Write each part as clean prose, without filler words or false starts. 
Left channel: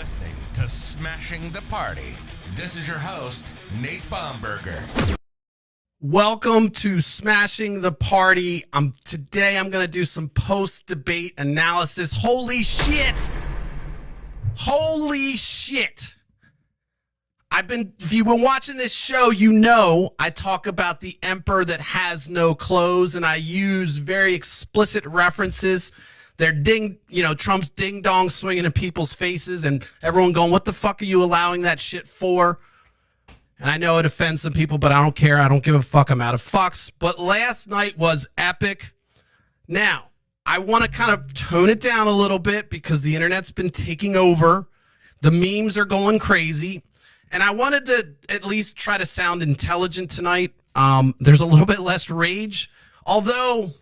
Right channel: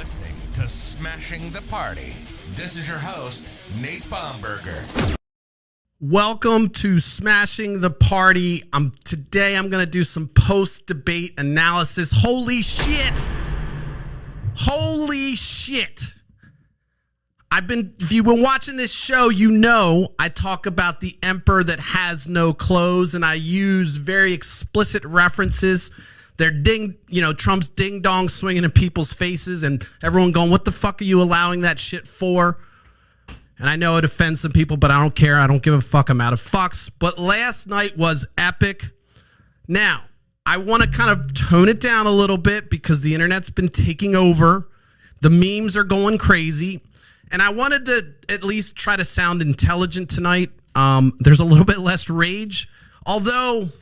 listening to Smashing the Party. This is your host, Nate Bomberger. Welcome to Smashing the Party. Today I'm going to do some post-debate analysis. Holy shit! Holy shit! If you've been watching this show, you know I talk about the emperor that has no clothes, and I use very explicit references. They're Trump's ding dong swinging in people's faces, and everyone going, "What the fuck are you allowing that shit for?" And I know it offends some people, but I don't care. I don't give a fuck. I'm out of fucks. But last night was epic. Now, I want to kind of tone it down a little bit because the internet's been taking over. The memes are going crazy. And I wanted to at least try to sound intelligent tonight. There's a little bit less rage, although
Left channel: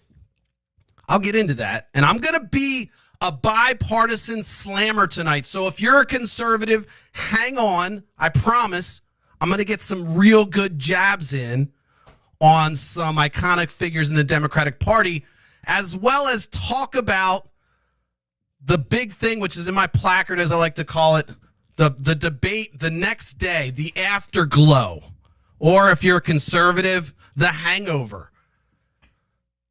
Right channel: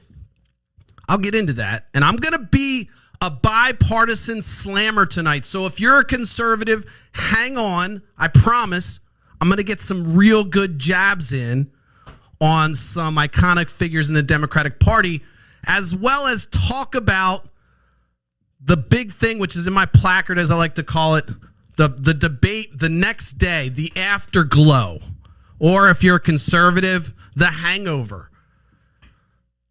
I'll get into that. And I'm going to be a bipartisan slammer tonight. So if you're a conservative, hang on. I promise I'm going to get some real good jabs in on some iconic figures in the Democratic Party, as well as talk about the big thing, which is in my placard, as I like to call it, the debate the next day, the afterglow, or if you're a conservative, the hangover.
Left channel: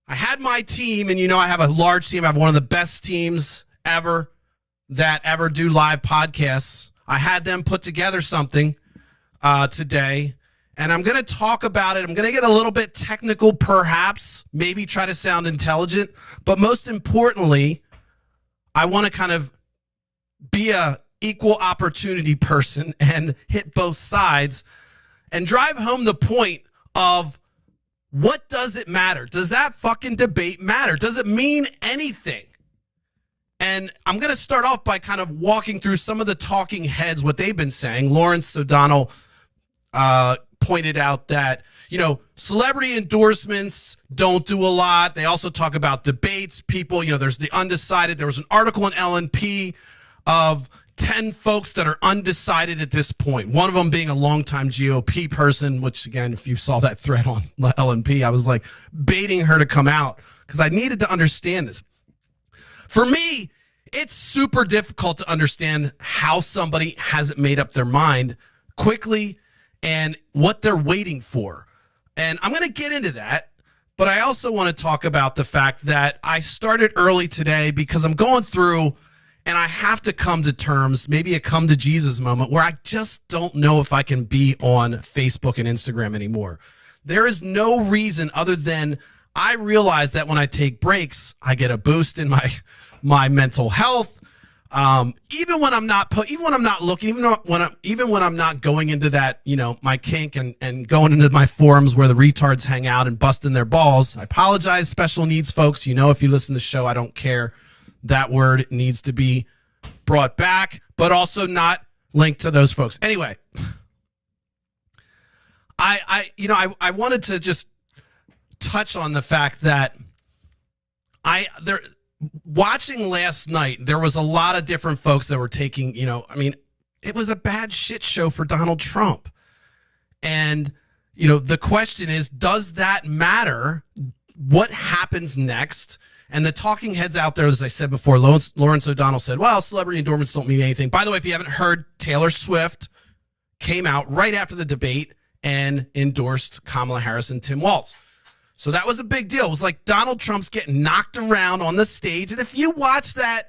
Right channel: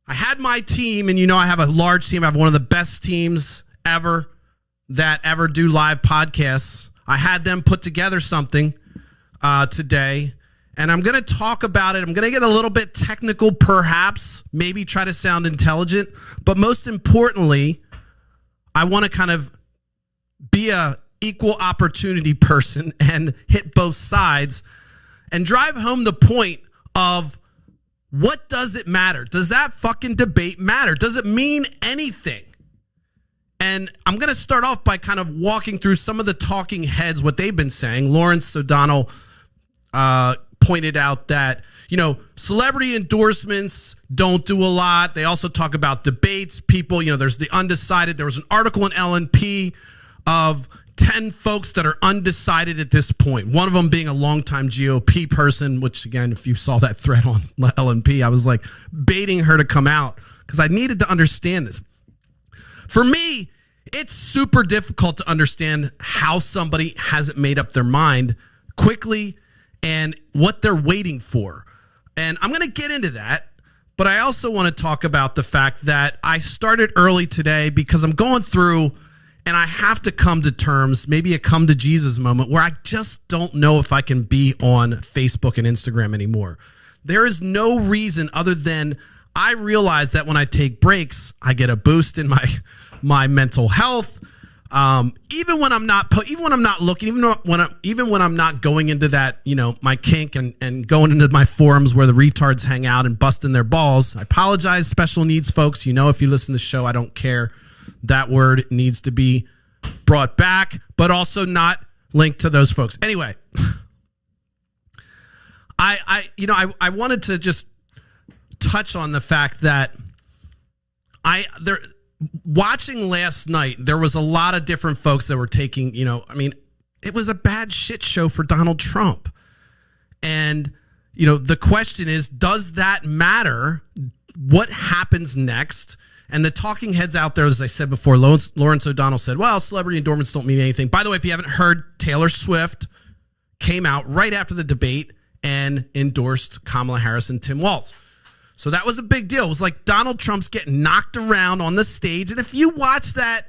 I had my team, and I have a large team. I have one of the best teams ever that ever do live podcasts. I had them put together something today, and I'm going to talk about it. I'm going to get a little bit technical, perhaps, maybe try to sound intelligent, but most importantly, I want to kind of be a equal opportunity person and hit both sides and drive home the point of what does it matter? Does that fucking debate matter? Does it mean anything? And I'm going to start off by kind of walking through some of the talking heads, what they've been saying. Lawrence O'Donnell pointed out that, celebrity endorsements don't do a lot. They also talk about debates. People, there's the undecided. There was an article in LNP of 10 folks that are undecided at this point. One of them being a longtime GOP person, which, again, if you saw that thread on LNP, I was like baiting her to come out because I needed to understand this. For me, it's super difficult to understand how somebody hasn't made up their mind quickly and what they're waiting for. And I'm going to get into that, but I also want to talk about the fact that I started early today because I'm going through and I have to come to terms, maybe a come to Jesus moment, where I just don't know if I can be on Facebook and Instagram anymore. There is no reason other than I realize that when I take breaks, I get a boost in my mental health. Even when I'm not looking, even when I'm not going into that, my kink and going into my forums where the retards hang out and busting their balls. I apologize, special needs folks. If you listen to the show, I don't care. That word needs to be brought back, but also not linked to those folks. Anyway, I wanted to just touch on the fact that watching last night, there was a lot of different folks that were taking, it was a bad shit show for Donald Trump. And, the question is, does that matter? What happens next? And the talking heads out there, as I said before, Lawrence O'Donnell said, well, celebrity endorsements don't mean anything. By the way, if you haven't heard, Taylor Swift came out right after the debate and endorsed Kamala Harris and Tim Walz. So that was a big deal. It was like Donald Trump's getting knocked around on the stage. And if you watch that,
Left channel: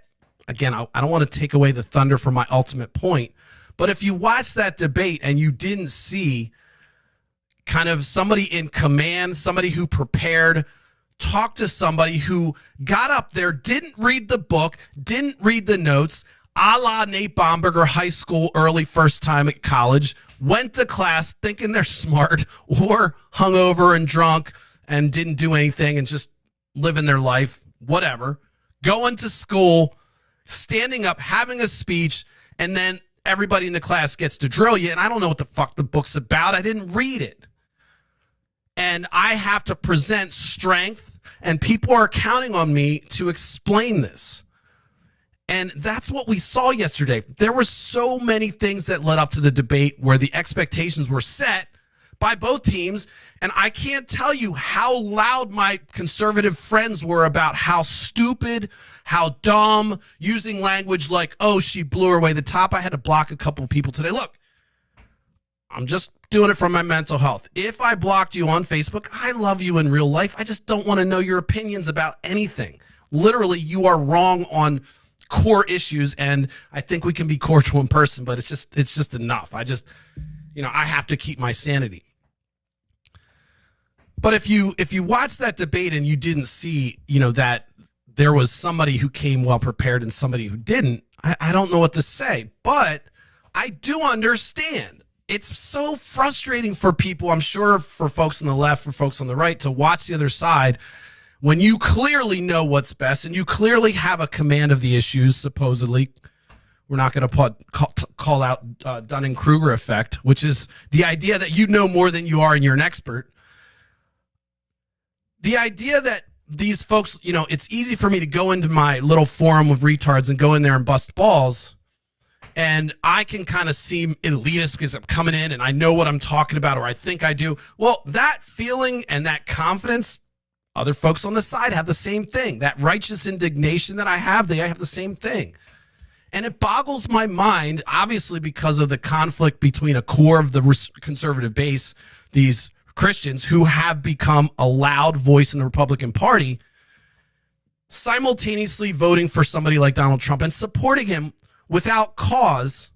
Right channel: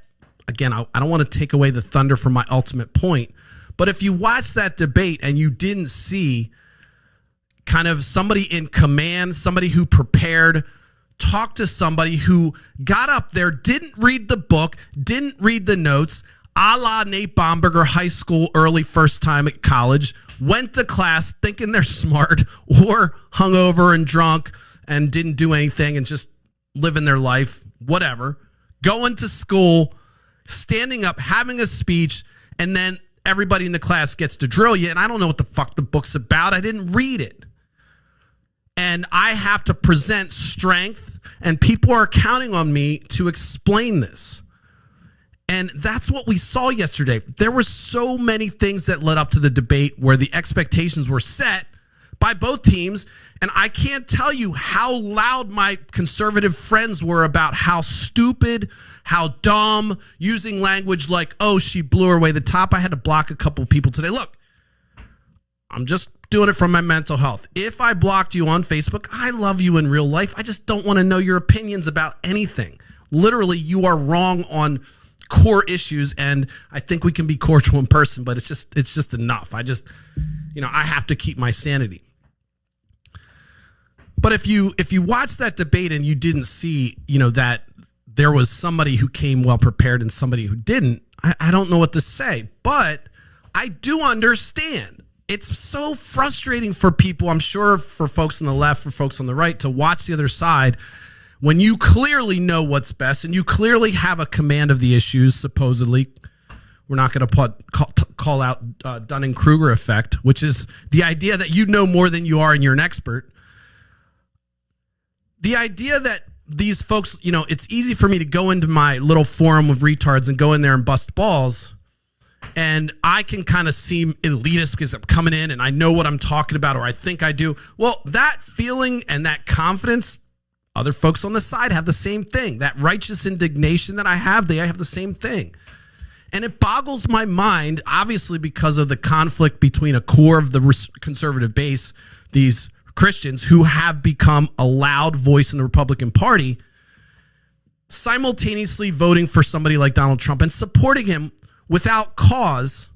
again, I don't want to take away the thunder from my ultimate point, but if you watch that debate and you didn't see kind of somebody in command, somebody who prepared, talk to somebody who got up there, didn't read the book, didn't read the notes, a la Nate Bomberger, high school, early first time at college, went to class thinking they're smart or hungover and drunk and didn't do anything and just living their life, whatever, going to school, standing up, having a speech, and then everybody in the class gets to drill you, and I don't know what the fuck the book's about. I didn't read it. And I have to present strength, and people are counting on me to explain this. And that's what we saw yesterday. There were so many things that led up to the debate where the expectations were set by both teams, and I can't tell you how loud my conservative friends were about how stupid, how dumb, using language like, oh, she blew her away the top. I had to block a couple people today. Look, I'm just doing it for my mental health. If I blocked you on Facebook, I love you in real life. I just don't want to know your opinions about anything. Literally, you are wrong on core issues, and I think we can be cordial in person, but it's just enough. I have to keep my sanity. But if you watch that debate and you didn't see, that there was somebody who came well prepared and somebody who didn't, I don't know what to say. But I do understand. It's so frustrating for people, I'm sure for folks on the left, for folks on the right, to watch the other side when you clearly know what's best and you clearly have a command of the issues, supposedly. We're not going to call out Dunning-Kruger effect, which is the idea that you know more than you are and you're an expert. The idea that these folks, it's easy for me to go into my little forum of retards and go in there and bust balls, and I can kind of seem elitist because I'm coming in and I know what I'm talking about, or I think I do. Well, that feeling and that confidence, other folks on the side have the same thing. That righteous indignation that I have, they have the same thing. And it boggles my mind, obviously, because of the conflict between a core of the conservative base, these Christians who have become a loud voice in the Republican Party, simultaneously voting for somebody like Donald Trump and supporting him without cause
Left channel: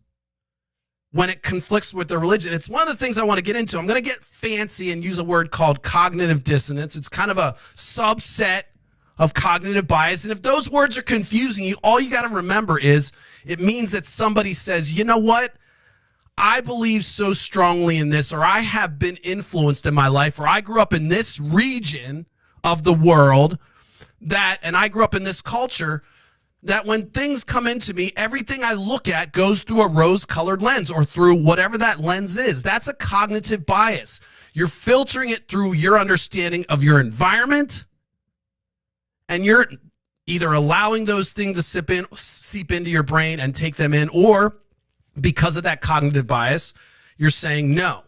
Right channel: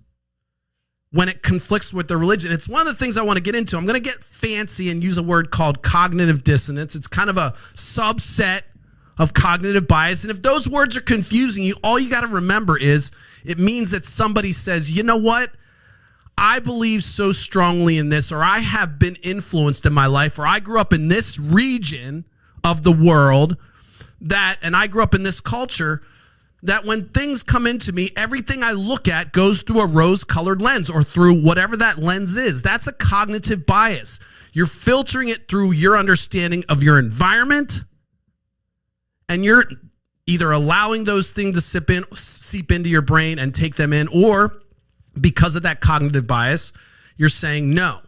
when it conflicts with their religion. It's one of the things I want to get into. I'm going to get fancy and use a word called cognitive dissonance. It's kind of a subset of cognitive bias. And if those words are confusing you, all you got to remember is it means that somebody says, you know what? I believe so strongly in this, or I have been influenced in my life, or I grew up in this region of the world and I grew up in this culture, that when things come into me, everything I look at goes through a rose-colored lens or through whatever that lens is. That's a cognitive bias. You're filtering it through your understanding of your environment, and you're either allowing those things to seep into your brain and take them in, or because of that cognitive bias, you're saying, no,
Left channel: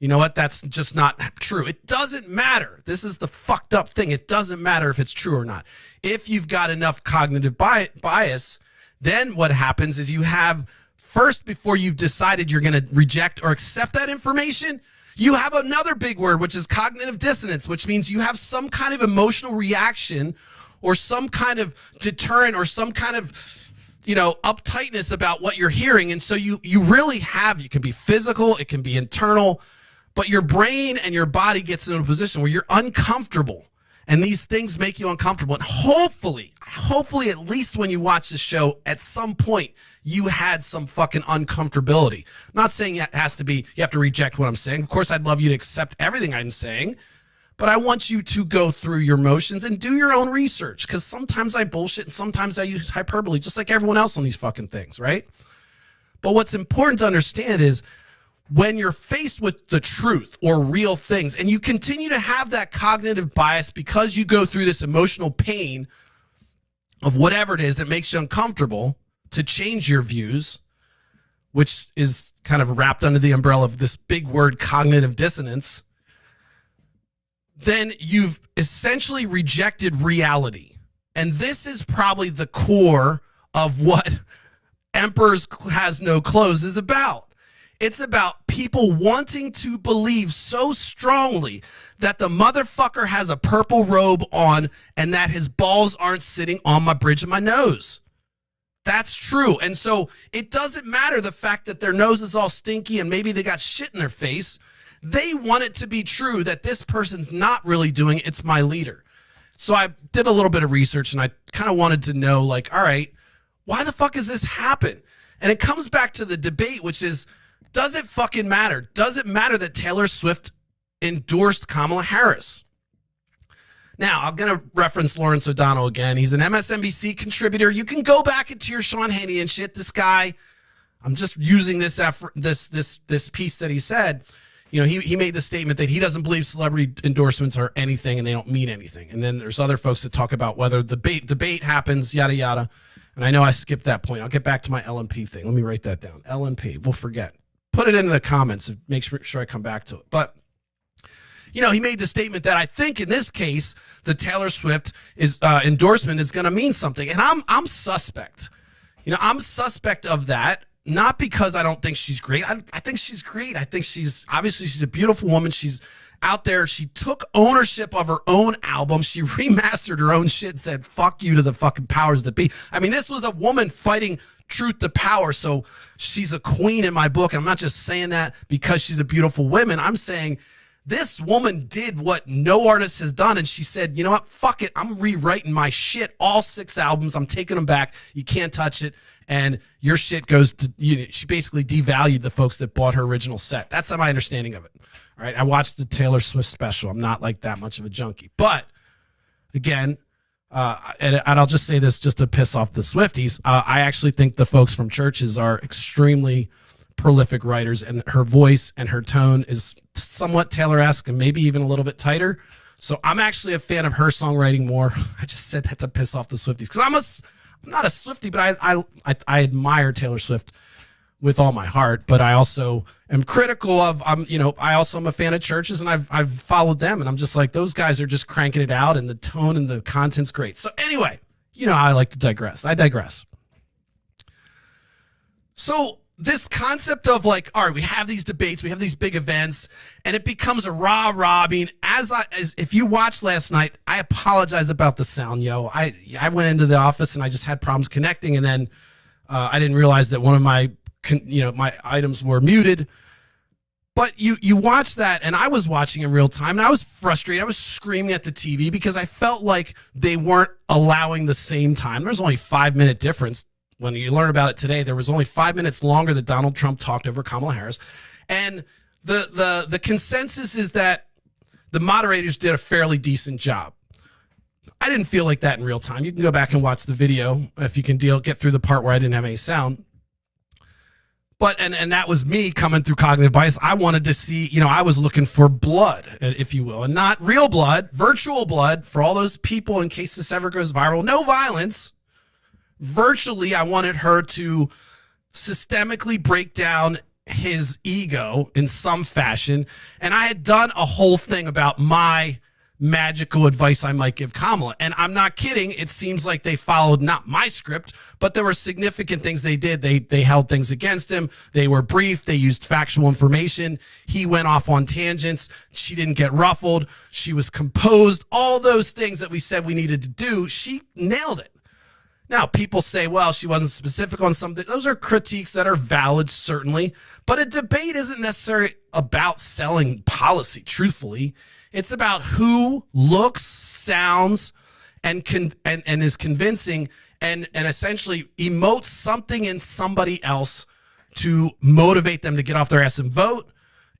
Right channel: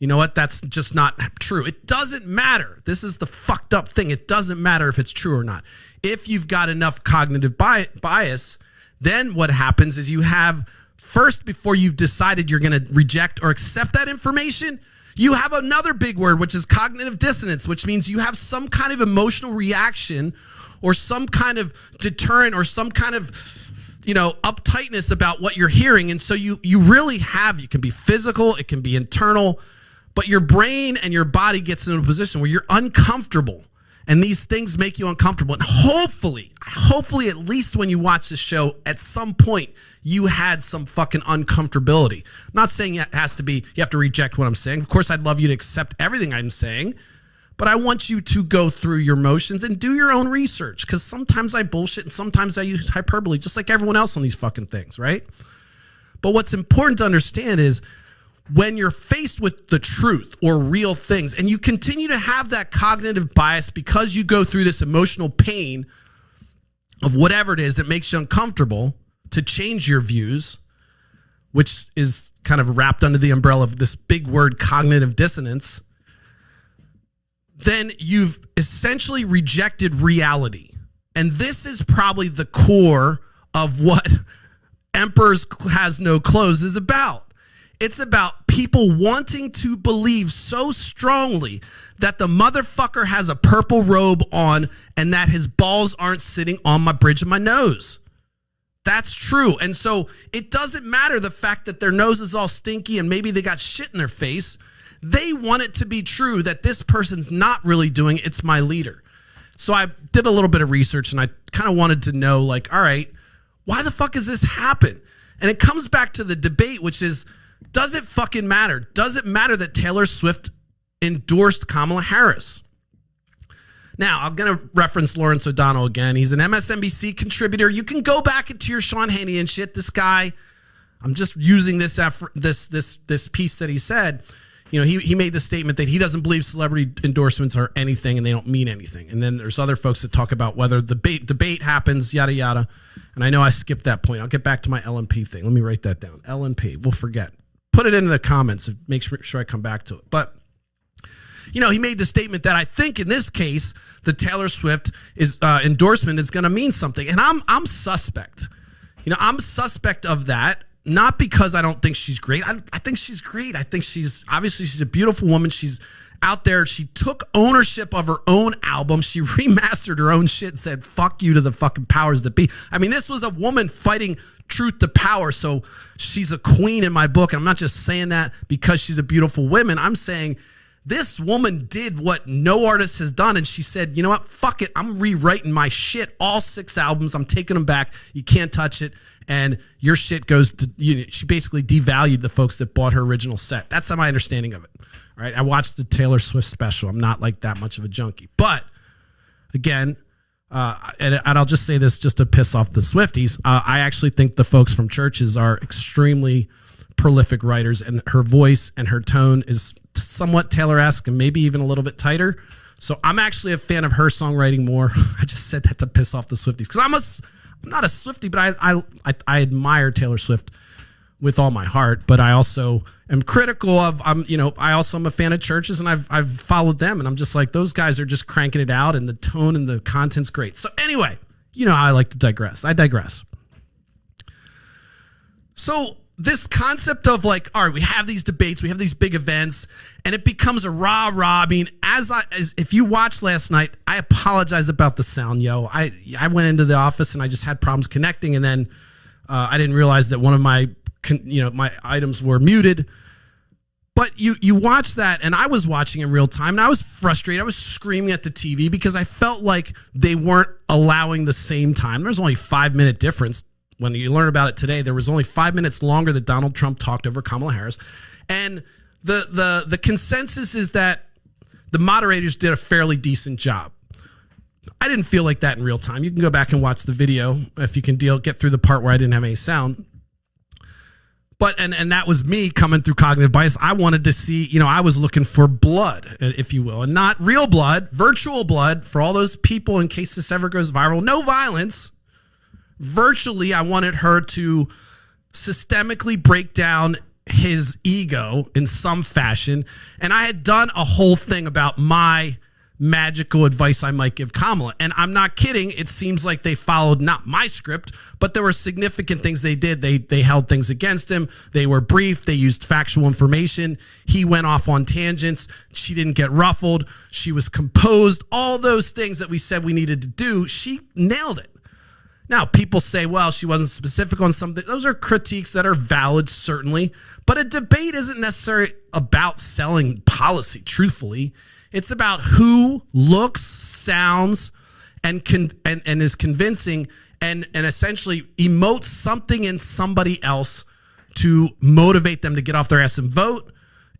you know what? That's just not true. It doesn't matter. This is the fucked up thing. It doesn't matter if it's true or not. If you've got enough cognitive bias, then what happens is you have, first, before you've decided you're going to reject or accept that information, you have another big word, which is cognitive dissonance, which means you have some kind of emotional reaction or some kind of deterrent or some kind of uptightness about what you're hearing. And so you really have, you can be physical, it can be internal, but your brain and your body gets in a position where you're uncomfortable. And these things make you uncomfortable. And hopefully, at least when you watch the show, at some point, you had some fucking uncomfortability. I'm not saying it has to be, you have to reject what I'm saying. Of course, I'd love you to accept everything I'm saying. But I want you to go through your motions and do your own research, because sometimes I bullshit and sometimes I use hyperbole, just like everyone else on these fucking things, right? But what's important to understand is when you're faced with the truth or real things, and you continue to have that cognitive bias because you go through this emotional pain of whatever it is that makes you uncomfortable, to change your views, which is kind of wrapped under the umbrella of this big word, cognitive dissonance, then you've essentially rejected reality. And this is probably the core of what Emperor's Has No Clothes is about. It's about people wanting to believe so strongly that the motherfucker has a purple robe on and that his balls aren't sitting on my bridge of my nose. That's true. And so it doesn't matter the fact that their nose is all stinky and maybe they got shit in their face. They want it to be true that this person's not really doing it. It's my leader. So I did a little bit of research and I kind of wanted to know, like, all right, why the fuck does this happen? And it comes back to the debate, which is, does it fucking matter? Does it matter that Taylor Swift endorsed Kamala Harris? Now, I'm going to reference Lawrence O'Donnell again. He's an MSNBC contributor. You can go back into your Sean Hannity and shit. This guy, I'm just using this piece that he said. He made the statement that he doesn't believe celebrity endorsements are anything and they don't mean anything. And then there's other folks that talk about whether the debate happens, yada, yada. And I know I skipped that point. I'll get back to my LNP thing. Let me write that down. LNP. We'll forget. Put it into the comments and make sure I come back to it. But he made the statement that I think in this case, the Taylor Swift endorsement is going to mean something. And I'm suspect. I'm suspect of that, not because I don't think she's great. I think she's great. I think she's a beautiful woman. She's out there. She took ownership of her own album. She remastered her own shit, said, fuck you to the fucking powers that be. I mean, this was a woman fighting truth to power. So she's a queen in my book. And I'm not just saying that because she's a beautiful woman. I'm saying this woman did what no artist has done. And she said, you know what? Fuck it. I'm rewriting my shit. All 6 albums. I'm taking them back. You can't touch it. And your shit goes to, she basically devalued the folks that bought her original set. That's my understanding of it. Right? I watched the Taylor Swift special. I'm not like that much of a junkie. But again, and I'll just say this just to piss off the Swifties. I actually think the folks from churches are extremely prolific writers, and her voice and her tone is somewhat Taylor-esque and maybe even a little bit tighter. So I'm actually a fan of her songwriting more. I just said that to piss off the Swifties because I'm not a Swiftie, but I admire Taylor Swift with all my heart, but I also am critical of, I also am a fan of churches, and I've followed them, and I'm just like, those guys are just cranking it out, and the tone and the content's great. So anyway, I like to digress. I digress. So this concept of like, all right, we have these debates, we have these big events, and it becomes a rah-rah. I mean, as if you watched last night, I apologize about the sound, yo. I went into the office and I just had problems connecting, and then I didn't realize that one of my my items were muted. But you watch that, and I was watching in real time, and I was frustrated. I was screaming at the TV because I felt like they weren't allowing the same time. There's only a 5-minute difference. When you learn about it today, there was only 5 minutes longer that Donald Trump talked over Kamala Harris. And the consensus is that the moderators did a fairly decent job. I didn't feel like that in real time. You can go back and watch the video if you can get through the part where I didn't have any sound. But, and that was me coming through cognitive bias. I wanted to see, I was looking for blood, if you will, and not real blood, virtual blood for all those people in case this ever goes viral. No violence. Virtually, I wanted her to systemically break down his ego in some fashion. And I had done a whole thing about my magical advice I might give Kamala. And I'm not kidding. It seems like they followed not my script, but there were significant things they did. They held things against him. They were brief. They used factual information. He went off on tangents. She didn't get ruffled. She was composed. All those things that we said we needed to do, she nailed it. Now, people say, well, she wasn't specific on something. Those are critiques that are valid, certainly. But a debate isn't necessarily about selling policy, truthfully. It's about who looks, sounds, and is convincing and essentially emotes something in somebody else to motivate them to get off their ass and vote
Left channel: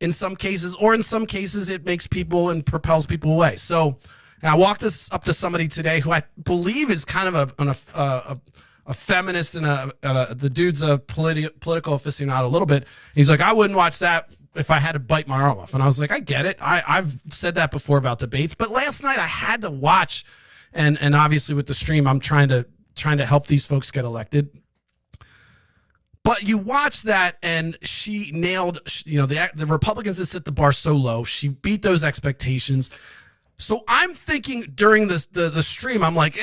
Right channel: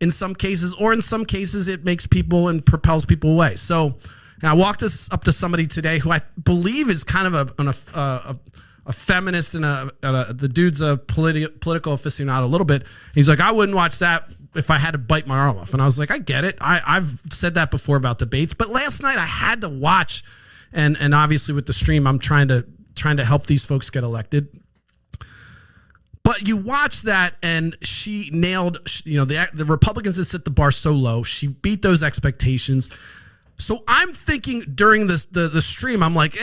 in some cases, or in some cases it makes people and propels people away. So I walked this up to somebody today who I believe is kind of a feminist, and the dude's a political aficionado a little bit. He's like, I wouldn't watch that if I had to bite my arm off. And I was like, I get it. I've said that before about debates, but last night I had to watch, and obviously with the stream, I'm trying to help these folks get elected. But you watch that, and she nailed, the Republicans that set the bar so low. She beat those expectations. So I'm thinking during the stream, I'm like,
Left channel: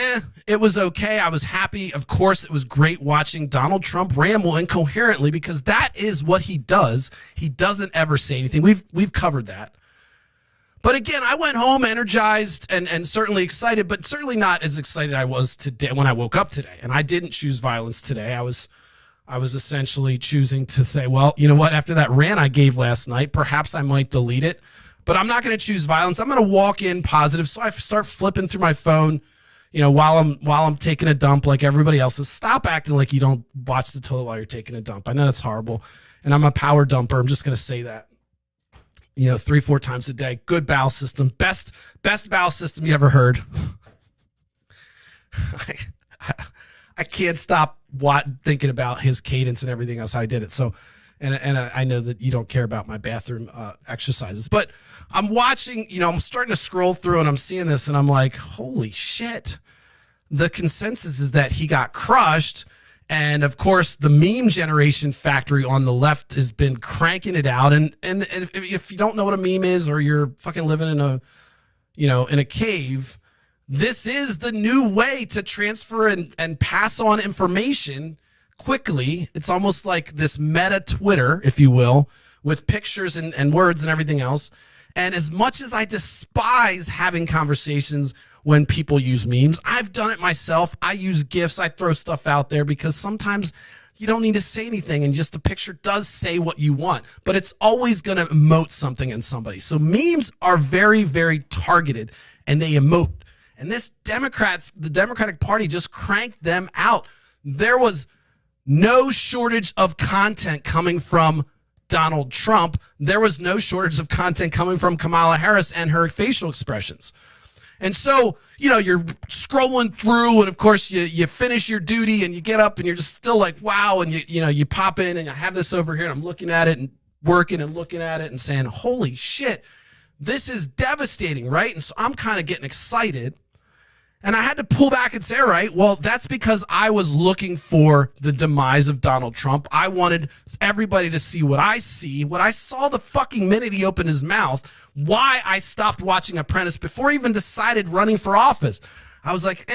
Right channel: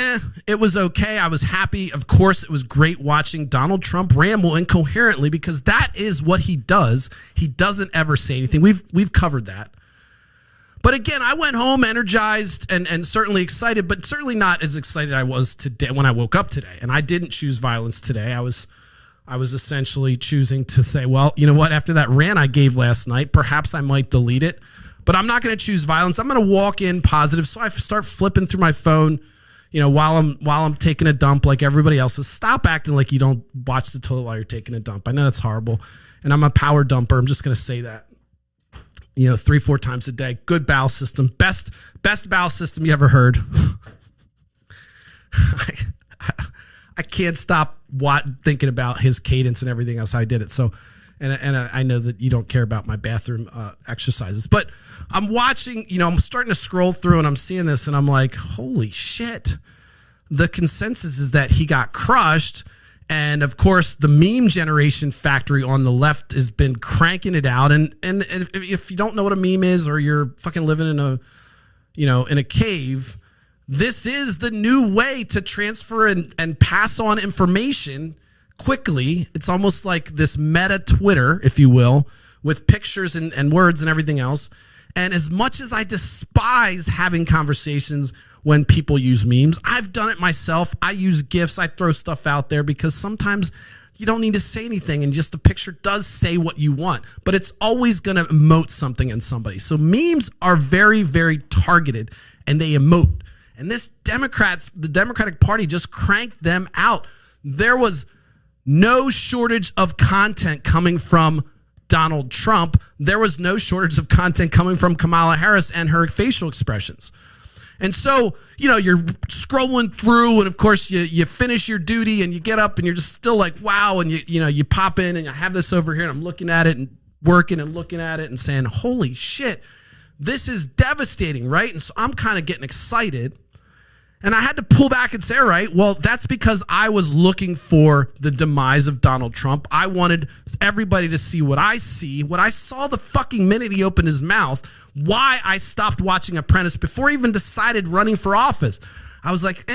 it was okay. I was happy. Of course, it was great watching Donald Trump ramble incoherently, because that is what he does. He doesn't ever say anything. We've covered that. But again, I went home energized and certainly excited, but certainly not as excited I was today when I woke up today. And I didn't choose violence today. I was essentially choosing to say, well, you know what? After that rant I gave last night, perhaps I might delete it. But I'm not going to choose violence. I'm going to walk in positive. So I start flipping through my phone, while I'm taking a dump like everybody else is. Stop acting like you don't watch the toilet while you're taking a dump. I know that's horrible. And I'm a power dumper. I'm just going to say that. 3-4 times a day. Good bowel system. Best bowel system you ever heard. I can't stop thinking about his cadence and everything else. I did it. So, and I know that you don't care about my bathroom exercises, but I'm watching, I'm starting to scroll through and I'm seeing this and I'm like, holy shit. The consensus is that he got crushed, And of course, the meme generation factory on the left has been cranking it out. And if you don't know what a meme is, or you're fucking living in a cave, this is the new way to transfer and pass on information quickly. It's almost like this meta Twitter, if you will, with pictures and words and everything else. And as much as I despise having conversations when people use memes, I've done it myself. I use GIFs. I throw stuff out there because sometimes you don't need to say anything, and just the picture does say what you want, but it's always going to emote something in somebody. So memes are very, very targeted, and they emote. And the Democratic Party just cranked them out. There was no shortage of content coming from Donald Trump. There was no shortage of content coming from Kamala Harris and her facial expressions. And so, you're scrolling through, and of course you finish your duty and you get up and you're just still like, wow. And you pop in and I have this over here and I'm looking at it and working and looking at it and saying, holy shit, this is devastating, right? And so I'm kind of getting excited, and I had to pull back and say, all right, well, that's because I was looking for the demise of Donald Trump. I wanted everybody to see what I saw the fucking minute he opened his mouth. Why I stopped watching Apprentice before I even decided running for office. I was like,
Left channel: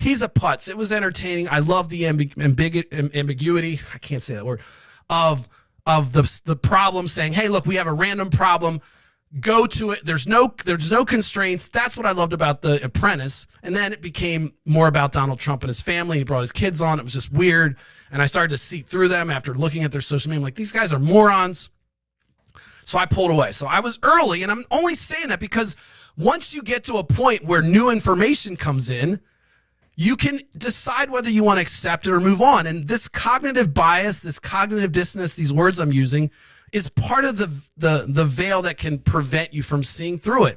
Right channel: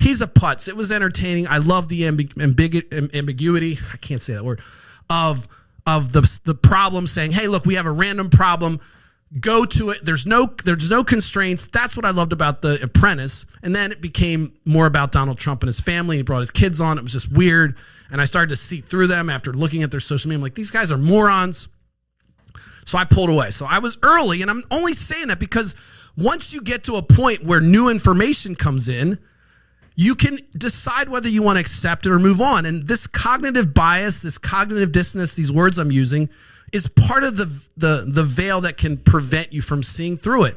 he's a putz. It was entertaining. I love the ambiguity. I can't say that word. Of the problem, saying, hey, look, we have a random problem. Go to it. There's no constraints. That's what I loved about The Apprentice. And then it became more about Donald Trump and his family. He brought his kids on. It was just weird. And I started to see through them after looking at their social media. I'm like, these guys are morons. So I pulled away. So I was early, and I'm only saying that because once you get to a point where new information comes in, you can decide whether you want to accept it or move on. And this cognitive bias, this cognitive dissonance, these words I'm using, is part of the veil that can prevent you from seeing through it.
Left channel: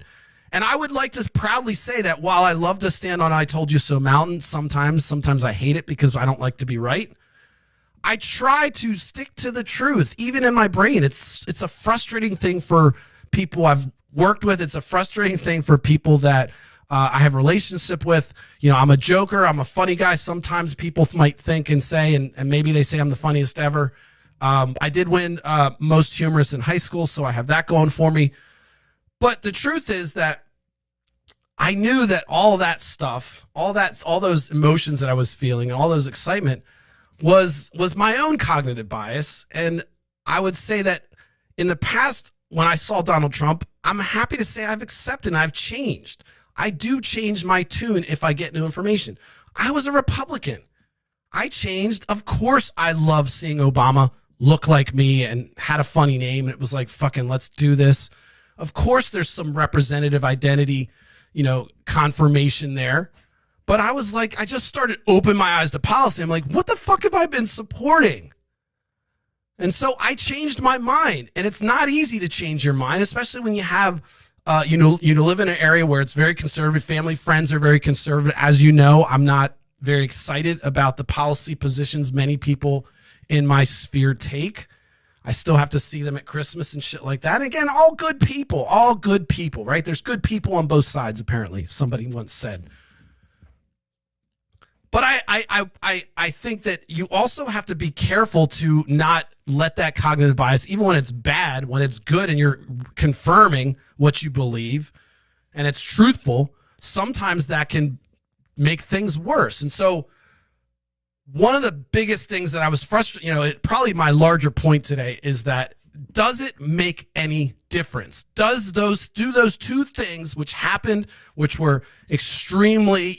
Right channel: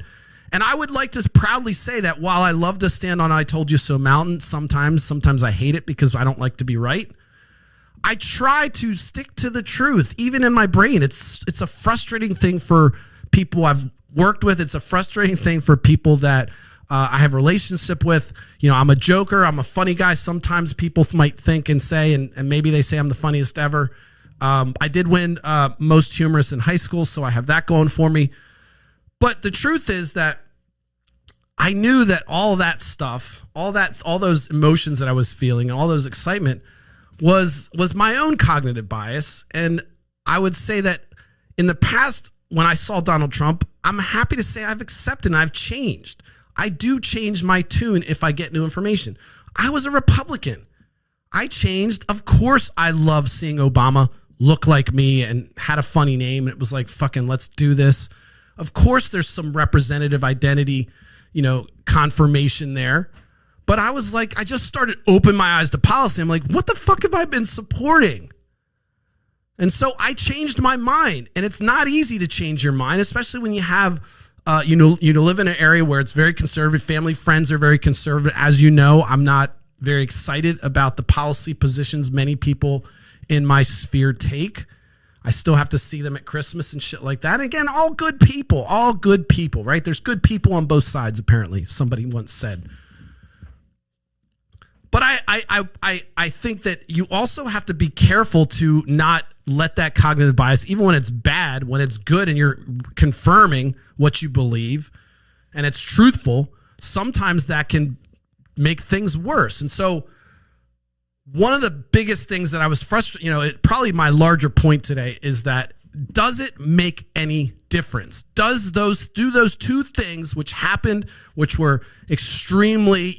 And I would like to proudly say that while I love to stand on I told you so mountain, sometimes I hate it because I don't like to be right. I try to stick to the truth, even in my brain. It's a frustrating thing for people I've worked with. It's a frustrating thing for people that I have a relationship with. I'm a joker. I'm a funny guy. Sometimes people might think and say, and maybe they say I'm the funniest ever. I did win most humorous in high school, so I have that going for me. But the truth is that I knew that all that stuff, all those emotions that I was feeling, all those excitement, was my own cognitive bias. And I would say that in the past, when I saw Donald Trump, I'm happy to say I've accepted and I've changed. I do change my tune if I get new information. I was a Republican. I changed. Of course, I love seeing Obama look like me and had a funny name. And it was like, fucking, let's do this. Of course, there's some representative identity, confirmation there. But I was like, I just started opening my eyes to policy. I'm like, what the fuck have I been supporting? And so I changed my mind. And it's not easy to change your mind, especially when you have, you live in an area where it's very conservative. Family, friends are very conservative. As you know, I'm not very excited about the policy positions many people in my sphere take. I still have to see them at Christmas and shit like that. And again, all good people, right? There's good people on both sides, apparently, somebody once said. But I think that you also have to be careful to not let that cognitive bias, even when it's bad, when it's good and you're confirming what you believe and it's truthful, sometimes that can make things worse. And so one of the biggest things that I was frustrated, probably my larger point today is that, does it make any difference? Do those two things which happened, which were extremely,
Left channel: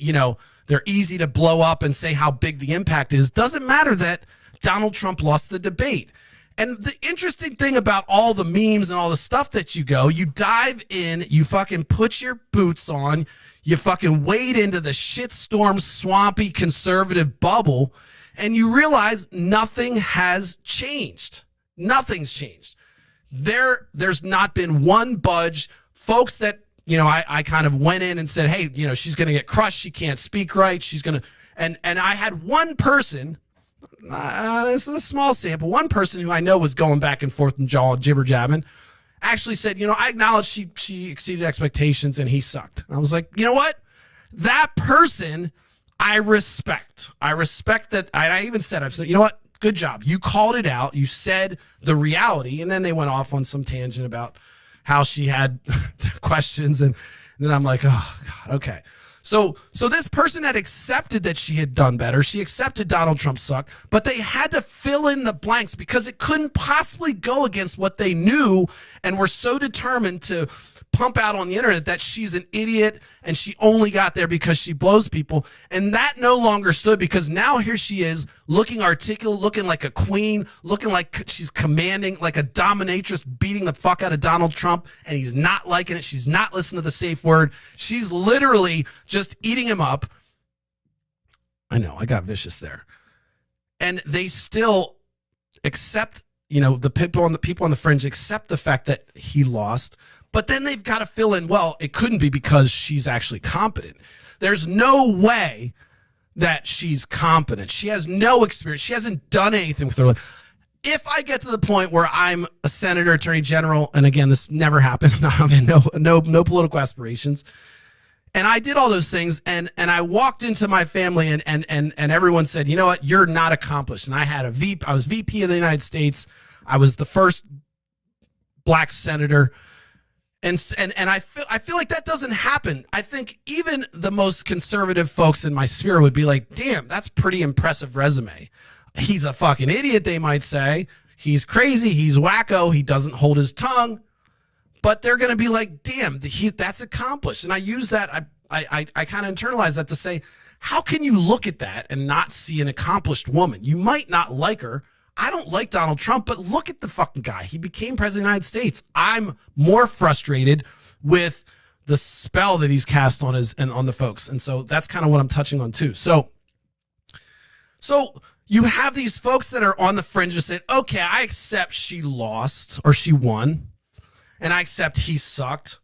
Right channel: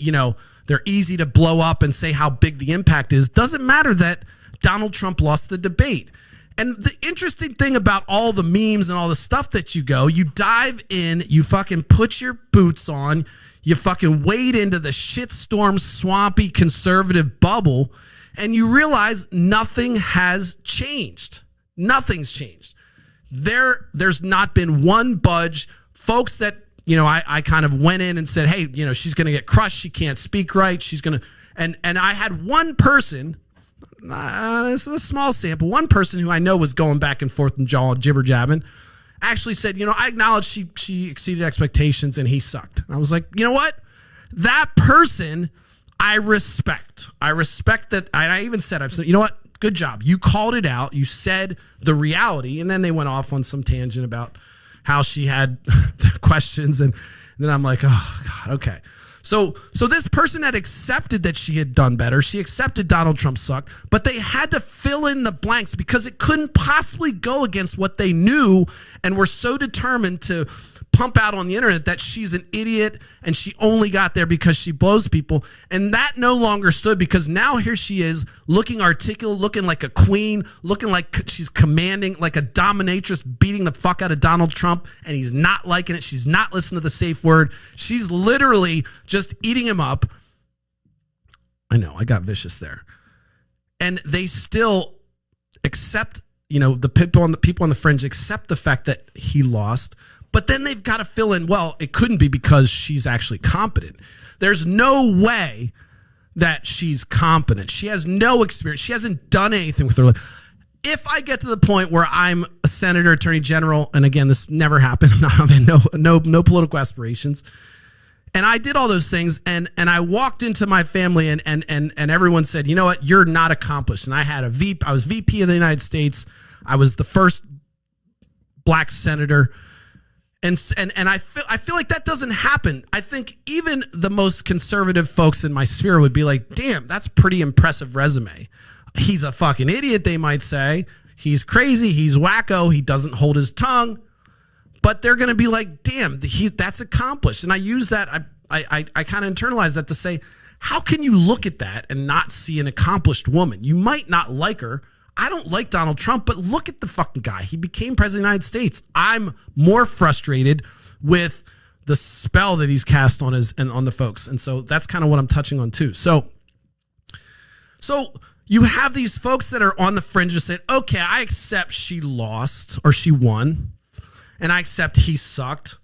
they're easy to blow up and say how big the impact is. Doesn't matter that Donald Trump lost the debate. And the interesting thing about all the memes and all the stuff that you dive in, you fucking put your boots on, you fucking wade into the shitstorm, swampy, conservative bubble, and you realize nothing has changed. Nothing's changed. There's not been one budge. Folks that, I kind of went in and said, hey, she's going to get crushed. She can't speak right. She's going to, and I had one person, this is a small sample, one person who I know was going back and forth and jibber jabbing, actually said, I acknowledge she exceeded expectations and he sucked. And I was like, you know what? That person, I respect that. I even said, I've said, you know what? Good job. You called it out. You said the reality. And then they went off on some tangent about how she had questions. And then I'm like, oh God, okay. So this person had accepted that she had done better. She accepted Donald Trump sucked, but they had to fill in the blanks because it couldn't possibly go against what they knew and were so determined to pump out on the internet that she's an idiot and she only got there because she blows people. And that no longer stood, because now here she is looking articulate, looking like a queen, looking like she's commanding, like a dominatrix, beating the fuck out of Donald Trump, and he's not liking it. She's not listening to the safe word. She's literally just eating him up. I know, I got vicious there. And they still accept, the people on the fringe accept the fact that he lost. But then they've got to fill in, well, it couldn't be because she's actually competent. There's no way that she's competent. She has no experience. She hasn't done anything with her life. If I get to the point where I'm a senator, attorney general, and again, this never happened, I'm having no political aspirations, and I did all those things, and I walked into my family, and everyone said, you know what, you're not accomplished. And I was VP of the United States. I was the first black senator. And I feel like that doesn't happen. I think even the most conservative folks in my sphere would be like, damn, that's pretty impressive resume. He's a fucking idiot, they might say. He's crazy. He's wacko. He doesn't hold his tongue. But they're going to be like, damn, that's accomplished. And I use that. I kind of internalize that to say, how can you look at that and not see an accomplished woman? You might not like her. I don't like Donald Trump, but look at the fucking guy. He became president of the United States. I'm more frustrated with the spell that he's cast on the folks. And so that's kind of what I'm touching on too. So you have these folks that are on the fringe and say, okay, I accept she lost or she won, and I accept he sucked.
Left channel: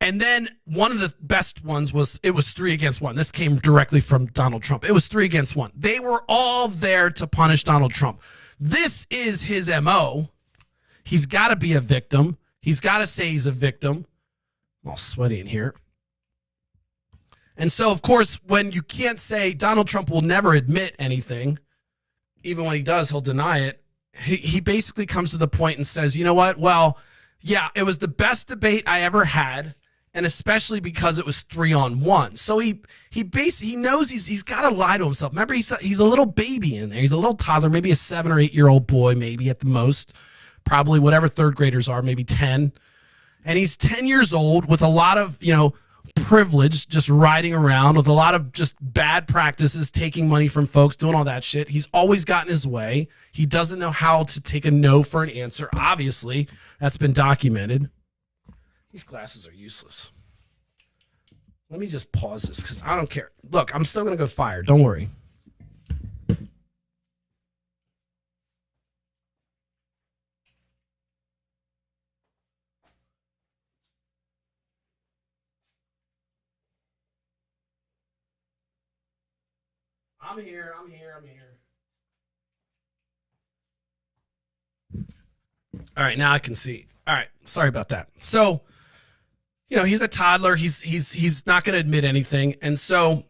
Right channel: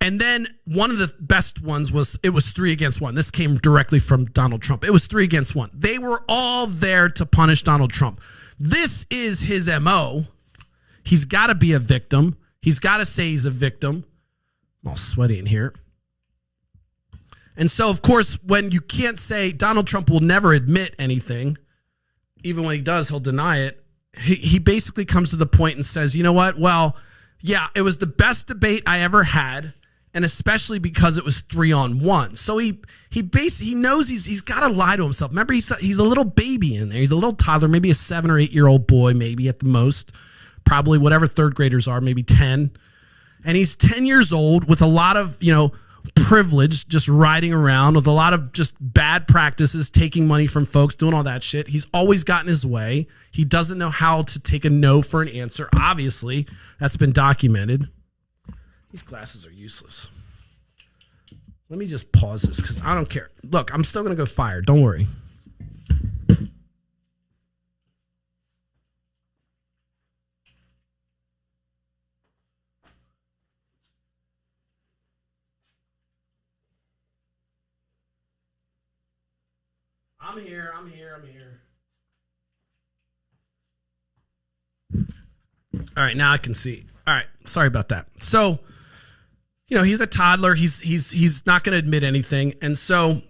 And then one of the best ones was, it was 3-1. This came directly from Donald Trump. It was 3-1. They were all there to punish Donald Trump. This is his MO. He's got to be a victim. He's got to say he's a victim. I'm all sweaty in here. And so, of course, when you can't say, Donald Trump will never admit anything, even when he does, he'll deny it. He basically comes to the point and says, you know what? Well, yeah, it was the best debate I ever had, and especially because it was 3-on-1. So he knows he's got to lie to himself. Remember, he's a little baby in there. He's a little toddler, maybe a 7 or 8 year old boy, maybe at the most, probably whatever third graders are, maybe 10. And he's 10 years old with a lot of, privilege, just riding around with a lot of just bad practices, taking money from folks, doing all that shit. He's always gotten his way. He doesn't know how to take a no for an answer. Obviously, that's been documented. These glasses are useless. Let me just pause this because I don't care. Look, I'm still going to go fire. Don't worry. I'm here. All right, now I can see. All right, sorry about that. So, he's a toddler. He's not going to admit anything. And so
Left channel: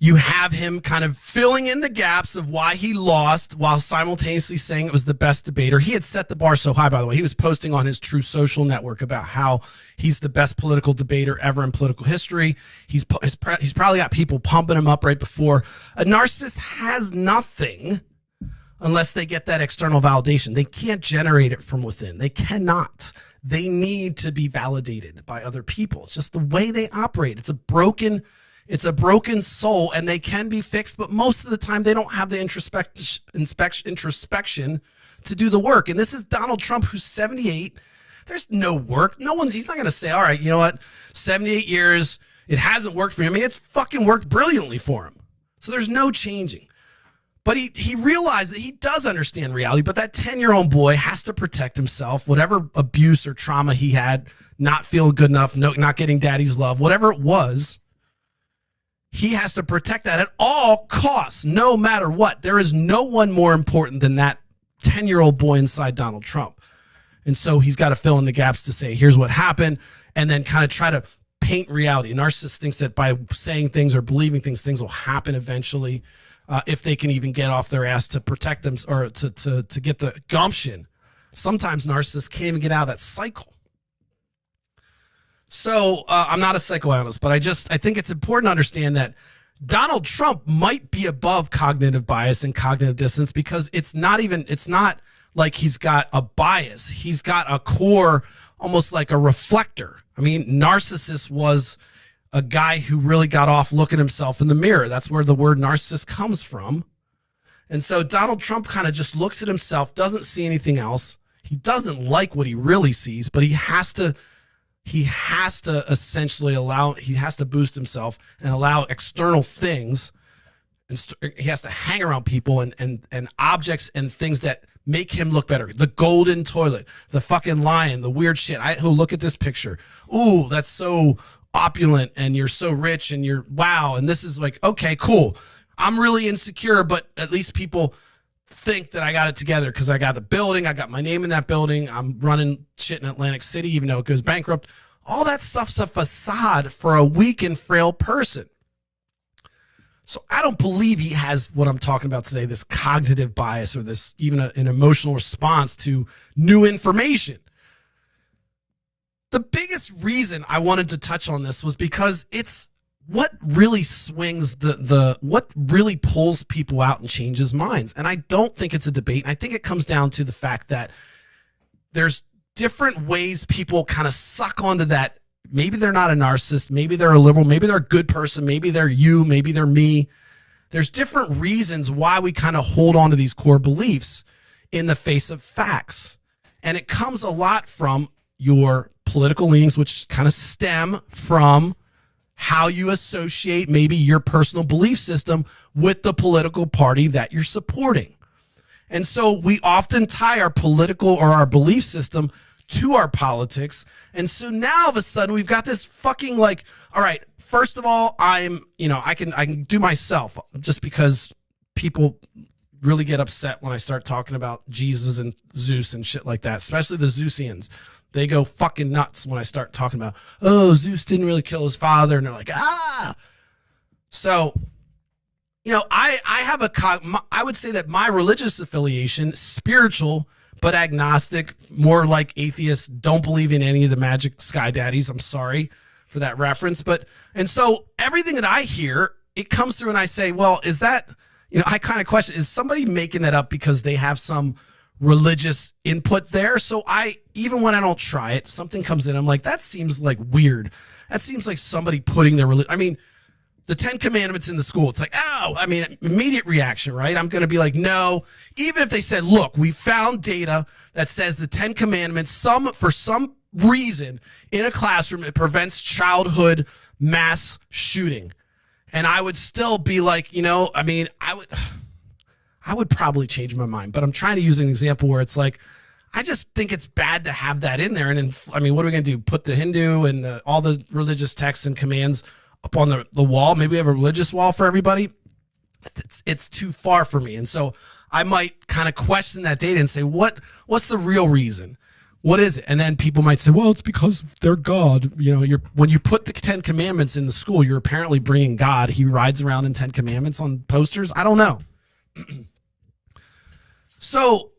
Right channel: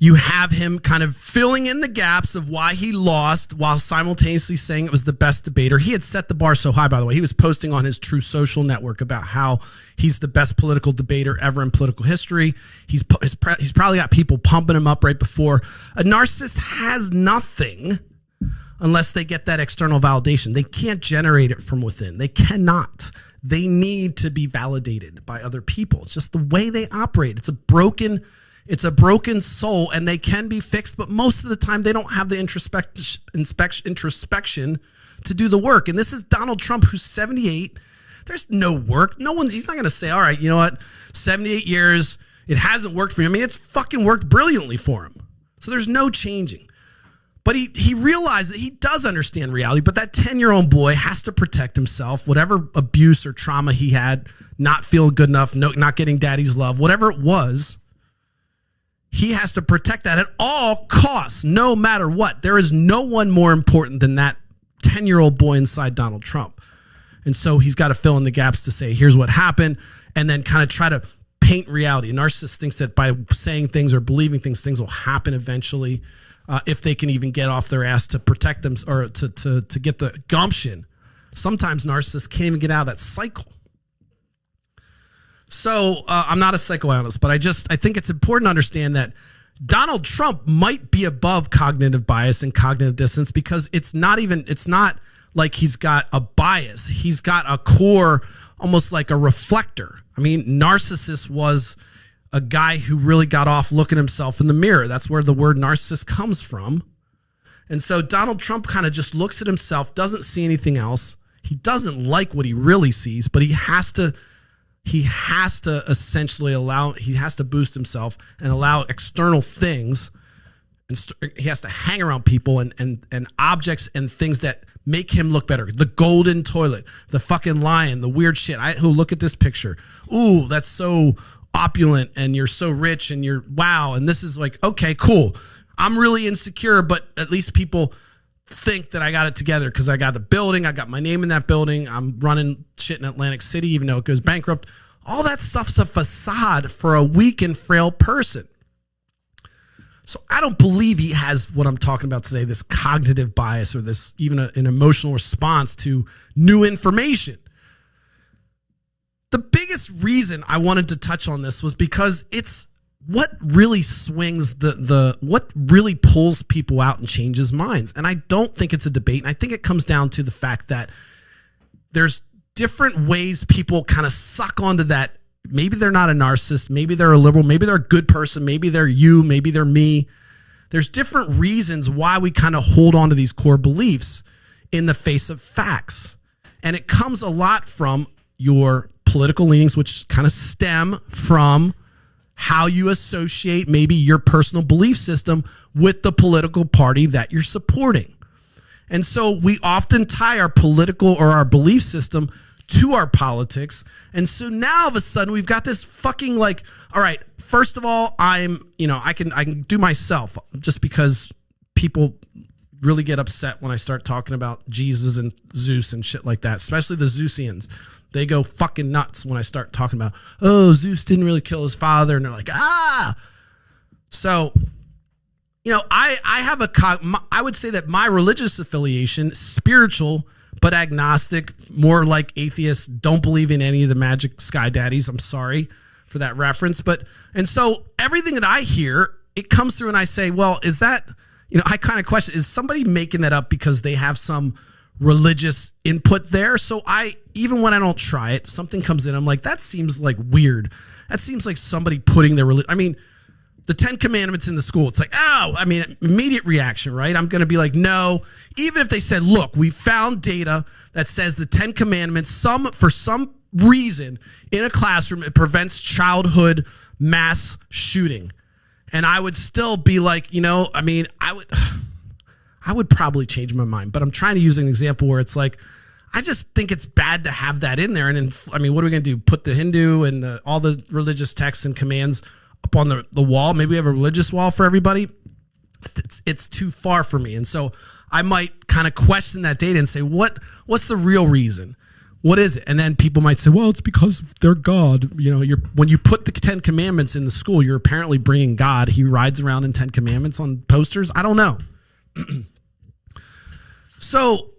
you have him kind of filling in the gaps of why he lost while simultaneously saying it was the best debater. He had set the bar so high, by the way. He was posting on his True Social network about how he's the best political debater ever in political history. He's probably got people pumping him up right before. A narcissist has nothing unless they get that external validation. They can't generate it from within. They cannot. They need to be validated by other people. It's just the way they operate. It's a broken soul, and they can be fixed, but most of the time they don't have the introspection to do the work. And this is Donald Trump, who's 78. There's no work. He's not going to say, all right, you know what, 78 years, it hasn't worked for him. I mean, it's fucking worked brilliantly for him. So there's no changing. But he realized that he does understand reality, but that 10-year-old boy has to protect himself. Whatever abuse or trauma he had, not feeling good enough, not getting daddy's love, whatever it was, he has to protect that at all costs, no matter what. There is no one more important than that 10-year-old boy inside Donald Trump. And so he's got to fill in the gaps to say, here's what happened, and then kind of try to paint reality. A narcissist thinks that by saying things or believing things, things will happen eventually, if they can even get off their ass to protect them or to get the gumption. Sometimes narcissists can't even get out of that cycle. So I'm not a psychoanalyst, but I think it's important to understand that Donald Trump might be above cognitive bias and cognitive dissonance, because it's not like he's got a bias. He's got a core, almost like a reflector. I mean, narcissist was a guy who really got off looking himself in the mirror. That's where the word narcissist comes from. And so Donald Trump kind of just looks at himself, doesn't see anything else. He doesn't like what he really sees, but he has to essentially he has to boost himself and allow external things. He has to hang around people and objects and things that make him look better. The golden toilet, the fucking lion, the weird shit. Look at this picture. Ooh, that's so opulent, and you're so rich, and you're wow. And this is like, okay, cool. I'm really insecure, but at least people think that I got it together because I got the building. I got my name in that building. I'm running shit in Atlantic City, even though it goes bankrupt. All that stuff's a facade for a weak and frail person. So I don't believe he has what I'm talking about today, this cognitive bias or this even an emotional response to new information. The biggest reason I wanted to touch on this was because it's what really swings what really pulls people out and changes minds. And I don't think it's a debate. I think it comes down to the fact that there's different ways people kind of suck onto that. Maybe they're not a narcissist. Maybe they're a liberal. Maybe they're a good person. Maybe they're you. Maybe they're me. There's different reasons why we kind of hold on to these core beliefs in the face of facts. And it comes a lot from your political leanings, which kind of stem from how you associate maybe your personal belief system with the political party that you're supporting. And so we often tie our political or our belief system to our politics. And so now all of a sudden we've got this fucking like, all right, first of all, I can do myself, just because people really get upset when I start talking about Jesus and Zeus and shit like that, especially the Zeusians. They go fucking nuts when I start talking about, oh, Zeus didn't really kill his father. And they're like, ah. So, I would say that my religious affiliation, spiritual, but agnostic, more like atheists, don't believe in any of the magic sky daddies. I'm sorry for that reference. And so everything that I hear, it comes through and I say, well, is that, I kind of question, is somebody making that up because they have some religious input there? So even when I don't try it, something comes in, I'm like, that seems like weird. That seems like somebody putting their religion. I mean, the 10 Commandments in the school, it's like, immediate reaction, right? I'm going to be like, no. Even if they said, look, we found data that says the 10 Commandments, for some reason in a classroom, it prevents childhood mass shooting. And I would still be like, I would probably change my mind. But I'm trying to use an example where it's like, I just think it's bad to have that in there. And what are we going to do? Put the Hindu and all the religious texts and commands up on the wall? Maybe we have a religious wall for everybody. It's too far for me. And so I might kind of question that data and say, what's the real reason? What is it? And then people might say, well, it's because they're God. When you put the 10 Commandments in the school, you're apparently bringing God. He rides around in 10 Commandments on posters. I don't know. So,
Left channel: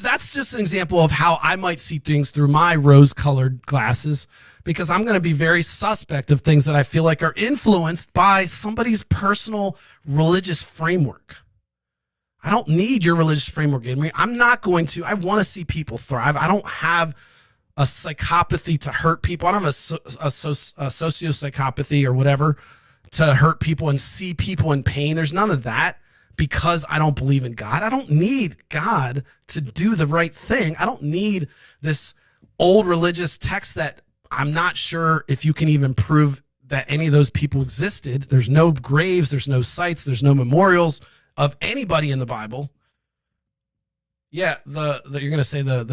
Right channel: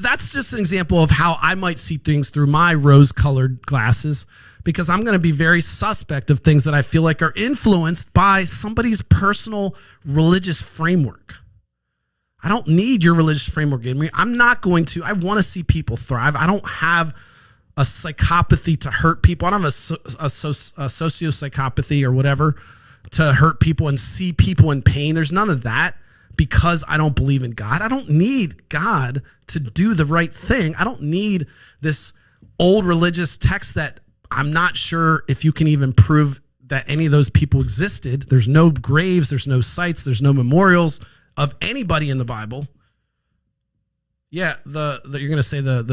that's just an example of how I might see things through my rose-colored glasses, because I'm going to be very suspect of things that I feel like are influenced by somebody's personal religious framework. I don't need your religious framework in me. I want to see people thrive. I don't have a psychopathy to hurt people. I don't have a sociopsychopathy or whatever to hurt people and see people in pain. There's none of that, because I don't believe in God. I don't need God to do the right thing. I don't need this old religious text that I'm not sure if you can even prove that any of those people existed. There's no graves, there's no sites, there's no memorials of anybody in the Bible. Yeah, you're going to say the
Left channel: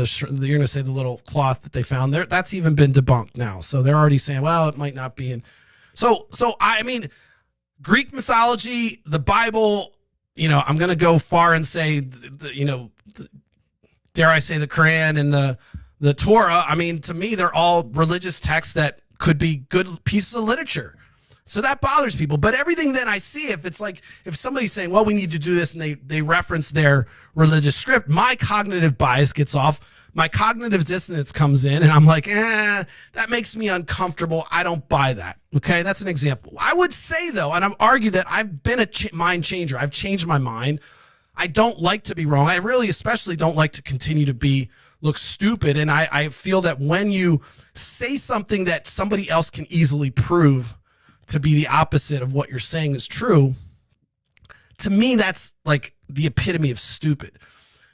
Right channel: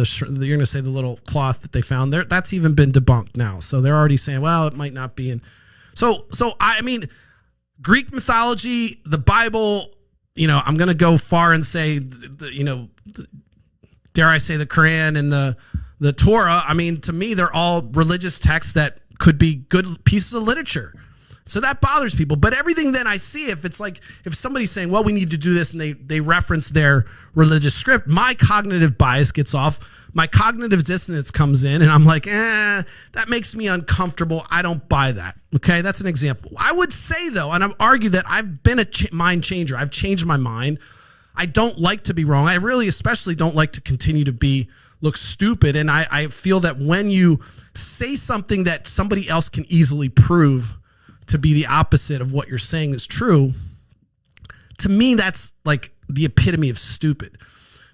little cloth that they found there, that's even been debunked now. So they're already saying, well, it might not be in. So I mean, Greek mythology, the Bible, I'm going to go far and say, dare I say, the Quran and the Torah. I mean, to me, they're all religious texts that could be good pieces of literature. So that bothers people. But everything then I see, if it's like, if somebody's saying, well, we need to do this, and they reference their religious script, my cognitive bias gets off. My cognitive dissonance comes in, and I'm like, that makes me uncomfortable. I don't buy that. Okay, that's an example. I would say, though, and I've argued that I've been a mind changer. I've changed my mind. I don't like to be wrong. I really especially don't like to continue to look stupid. And I feel that when you say something that somebody else can easily prove to be the opposite of what you're saying is true, to me, that's like the epitome of stupid.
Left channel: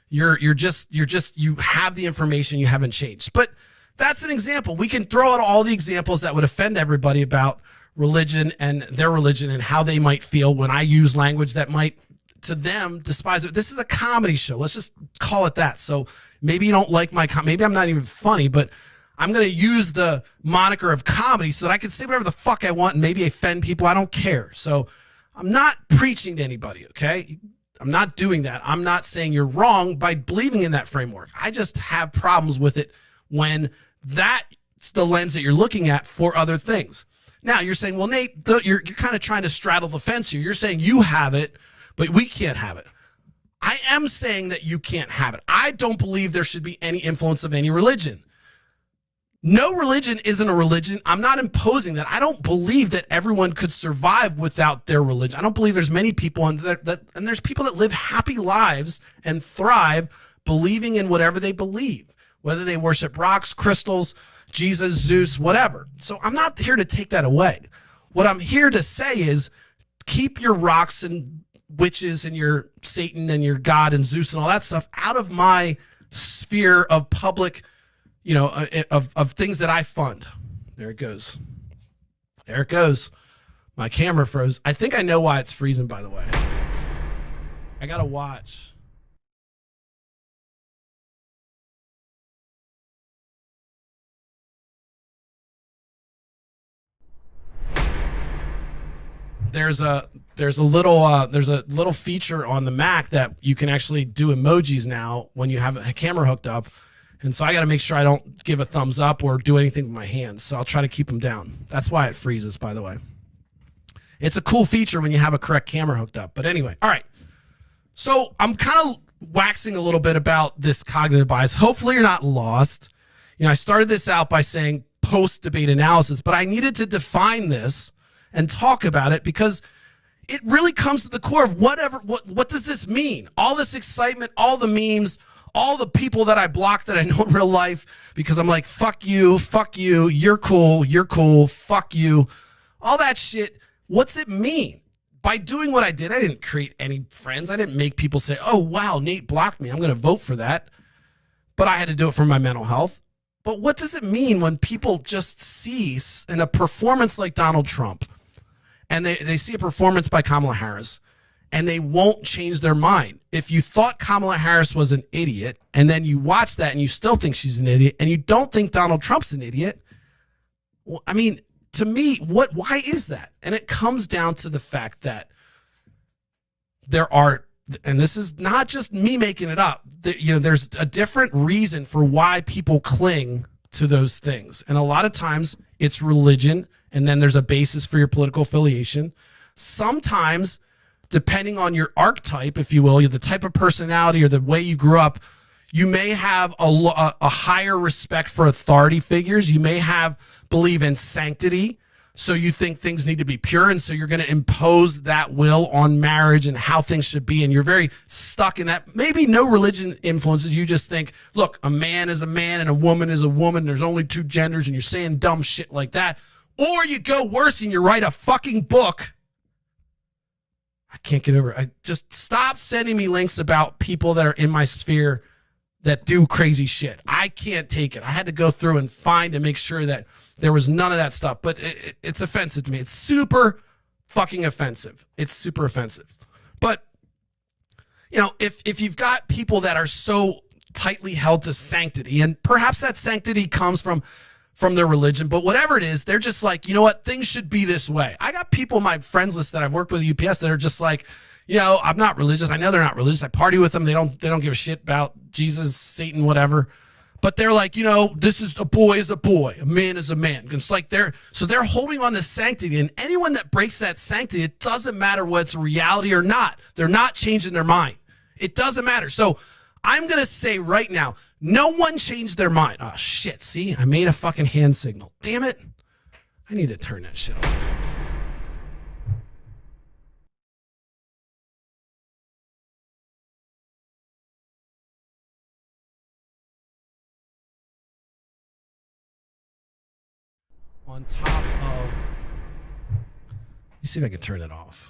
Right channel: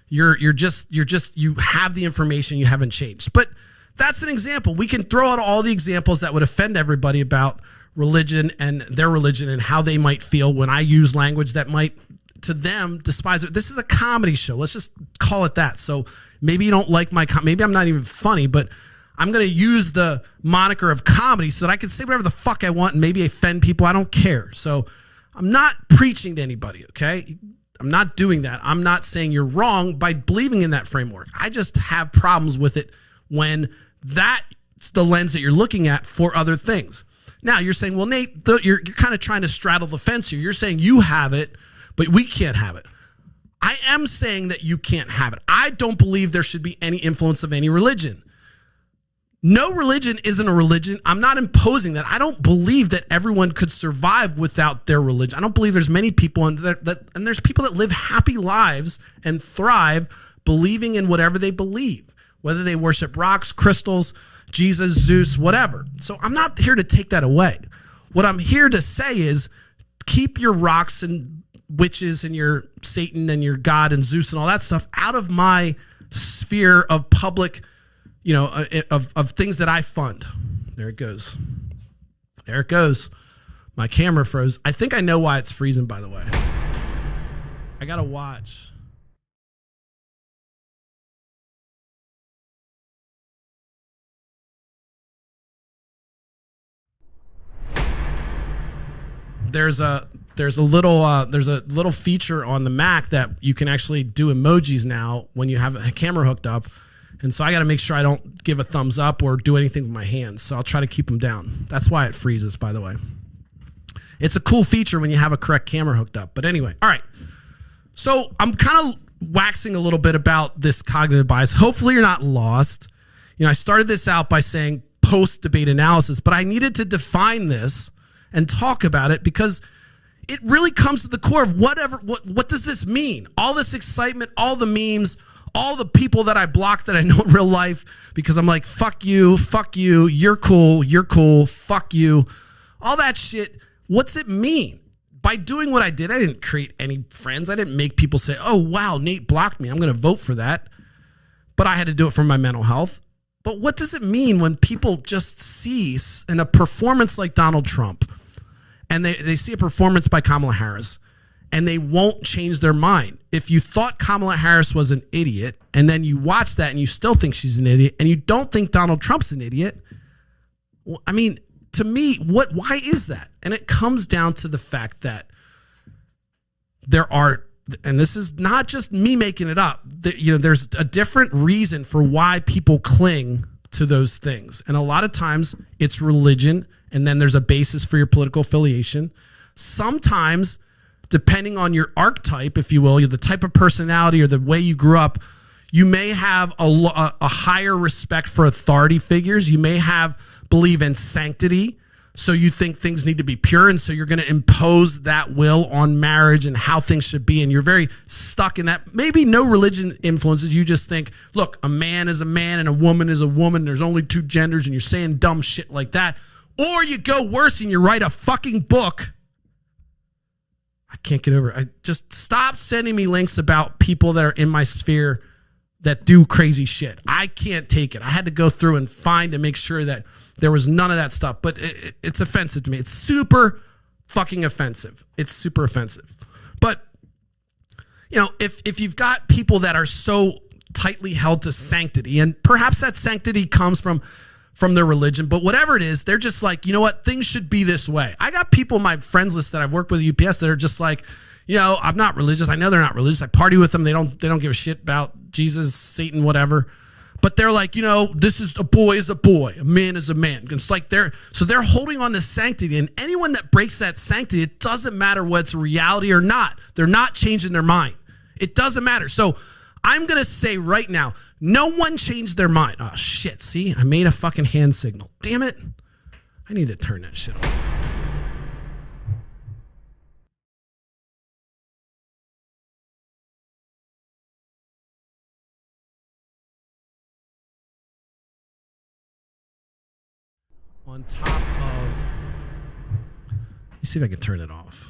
You have the information, you haven't changed. But that's an example. We can throw out all the examples that would offend everybody about religion and their religion and how they might feel when I use language that might, to them, despise it. This is a comedy show. Let's just call it that. So maybe you don't like maybe I'm not even funny, but I'm going to use the moniker of comedy so that I can say whatever the fuck I want and maybe offend people. I don't care. So I'm not preaching to anybody, okay? I'm not doing that. I'm not saying you're wrong by believing in that framework. I just have problems with it when that's the lens that you're looking at for other things. Now, you're saying, well, Nate, you're kind of trying to straddle the fence here. You're saying you have it, but we can't have it. I am saying that you can't have it. I don't believe there should be any influence of any religion. No religion isn't a religion. I'm not imposing that. I don't believe that everyone could survive without their religion. I don't believe there's many people, and there's people that live happy lives and thrive believing in whatever they believe, whether they worship rocks, crystals, Jesus, Zeus, whatever. So I'm not here to take that away. What I'm here to say is keep your rocks and witches and your Satan and your God and Zeus and all that stuff out of my sphere of public, of things that I fund. There it goes. There it goes. My camera froze. I think I know why it's freezing, by the way. I gotta watch. There's a little feature on the Mac that you can actually do emojis now when you have a camera hooked up. And so I got to make sure I don't give a thumbs up or do anything with my hands. So I'll try to keep them down. That's why it freezes, by the way. It's a cool feature when you have a correct camera hooked up. But anyway, all right. So I'm kind of waxing a little bit about this cognitive bias. Hopefully you're not lost. I started this out by saying post-debate analysis, but I needed to define this and talk about it because it really comes to the core of what does this mean? All this excitement, all the memes, all the people that I block that I know in real life because I'm like, fuck you, you're cool, fuck you. All that shit, what's it mean? By doing what I did, I didn't create any friends. I didn't make people say, oh, wow, Nate blocked me. I'm going to vote for that. But I had to do it for my mental health. But what does it mean when people just see in a performance like Donald Trump and they see a performance by Kamala Harris and they won't change their mind? If you thought Kamala Harris was an idiot and then you watch that and you still think she's an idiot and you don't think Donald Trump's an idiot, well, I mean, to me, why is that? And it comes down to the fact that there are, and this is not just me making it up, there's a different reason for why people cling to those things. And a lot of times it's religion, and then there's a basis for your political affiliation. Sometimes, depending on your archetype, if you will, the type of personality or the way you grew up, you may have a higher respect for authority figures. You may believe in sanctity. So you think things need to be pure, and so you're going to impose that will on marriage and how things should be, and you're very stuck in that. Maybe no religion influences. You just think, look, a man is a man and a woman is a woman. There's only two genders, and you're saying dumb shit like that. Or you go worse and you write a fucking book. I can't get over it. I just stop sending me links about people that are in my sphere that do crazy shit. I can't take it. I had to go through and find and make sure that there was none of that stuff, but it's offensive to me. It's super fucking offensive. It's super offensive. But, if you've got people that are so tightly held to sanctity, and perhaps that sanctity comes from their religion, but whatever it is, they're just like, you know what, things should be this way. I got people in my friends list that I've worked with at UPS that are just like, I'm not religious. I know they're not religious. I party with them. They don't give a shit about Jesus, Satan, whatever. but they're like, this is a boy is a boy, a man is a man. It's like they're holding on to sanctity, and anyone that breaks that sanctity, it doesn't matter what's reality or not. They're not changing their mind. It doesn't matter. So I'm going to say right now, no one changed their mind. Oh, shit. See, I made a fucking hand signal. Damn it. I need to turn that shit off. On top of, let me see if I can turn it off.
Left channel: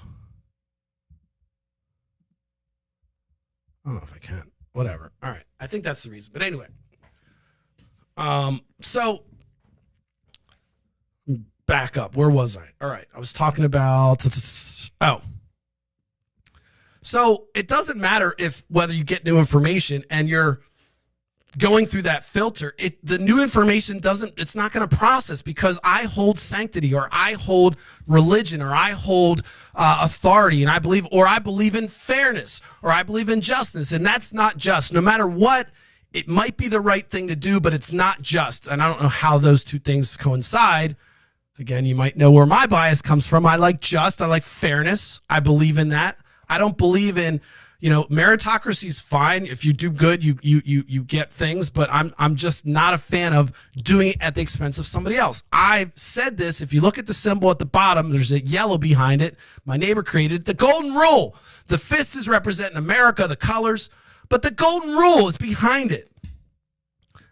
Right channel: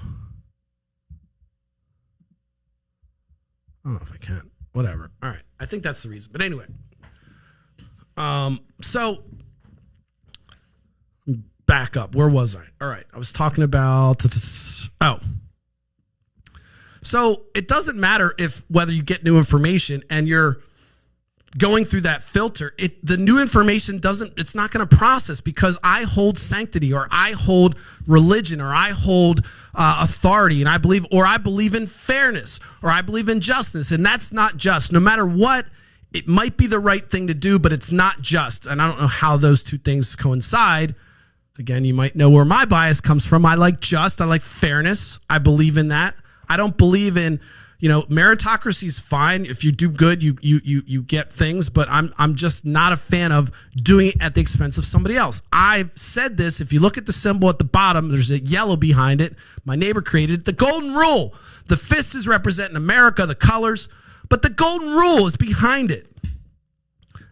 I don't know if I can. Whatever. All right. I think that's the reason. But anyway. So back up. Where was I? All right. I was talking about, so it doesn't matter whether you get new information and you're going through that filter, the new information it's not going to process, because I hold sanctity, or I hold religion, or I hold authority, and I believe in fairness, or I believe in justice, and that's not just. No matter what, it might be the right thing to do, but it's not just. And I don't know how those two things coincide. Again, you might know where my bias comes from. I like I like fairness. I believe in that. I don't believe in, meritocracy is fine. If you do good, you get things, but I'm just not a fan of doing it at the expense of somebody else. I've said this. If you look at the symbol at the bottom, there's a yellow behind it. My neighbor created it. The golden rule. The fist is representing America, the colors, but the golden rule is behind it.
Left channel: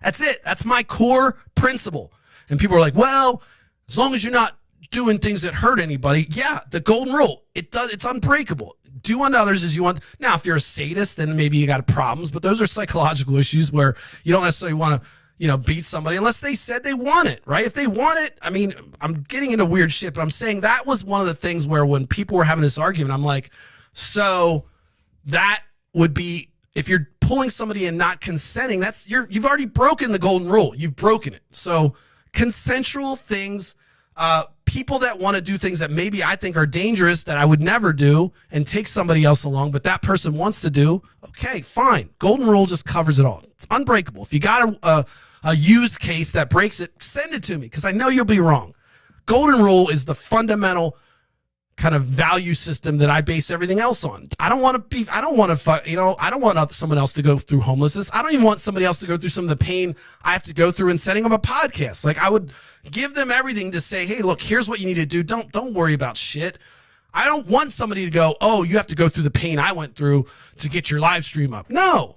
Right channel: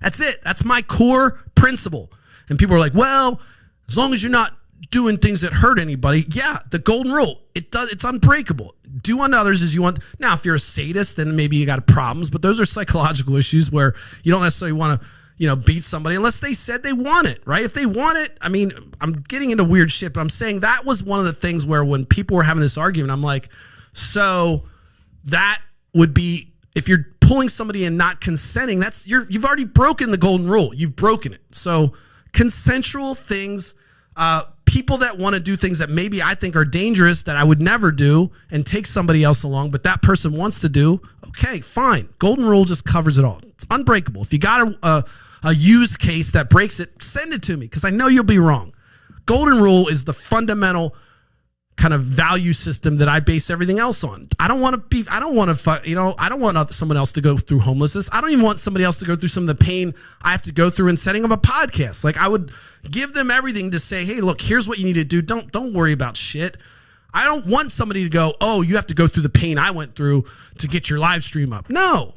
That's it. That's my core principle. And people are like, well, as long as you're not doing things that hurt anybody, yeah, the golden rule, it's unbreakable. Do unto others as you want. Now, if you're a sadist, then maybe you got problems, but those are psychological issues where you don't necessarily want to, beat somebody unless they said they want it, right? If they want it, I mean, I'm getting into weird shit, but I'm saying that was one of the things where when people were having this argument, I'm like, so that would be, if you're pulling somebody and not consenting, you've already broken the golden rule. You've broken it. So consensual things, people that want to do things that maybe I think are dangerous that I would never do and take somebody else along, but that person wants to do, okay, fine. Golden rule just covers it all. It's unbreakable. If you got a use case that breaks it, send it to me, because I know you'll be wrong. Golden rule is the fundamental kind of value system that I base everything else on. I don't want someone else to go through homelessness. I don't even want somebody else to go through some of the pain I have to go through in setting up a podcast. Like, I would give them everything to say, hey, look, here's what you need to do. Don't worry about shit. I don't want somebody to go, oh, you have to go through the pain I went through to get your live stream up. No,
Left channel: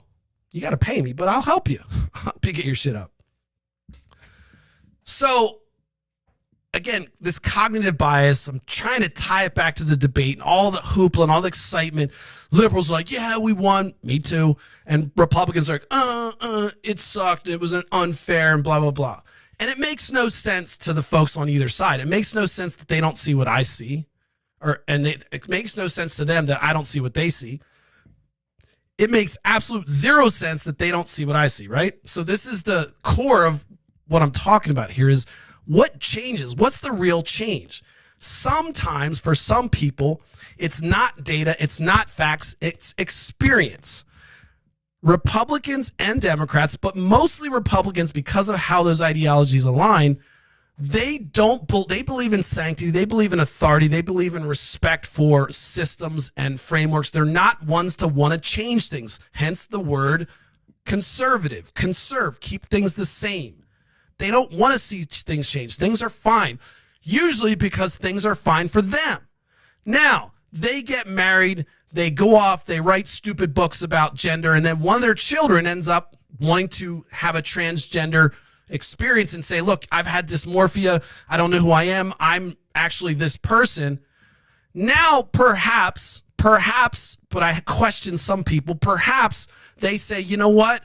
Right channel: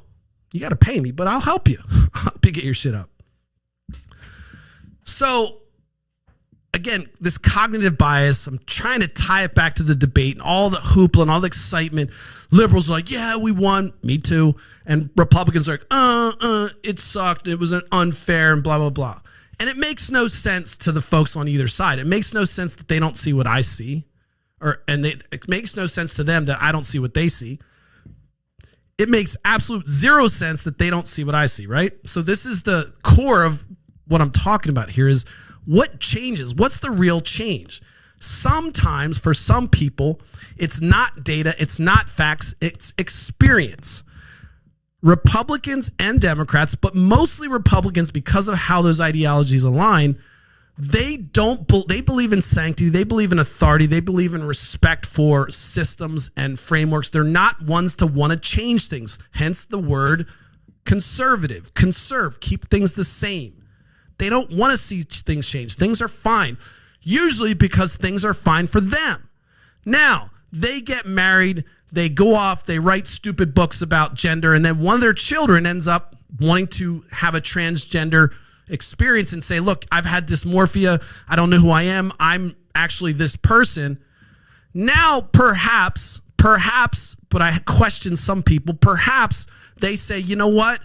you got to pay me, but I'll help you. I'll help you get your shit up. So, again, this cognitive bias, I'm trying to tie it back to the debate and all the hoopla and all the excitement. Liberals are like, yeah, we won. Me too. And Republicans are like, it sucked. It was unfair and blah, blah, blah. And it makes no sense to the folks on either side. It makes no sense that they don't see what I see. It makes no sense to them that I don't see what they see. It makes absolute zero sense that they don't see what I see, right? So this is the core of what I'm talking about here is, what changes? What's the real change? Sometimes for some people, it's not data, it's not facts, it's experience. Republicans and Democrats, but mostly Republicans, because of how those ideologies align, they believe in sanctity, they believe in authority, they believe in respect for systems and frameworks. They're not ones to want to change things. Hence the word conservative, conserve, keep things the same. They don't want to see things change. Things are fine, usually because things are fine for them. Now, they get married, they go off, they write stupid books about gender, and then one of their children ends up wanting to have a transgender experience and say, look, I've had dysmorphia, I don't know who I am, I'm actually this person. Now, perhaps, but I question some people, perhaps they say, you know what?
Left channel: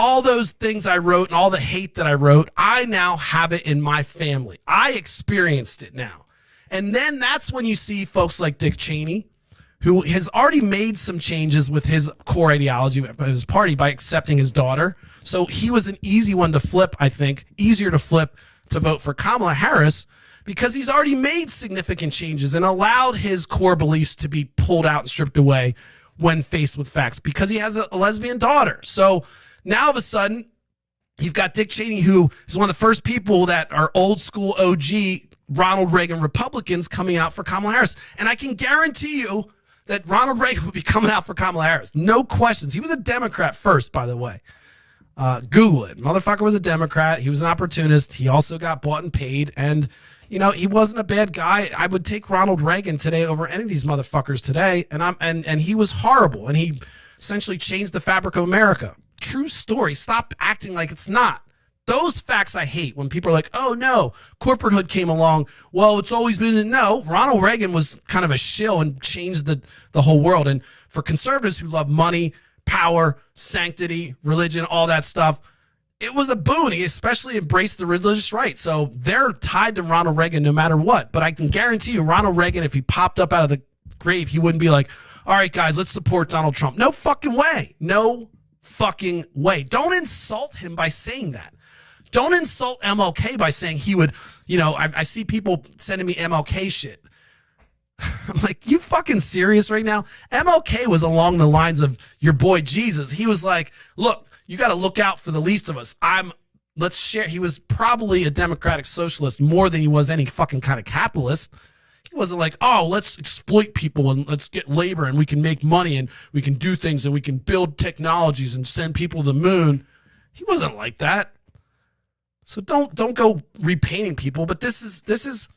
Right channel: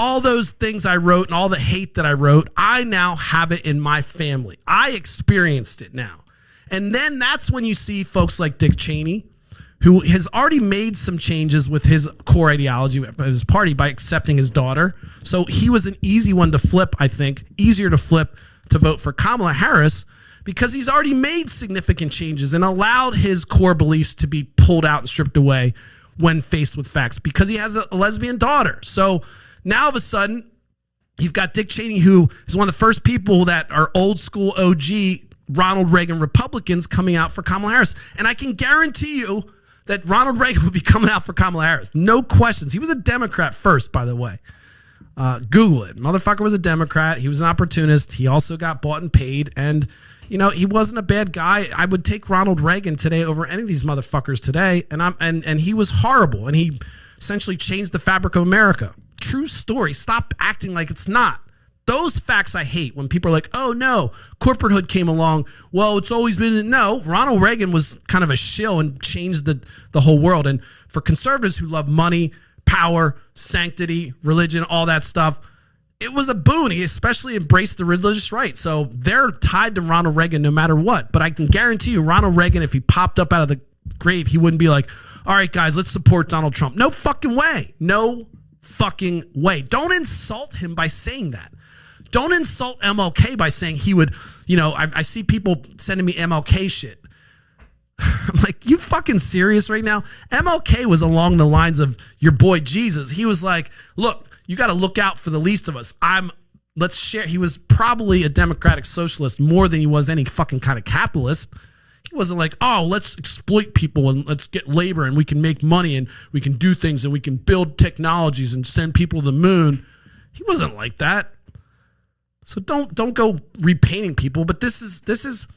All those things I wrote and all the hate that I wrote, I now have it in my family. I experienced it now. And then that's when you see folks like Dick Cheney, who has already made some changes with his core ideology of his party by accepting his daughter. So he was an easy one to flip, I think, easier to flip to vote for Kamala Harris, because he's already made significant changes and allowed his core beliefs to be pulled out and stripped away when faced with facts, because he has a lesbian daughter. So now all of a sudden, You've got Dick Cheney, who is one of the first people that are old school OG Ronald Reagan Republicans coming out for Kamala Harris. And I can guarantee you that Ronald Reagan will be coming out for Kamala Harris. No questions. He was a Democrat first, by the way. Google it. Motherfucker was a Democrat. He was an opportunist. He also got bought and paid. And, you know, he wasn't a bad guy. I would take Ronald Reagan today over any of these motherfuckers today. And he was horrible. And he essentially changed the fabric of America. True story. Stop acting like it's not. Those facts I hate when people are like, oh no, corporate hood came along. Well, it's always been, no, Ronald Reagan was kind of a shill and changed the whole world. And for conservatives who love money, power, sanctity, religion, all that stuff, it was a boon. He especially embraced the religious right. So they're tied to Ronald Reagan no matter what. But I can guarantee you, Ronald Reagan, if he popped up out of the grave, he wouldn't be like, all right, guys, let's support Donald Trump. No fucking way. No fucking way. Don't insult him by saying that. Don't insult MLK by saying he would, you know, I see people sending me MLK shit. I'm like, you fucking serious right now? MLK was along the lines of your boy Jesus. He was like, look, you got to look out for the least of us. Let's share. He was probably a democratic socialist more than he was any fucking kind of capitalist. He wasn't like, oh, let's exploit people and let's get labor and we can make money and we can do things and we can build technologies and send people to the moon. He wasn't like that. So don't go repainting people. But this is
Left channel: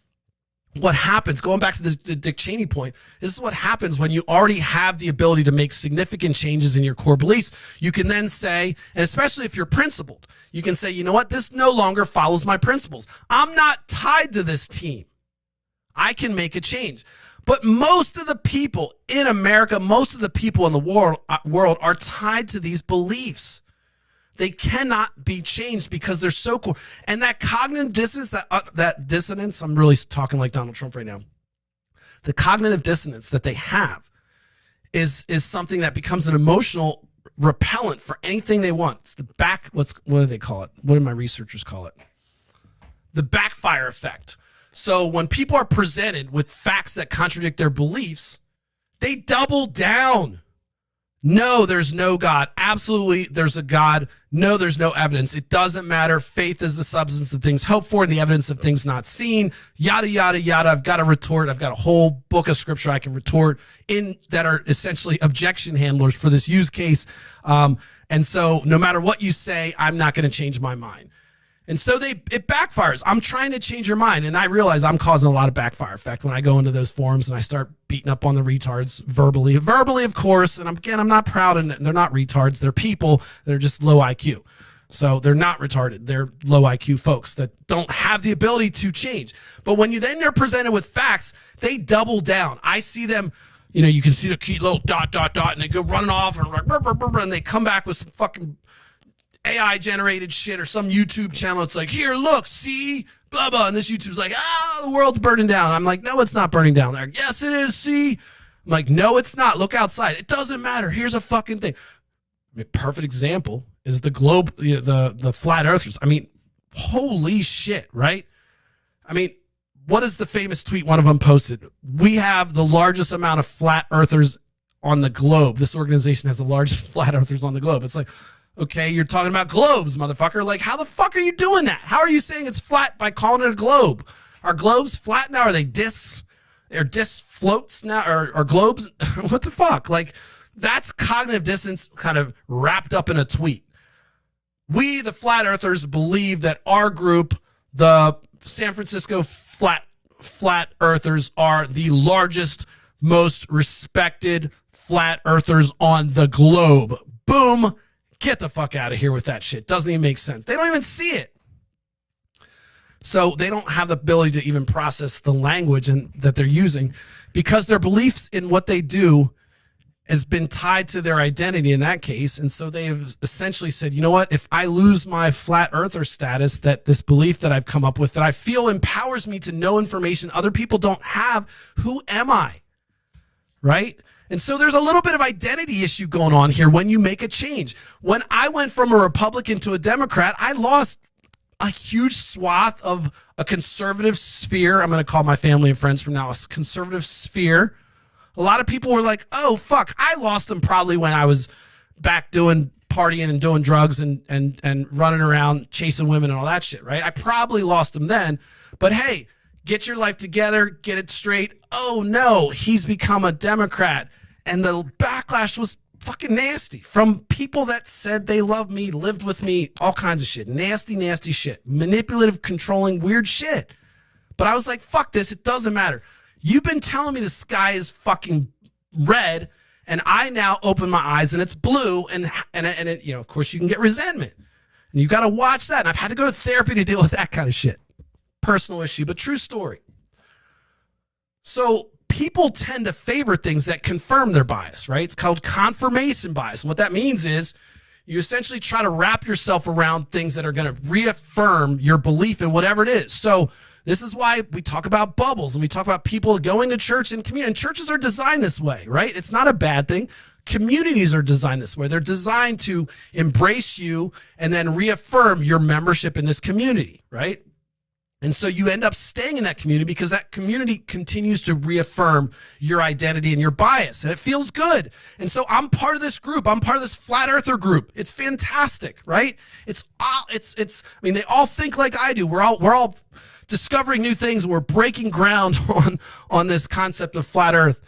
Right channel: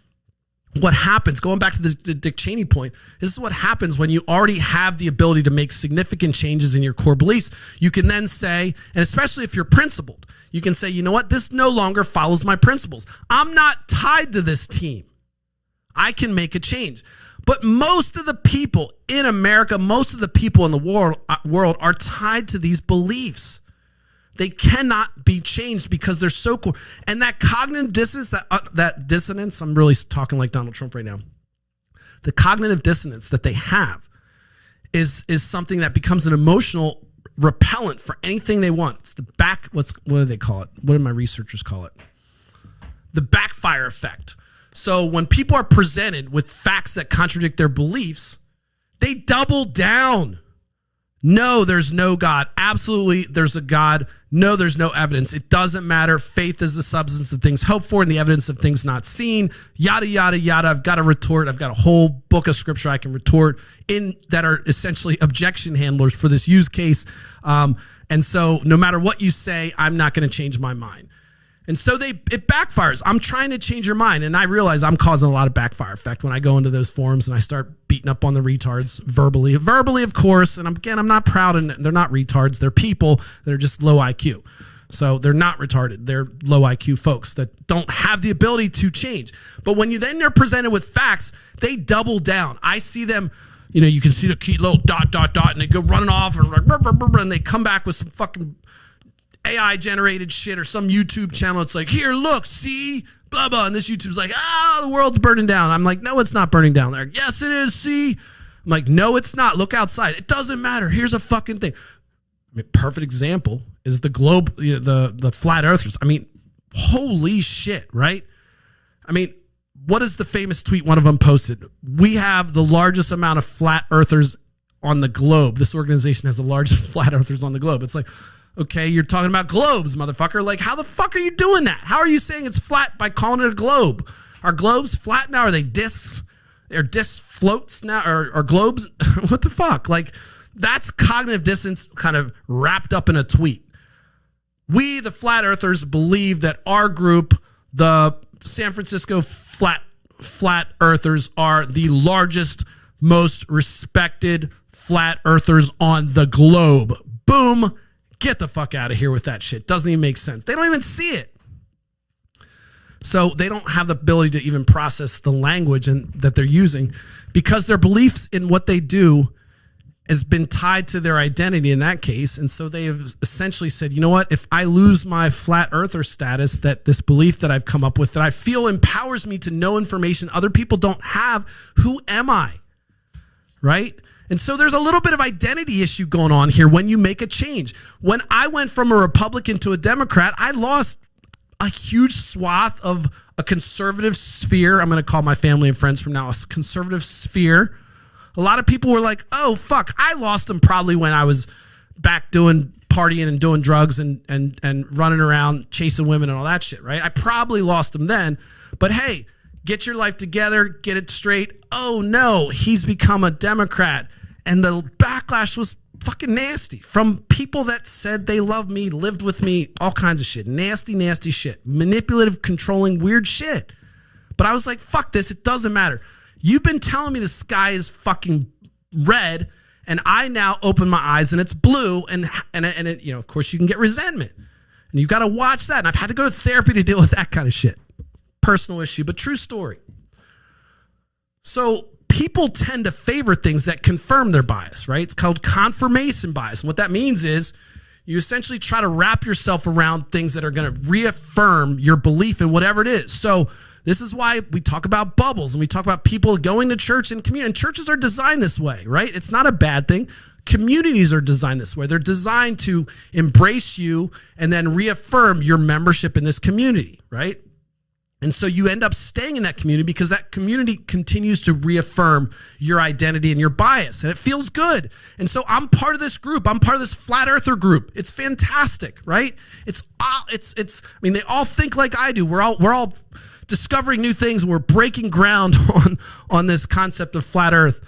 what happens. Going back to the Dick Cheney point, this is what happens when you already have the ability to make significant changes in your core beliefs. You can then say, and especially if you're principled, you can say, you know what, this no longer follows my principles. I'm not tied to this team. I can make a change. But most of the people in America, most of the people in the world are tied to these beliefs. They cannot be changed because they're so core. And that cognitive dissonance, that dissonance, I'm really talking like Donald Trump right now. The cognitive dissonance that they have is something that becomes an emotional repellent for anything they want. It's the what do they call it? What do my researchers call it? The backfire effect. So when people are presented with facts that contradict their beliefs, they double down. No, there's no God. Absolutely, there's a God. No, there's no evidence. It doesn't matter. Faith is the substance of things hoped for and the evidence of things not seen. Yada, yada, yada. I've got a retort. I've got a whole book of scripture I can retort in that are essentially objection handlers for this use case. And so no matter what you say, I'm not going to change my mind. And so it backfires. I'm trying to change your mind. And I realize I'm causing a lot of backfire effect when I go into those forums and I start beating up on the retards verbally. Verbally, of course. And I'm not proud. And they're not retards. They're people. They're just low IQ. So they're not retarded. They're low IQ folks that don't have the ability to change. But when they're presented with facts, they double down. I see them, you know, you can see the key little ... and they go running off and they come back with some fucking AI generated shit or some YouTube channel. It's like, here, look, see, blah, blah. And this YouTube's like, the world's burning down. I'm like, no, it's not burning down there. Yes, it is. See, I'm like, no, it's not. Look outside. It doesn't matter. Here's a fucking thing. I mean, perfect example is the globe, the flat earthers. I mean, holy shit, right? I mean, what is the famous tweet one of them posted? We have the largest amount of flat earthers on the globe. This organization has the largest flat earthers on the globe. It's like, okay, you're talking about globes, motherfucker. Like, how the fuck are you doing that? How are you saying it's flat by calling it a globe? Are globes flat now? Are they discs? Are discs floats now? Or globes? What the fuck? Like, that's cognitive dissonance kind of wrapped up in a tweet. We, the flat earthers, believe that our group, the San Francisco flat earthers, are the largest, most respected flat earthers on the globe. Boom. Get the fuck out of here with that shit. Doesn't even make sense. They don't even see it. So they don't have the ability to even process the language that they're using because their beliefs in what they do has been tied to their identity in that case. And so they've essentially said, you know what? If I lose my flat earther status, that this belief that I've come up with that I feel empowers me to know information other people don't have, who am I? Right? And so there's a little bit of identity issue going on here when you make a change. When I went from a Republican to a Democrat, I lost a huge swath of a conservative sphere. I'm going to call my family and friends from now a conservative sphere. A lot of people were like, oh, fuck, I lost them probably when I was back doing partying and doing drugs and running around chasing women and all that shit, right? I probably lost him then, but hey, get your life together, get it straight. Oh no, he's become a Democrat. And the backlash was fucking nasty from people that said they love me, lived with me, all kinds of shit. Nasty, nasty shit. Manipulative, controlling, weird shit. But I was like, fuck this, it doesn't matter. You've been telling me the sky is fucking red, and I now open my eyes and it's blue, and it, you know, of course you can get resentment. And you got to watch that. And I've had to go to therapy to deal with that kind of shit. Personal issue, but true story. So people tend to favor things that confirm their bias, right? It's called confirmation bias. And what that means is you essentially try to wrap yourself around things that are going to reaffirm your belief in whatever it is. So this is why we talk about bubbles and we talk about people going to church and community. And churches are designed this way, right? It's not a bad thing. Communities are designed this way. They're designed to embrace you and then reaffirm your membership in this community, right? And so you end up staying in that community because that community continues to reaffirm your identity and your bias, and it feels good. And so I'm part of this group. I'm part of this flat earther group. It's fantastic, right? I mean, they all think like I do. We're all discovering new things. We're breaking ground on this concept of flat earth.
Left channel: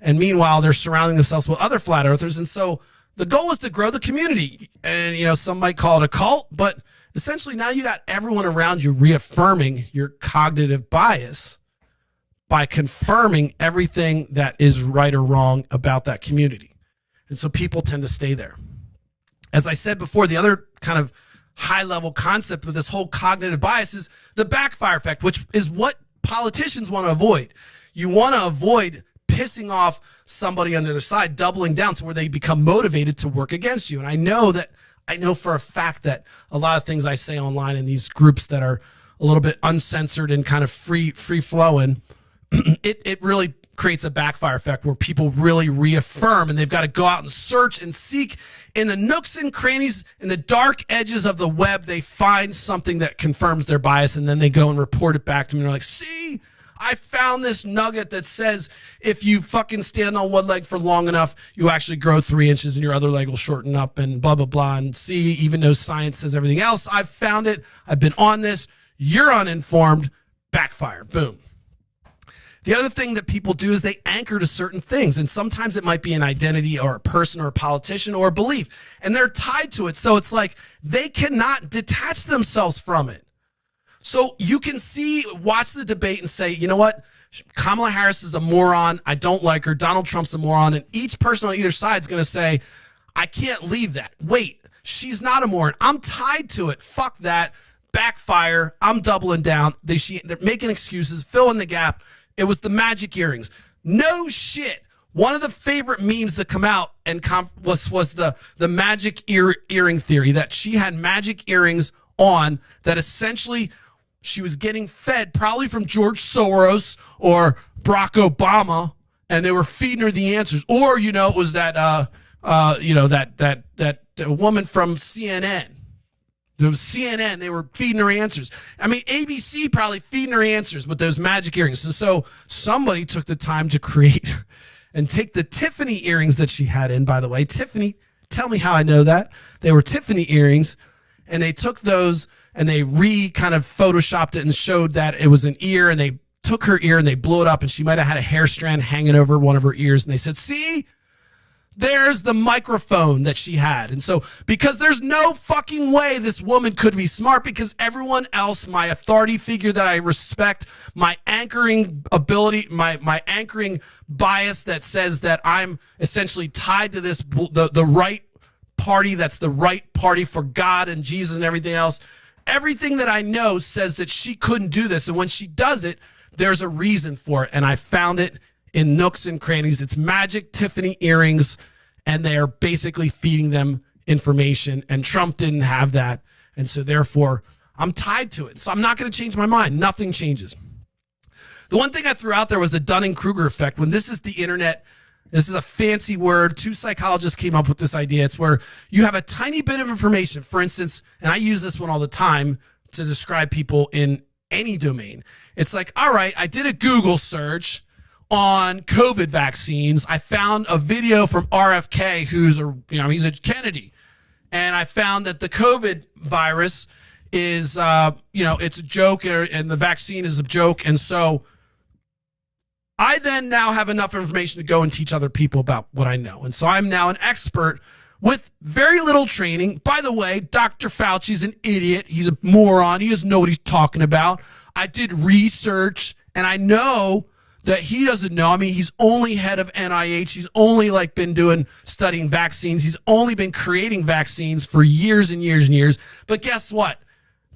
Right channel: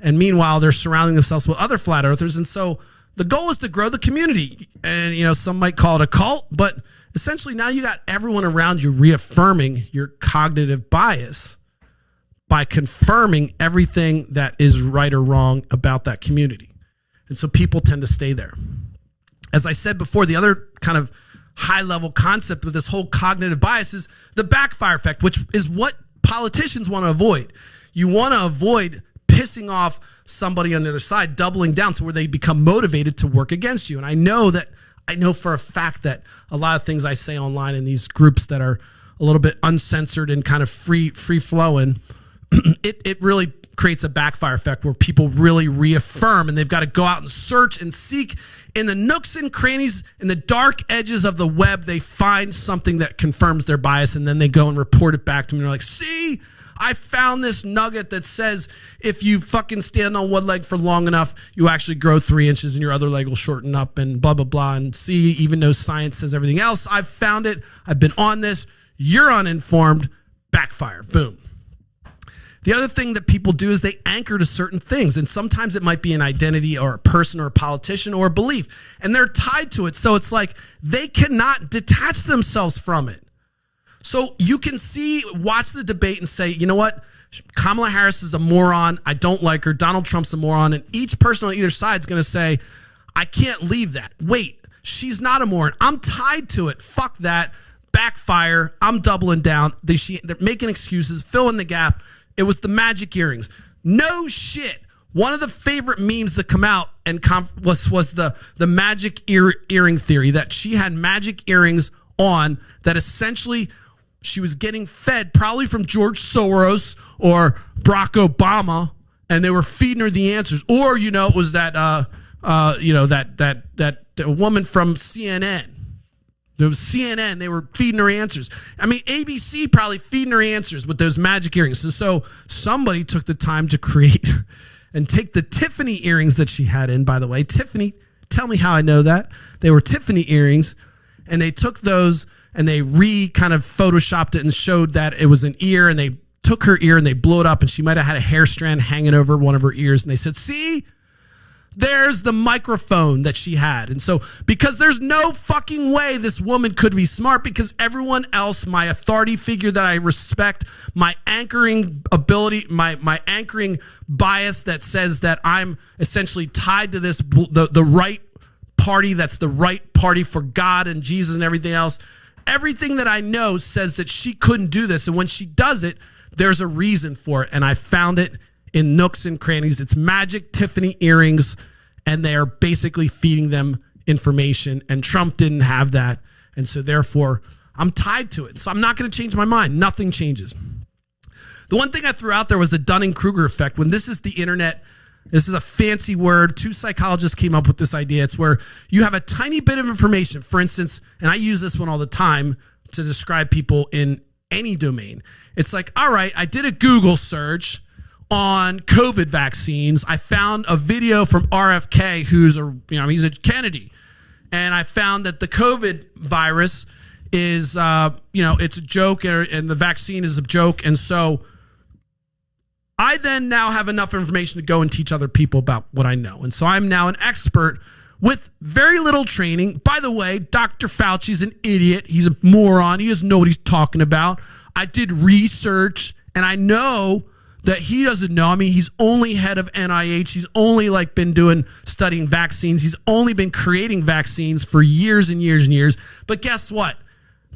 And meanwhile, they're surrounding themselves with other flat earthers. And so the goal is to grow the community. And, you know, some might call it a cult, but essentially now you got everyone around you reaffirming your cognitive bias by confirming everything that is right or wrong about that community. And so people tend to stay there. As I said before, the other kind of high level concept with this whole cognitive bias is the backfire effect, which is what politicians want to avoid. You want to avoid pissing off somebody on the other side, doubling down to where they become motivated to work against you. And I know for a fact that a lot of things I say online in these groups that are a little bit uncensored and kind of free flowing, it really creates a backfire effect where people really reaffirm, and they've got to go out and search and seek in the nooks and crannies, in the dark edges of the web. They find something that confirms their bias, and then they go and report it back to me. And they're like, see, I found this nugget that says if you fucking stand on one leg for long enough, you actually grow 3 inches and your other leg will shorten up and blah, blah, blah. And see, even though science says everything else, I've found it. I've been on this. You're uninformed. Backfire. Boom. The other thing that people do is they anchor to certain things. And sometimes it might be an identity or a person or a politician or a belief. And they're tied to it. So it's like they cannot detach themselves from it. So you can watch the debate and say, you know what? Kamala Harris is a moron. I don't like her. Donald Trump's a moron. And each person on either side is going to say, I can't leave that. Wait, she's not a moron. I'm tied to it. Fuck that. Backfire. I'm doubling down. They're making excuses, fill in the gap. It was the magic earrings. No shit. One of the favorite memes that come out and was the magic earring theory, that she had magic earrings on that essentially she was getting fed probably from George Soros or Barack Obama, and they were feeding her the answers. Or, you know, it was that woman from CNN. It was CNN. They were feeding her answers. I mean, ABC probably feeding her answers with those magic earrings. And so somebody took the time to create and take the Tiffany earrings that she had in, by the way. Tiffany, tell me how I know that. They were Tiffany earrings, and they took those and they kind of photoshopped it and showed that it was an ear, and they took her ear and they blew it up, and she might have had a hair strand hanging over one of her ears. And they said, see, there's the microphone that she had. And so, because there's no fucking way this woman could be smart, because everyone else, my authority figure that I respect, my anchoring ability, my anchoring bias that says that I'm essentially tied to this, the right party, that's the right party for God and Jesus and everything else. Everything that I know says that she couldn't do this. And when she does it, there's a reason for it. And I found it in nooks and crannies. It's magic Tiffany earrings, and they are basically feeding them information. And Trump didn't have that. And so therefore, I'm tied to it. So I'm not going to change my mind. Nothing changes. The one thing I threw out there was the Dunning-Kruger effect. When this is the internet, this is a fancy word. 2 psychologists came up with this idea. It's where you have a tiny bit of information. For instance, and I use this one all the time to describe people in any domain. It's like, all right, I did a Google search on COVID vaccines. I found a video from RFK, he's a Kennedy. and I found that the COVID virus is, it's a joke, and the vaccine is a joke. And so I then now have enough information to go and teach other people about what I know. And so I'm now an expert with very little training. By the way, Dr. Fauci's an idiot. He's a moron. He doesn't know what he's talking about. I did research, and I know that he doesn't know. I mean, he's only head of NIH. He's only been studying vaccines. He's only been creating vaccines for years and years and years. But guess what?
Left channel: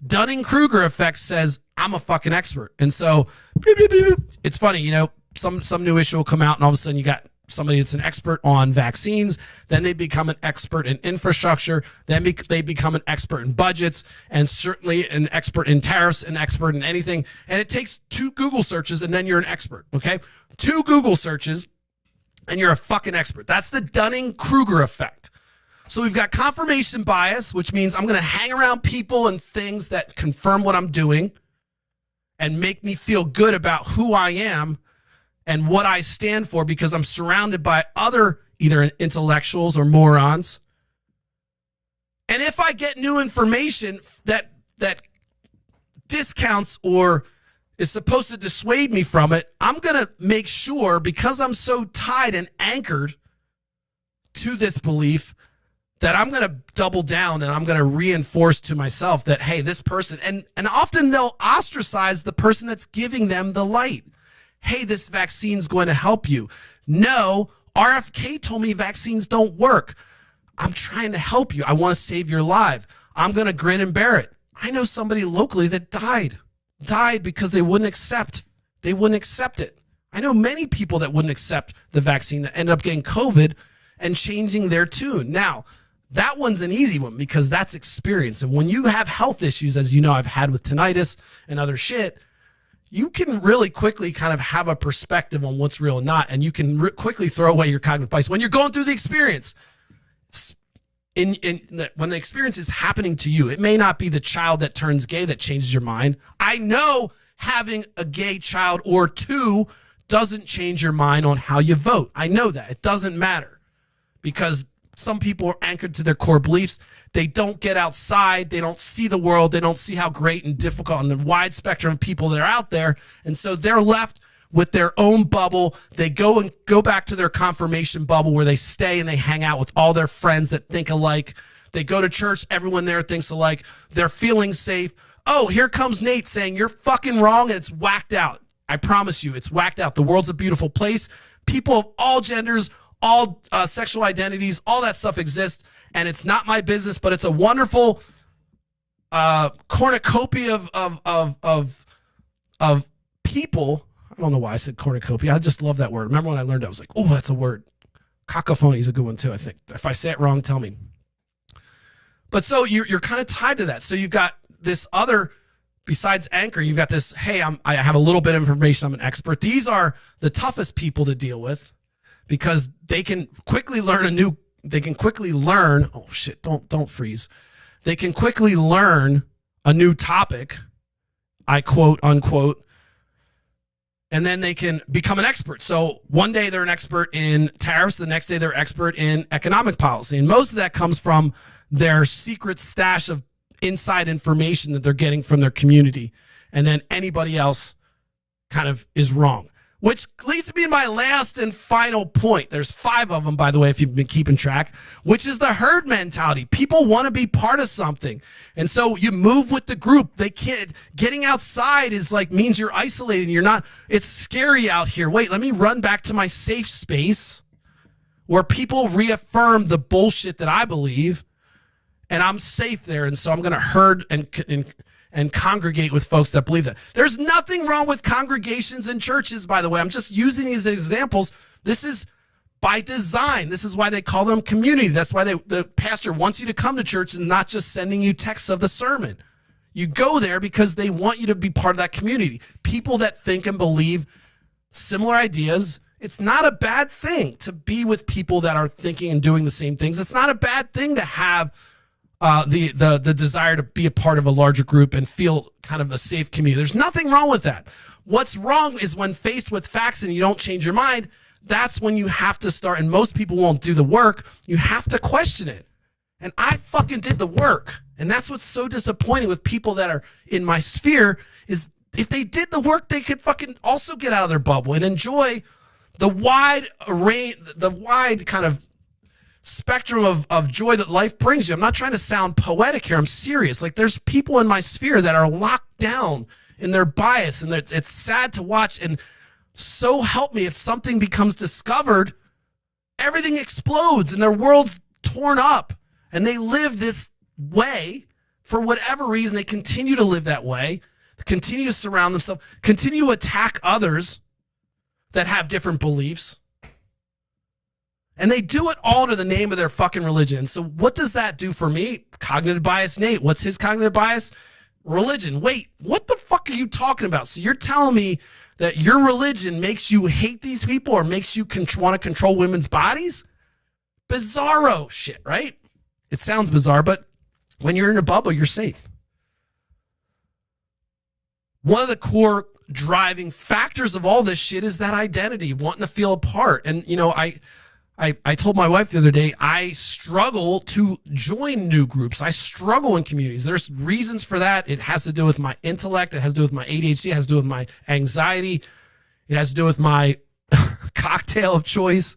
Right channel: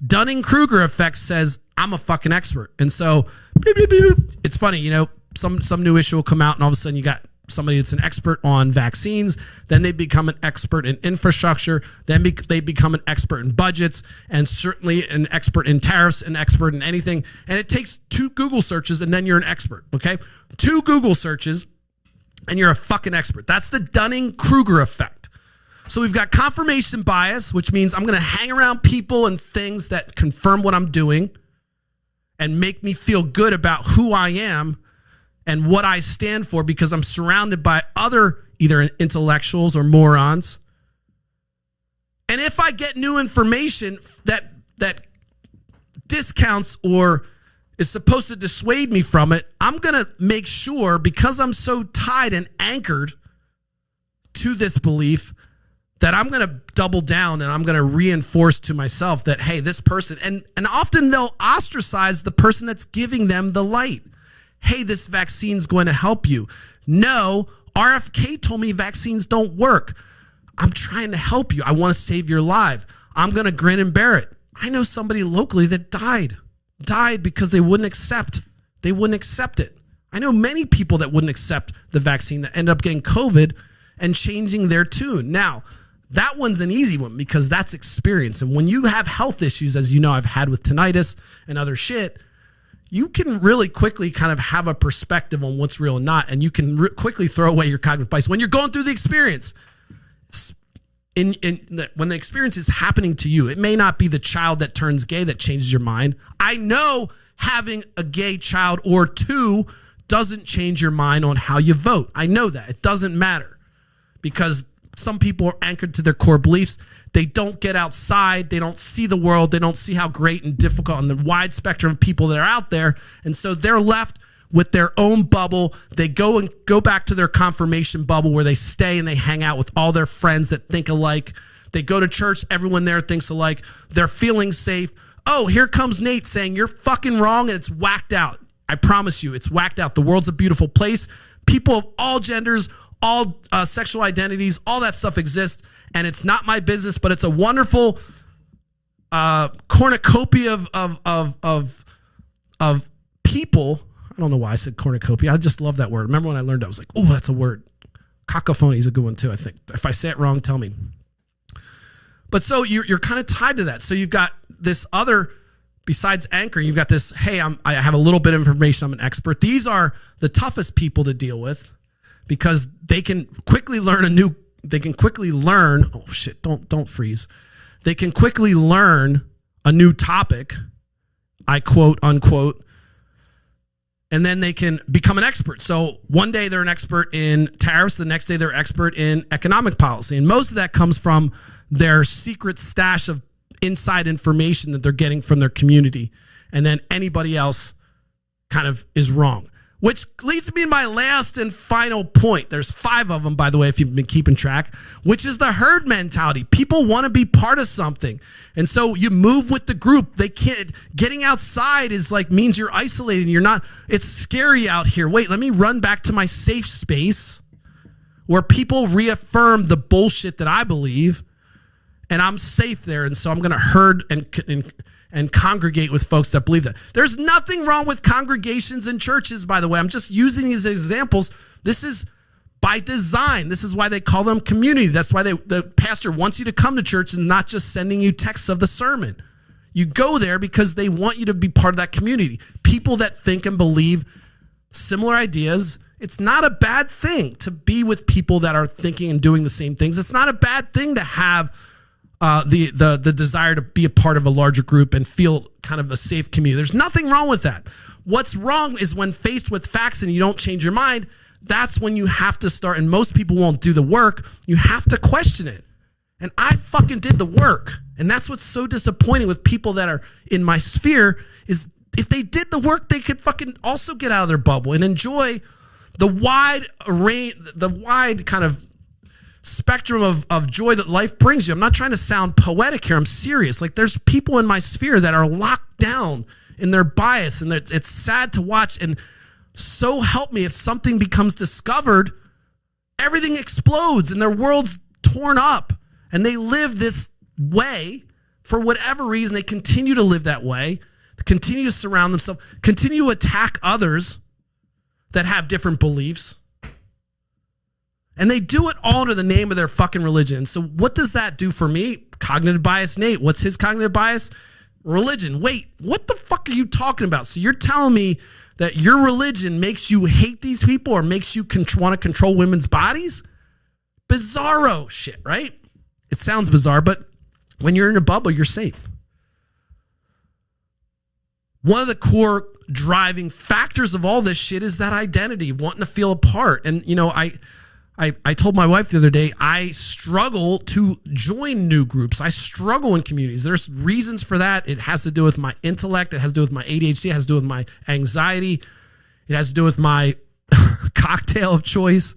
Dunning-Kruger effect says I'm a fucking expert. And so it's funny, some new issue will come out, and all of a sudden you got somebody that's an expert on vaccines, then they become an expert in infrastructure, then they become an expert in budgets, and certainly an expert in tariffs, an expert in anything. And it takes 2 Google searches, and then you're an expert, okay? 2 Google searches, and you're a fucking expert. That's the Dunning-Kruger effect. So we've got confirmation bias, which means I'm going to hang around people and things that confirm what I'm doing and make me feel good about who I am and what I stand for, because I'm surrounded by other either intellectuals or morons. And if I get new information that discounts or is supposed to dissuade me from it, I'm going to make sure, because I'm so tied and anchored to this belief, that I'm going to double down and I'm going to reinforce to myself that, hey, this person, and often they'll ostracize the person that's giving them the light. Hey, this vaccine's going to help you. No, RFK told me vaccines don't work. I'm trying to help you. I want to save your life. I'm going to grin and bear it. I know somebody locally that died because they wouldn't accept it. I know many people that wouldn't accept the vaccine that end up getting COVID and changing their tune. Now, that one's an easy one because that's experience. And when you have health issues, as you know, I've had with tinnitus and other shit, you can really quickly kind of have a perspective on what's real and not, and you can quickly throw away your cognitive bias when you're going through the experience. When the experience is happening to you, it may not be the child that turns gay that changes your mind. I know having a gay child or 2 doesn't change your mind on how you vote. I know that. It doesn't matter because some people are anchored to their core beliefs. They don't get outside. They don't see the world. They don't see how great and difficult and the wide spectrum of people that are out there. And so they're left with their own bubble. They go back to their confirmation bubble where they stay and they hang out with all their friends that think alike. They go to church. Everyone there thinks alike. They're feeling safe. Oh, here comes Nate saying you're fucking wrong, and it's whacked out. I promise you, it's whacked out. The world's a beautiful place. People of all genders, all sexual identities, all that stuff exists. And it's not my business, but it's a wonderful cornucopia of people. I don't know why I said cornucopia. I just love that word. Remember when I learned it, I was like, oh, that's a word. Cacophony is a good one too, I think. If I say it wrong, tell me. But so you're kind of tied to that. So you've got this other, besides anchor, you've got this, hey, I have a little bit of information. I'm an expert. These are the toughest people to deal with because they can quickly learn oh shit, don't freeze. They can quickly learn a new topic, I quote unquote, and then they can become an expert. So one day they're an expert in tariffs, the next day they're expert in economic policy. And most of that comes from their secret stash of inside information that they're getting from their community. And then anybody else kind of is wrong. Which leads me to my last and final point. There's 5 of them, by the way, if you've been keeping track, which is the herd mentality. People want to be part of something. And so you move with the group. They can't, getting outside is means you're isolated. You're not, it's scary out here. Wait, let me run back to my safe space where people reaffirm the bullshit that I believe, and I'm safe there. And so I'm going to herd and congregate with folks that believe that. There's nothing wrong with congregations and churches, by the way. I'm just using these examples. This is by design. This is why they call them community. That's why the pastor wants you to come to church and not just sending you texts of the sermon. You go there because they want you to be part of that community. People that think and believe similar ideas. It's not a bad thing to be with people that are thinking and doing the same things. It's not a bad thing to have the desire to be a part of a larger group and feel kind of a safe community. There's nothing wrong with that. What's wrong is when faced with facts and you don't change your mind, that's when you have to start, and most people won't do the work, you have to question it. And I fucking did the work. And that's what's so disappointing with people that are in my sphere is if they did the work, they could fucking also get out of their bubble and enjoy the wide array, the wide kind of spectrum of joy that life brings you. I'm not trying to sound poetic here. I'm serious. Like there's people in my sphere that are locked down in their bias, and it's sad to watch. And so help me, if something becomes discovered, everything explodes and their world's torn up, and they live this way for whatever reason. They continue to live that way, continue to surround themselves, continue to attack others that have different beliefs. And they do it all under the name of their fucking religion. So what does that do for me? Cognitive bias, Nate. What's his cognitive bias? Religion. Wait, what the fuck are you talking about? So you're telling me that your religion makes you hate these people or makes you want to control women's bodies? Bizarro shit, right? It sounds bizarre, but when you're in a bubble, you're safe. One of the core driving factors of all this shit is that identity, wanting to feel a part. And, you know, I told my wife the other day, I struggle to join new groups. I struggle in communities. There's reasons for that. It has to do with my intellect. It has to do with my ADHD. It has to do with my anxiety. It has to do with my cocktail of choice,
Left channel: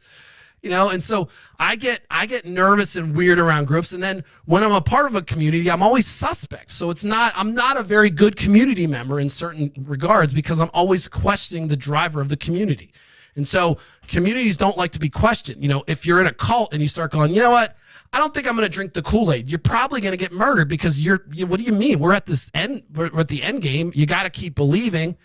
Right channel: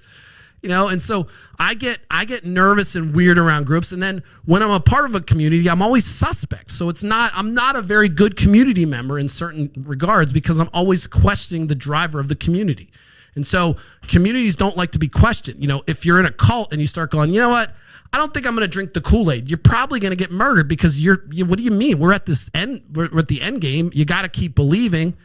you know? And so I get nervous and weird around groups. And then when I'm a part of a community, I'm always suspect. So I'm not a very good community member in certain regards because I'm always questioning the driver of the community. And so communities don't like to be questioned. You know, if you're in a cult and you start going, you know what? I don't think I'm going to drink the Kool-Aid. You're probably going to get murdered because what do you mean? We're at this end. We're at the end game. You got to keep believing.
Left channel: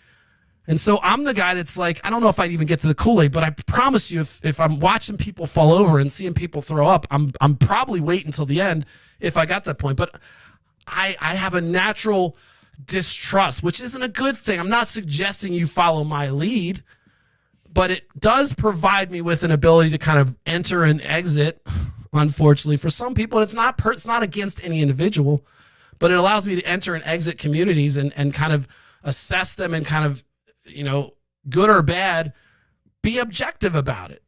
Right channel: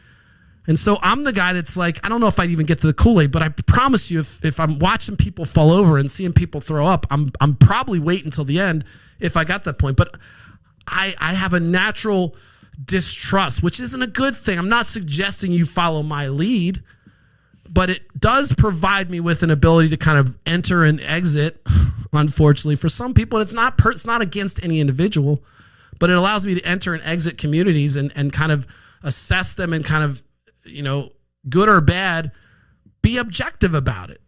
And so I'm the guy that's like, I don't know if I'd even get to the Kool-Aid, but I promise you, if I'm watching people fall over and seeing people throw up, I'm probably waiting until the end if I got to that point. But I have a natural distrust, which isn't a good thing. I'm not suggesting you follow my lead, but it does provide me with an ability to kind of enter and exit, unfortunately, for some people. And it's not against any individual, but it allows me to enter and exit communities and kind of assess them and kind of, you know, good or bad, be objective about it.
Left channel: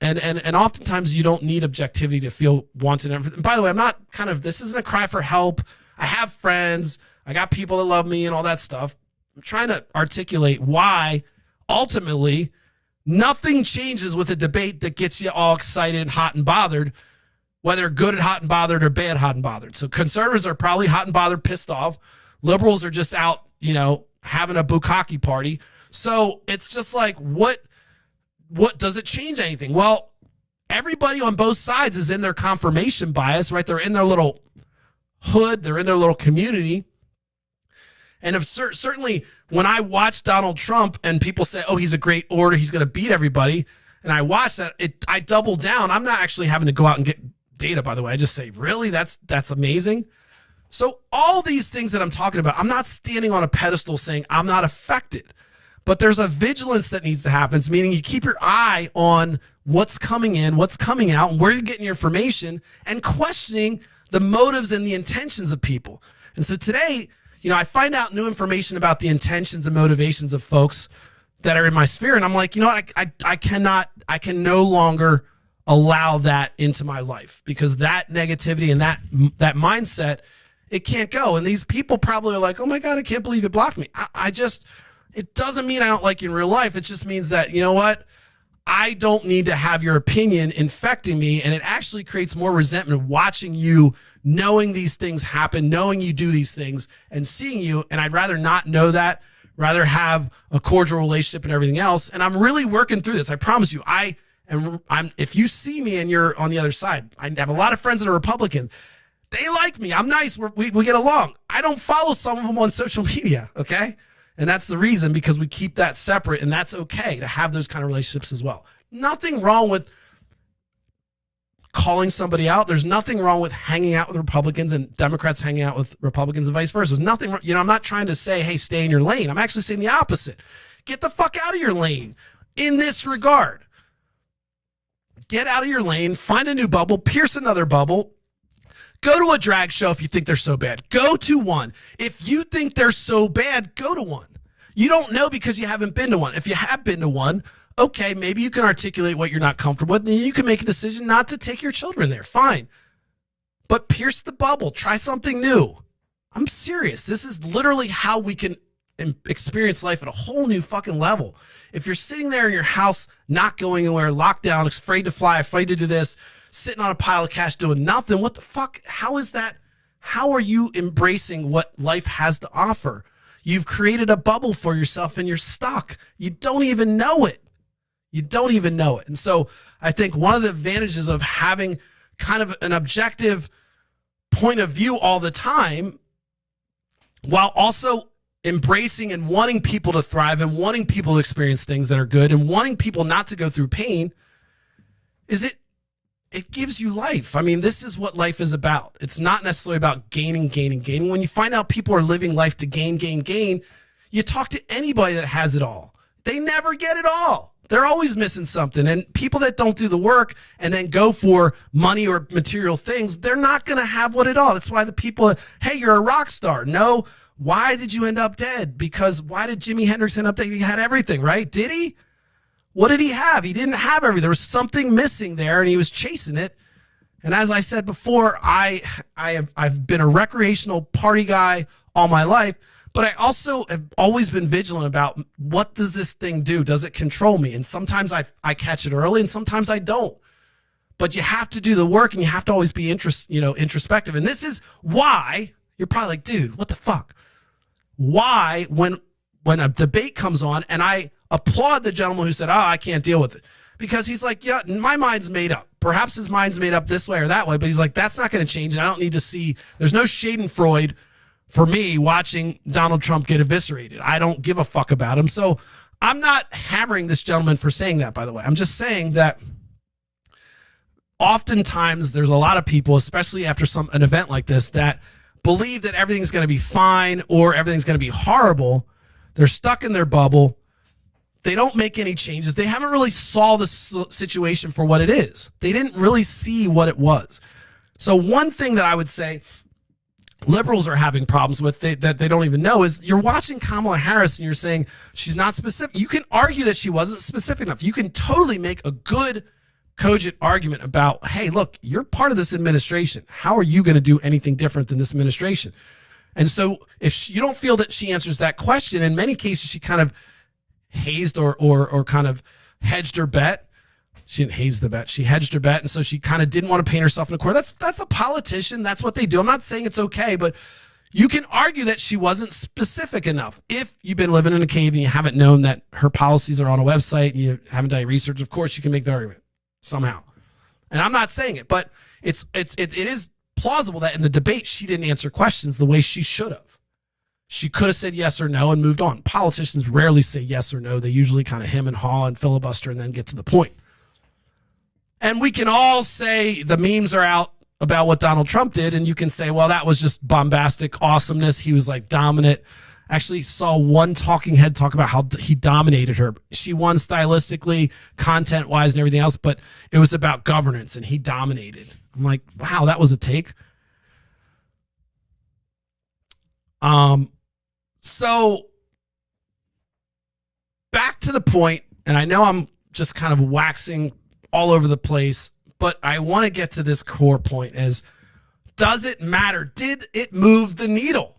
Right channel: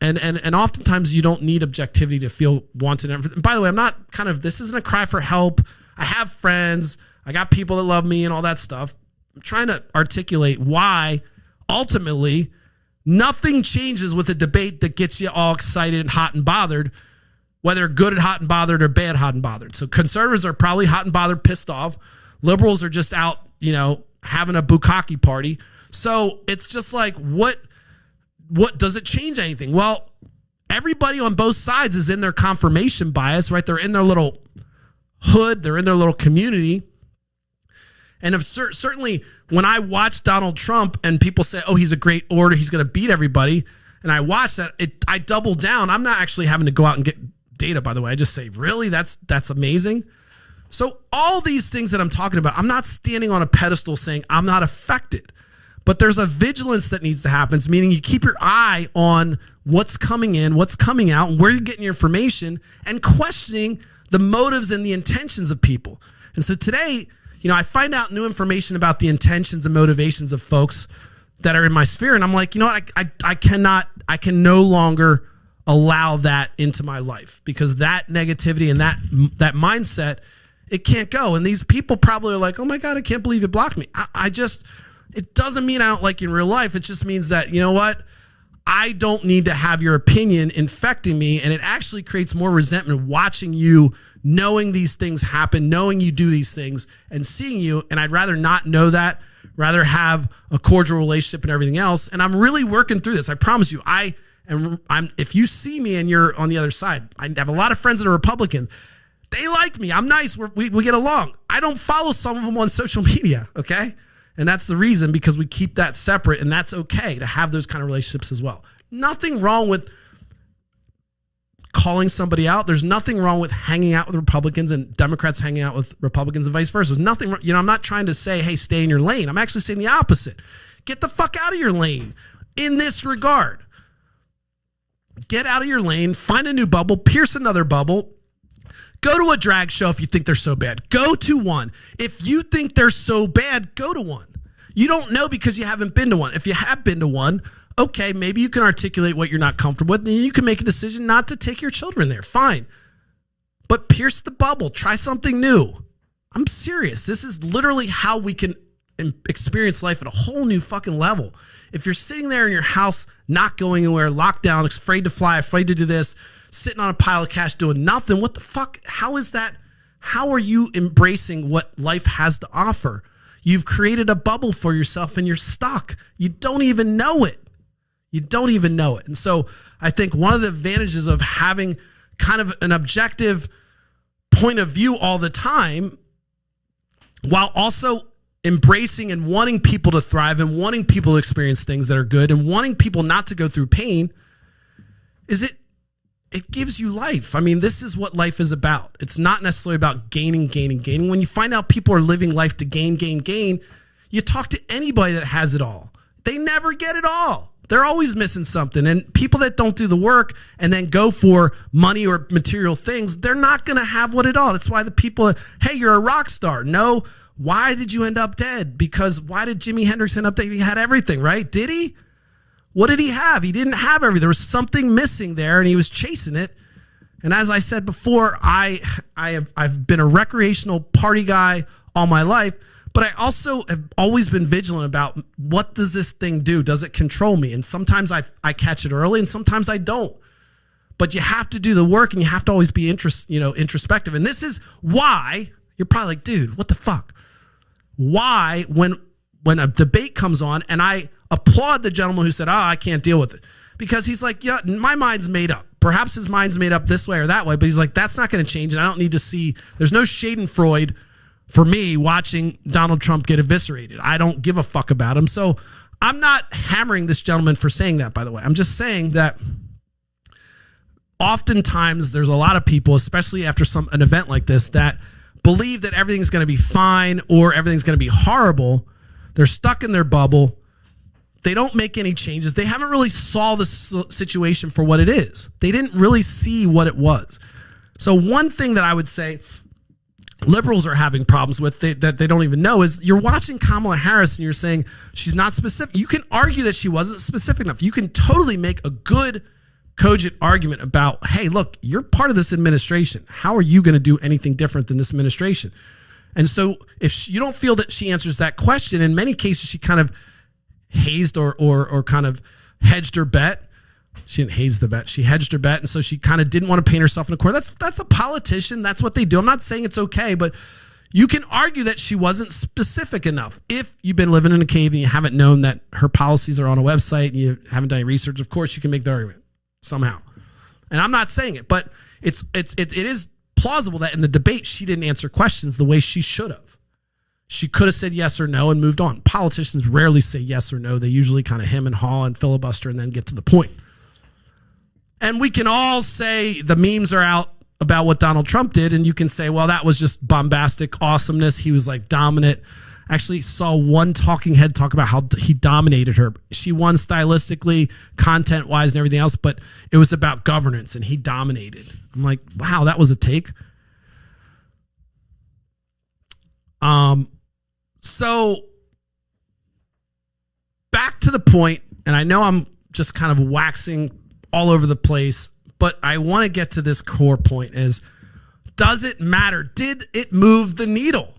And oftentimes you don't need objectivity to feel wanted. And by the way, this isn't a cry for help. I have friends. I got people that love me and all that stuff. I'm trying to articulate why ultimately nothing changes with a debate that gets you all excited and hot and bothered, whether good and hot and bothered or bad hot and bothered. So conservatives are probably hot and bothered, pissed off. Liberals are just out, you know, having a bukkake party. So it's just like, what does it change anything? Well, everybody on both sides is in their confirmation bias, right? They're in their little hood. They're in their little community. And certainly when I watch Donald Trump and people say, oh, he's a great orator, he's going to beat everybody, and I watch that, I double down. I'm not actually having to go out and get data, by the way. I just say, really? That's amazing. So all these things that I'm talking about, I'm not standing on a pedestal saying I'm not affected. But there's a vigilance that needs to happen, meaning you keep your eye on what's coming in, what's coming out, and where you're getting your information, and questioning the motives and the intentions of people. And so today, you know, I find out new information about the intentions and motivations of folks that are in my sphere, and I'm like, you know what, I can no longer allow that into my life, because that negativity and that mindset, it can't go. And these people probably are like, oh my God, I can't believe you blocked me. It doesn't mean I don't like you in real life. It just means that, you know what, I don't need to have your opinion infecting me. And it actually creates more resentment watching you, knowing these things happen, knowing you do these things and seeing you. And I'd rather not know that, rather have a cordial relationship and everything else. And I'm really working through this. I promise you, if you see me and you're on the other side, I have a lot of friends that are Republicans. They like me. I'm nice. We get along. I don't follow some of them on social media. Okay. And that's the reason, because we keep that separate, and that's okay to have those kind of relationships as well. Nothing wrong with calling somebody out. There's nothing wrong with hanging out with Republicans and Democrats hanging out with Republicans and vice versa. There's nothing, you know, I'm not trying to say, hey, stay in your lane. I'm actually saying the opposite. Get the fuck out of your lane in this regard. Get out of your lane, find a new bubble, pierce another bubble. Go to a drag show if you think they're so bad. Go to one. If you think they're so bad, go to one. You don't know because you haven't been to one. If you have been to one, okay, maybe you can articulate what you're not comfortable with, and you can make a decision not to take your children there. Fine. but pierce the bubble. Try something new. I'm serious. This is literally how we can experience life at a whole new fucking level. If you're sitting there in your house, not going anywhere, locked down, afraid to fly, afraid to do this, sitting on a pile of cash doing nothing, what the fuck? How is that? How are you embracing what life has to offer? You've created a bubble for yourself and you're stuck. You don't even know it. You don't even know it. And so I think one of the advantages of having kind of an objective point of view all the time, while also embracing and wanting people to thrive and wanting people to experience things that are good and wanting people not to go through pain, is it gives you life. I mean, this is what life is about. It's not necessarily about gaining. When you find out people are living life to gain, you talk to anybody that has it all. They never get it all. They're always missing something. And people that don't do the work and then go for money or material things, they're not going to have what it all. That's why the people, hey, you're a rock star. No, why did you end up dead? Because why did Jimi Hendrix end up dead? He had everything, right? Did he? What did he have? He didn't have everything. There was something missing there, and he was chasing it. And as I said before, I've been a recreational party guy all my life, but I also have always been vigilant about what does this thing do? Does it control me? And sometimes I catch it early, and sometimes I don't. But you have to do the work, and you have to always be introspective. And this is why you're probably like, dude, what the fuck? Why when a debate comes on, and I applaud the gentleman who said, I can't deal with it. Because he's like, yeah, my mind's made up. Perhaps his mind's made up this way or that way, but he's like, that's not going to change, and I don't need to see, there's no Schadenfreude for me watching Donald Trump get eviscerated. I don't give a fuck about him. So I'm not hammering this gentleman for saying that, by the way. I'm just saying that oftentimes there's a lot of people, especially after an event like this, that believe that everything's going to be fine or everything's going to be horrible. They're stuck in their bubble. They don't make any changes. They haven't really saw the situation for what it is. They didn't really see what it was. So one thing that I would say liberals are having problems with that they don't even know is you're watching Kamala Harris and you're saying she's not specific. You can argue that she wasn't specific enough. You can totally make a good, cogent argument about, hey, look, you're part of this administration. How are you going to do anything different than this administration? And so if you don't feel that she answers that question, in many cases she kind of hazed or kind of hedged her bet. She didn't haze the bet. She hedged her bet, and so she kind of didn't want to paint herself in a corner. That's a politician. That's what they do. I'm not saying it's okay, but you can argue that she wasn't specific enough. If you've been living in a cave and you haven't known that her policies are on a website and you haven't done any research, of course you can make the argument somehow. And I'm not saying it, but it is plausible that in the debate she didn't answer questions the way she should have. She could have said yes or no and moved on. Politicians rarely say yes or no. They usually kind of hem and haw and filibuster and then get to the point. And we can all say the memes are out about what Donald Trump did, and you can say, well, that was just bombastic awesomeness. He was like dominant. Actually saw one talking head talk about how he dominated her. She won stylistically, content-wise, and everything else, but it was about governance, and he dominated. I'm like, wow, that was a take. So back to the point, and I know I'm just kind of waxing all over the place, but I want to get to this core point is, does it matter? Did it move the needle?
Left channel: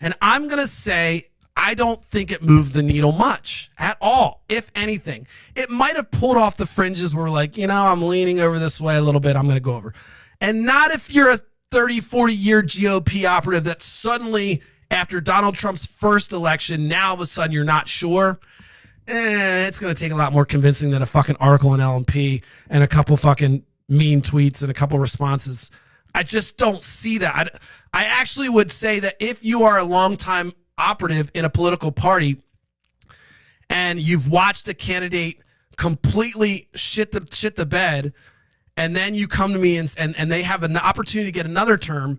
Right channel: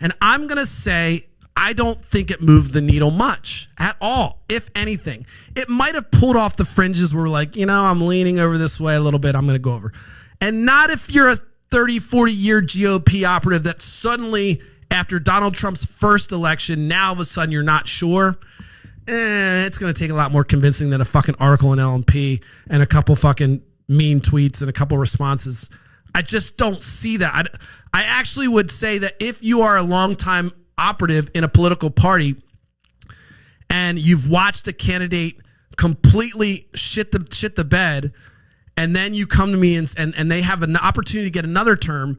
And I'm going to say, I don't think it moved the needle much at all, if anything. It might have pulled off the fringes where like, I'm leaning over this way a little bit. I'm going to go over. And not if you're a 30, 40-year GOP operative that suddenly, after Donald Trump's first election, now all of a sudden you're not sure. It's going to take a lot more convincing than a fucking article in LMP and a couple fucking mean tweets and a couple responses. I just don't see that. I actually would say that if you are a longtime operative in a political party and you've watched a candidate completely shit the bed, and then you come to me and they have an opportunity to get another term,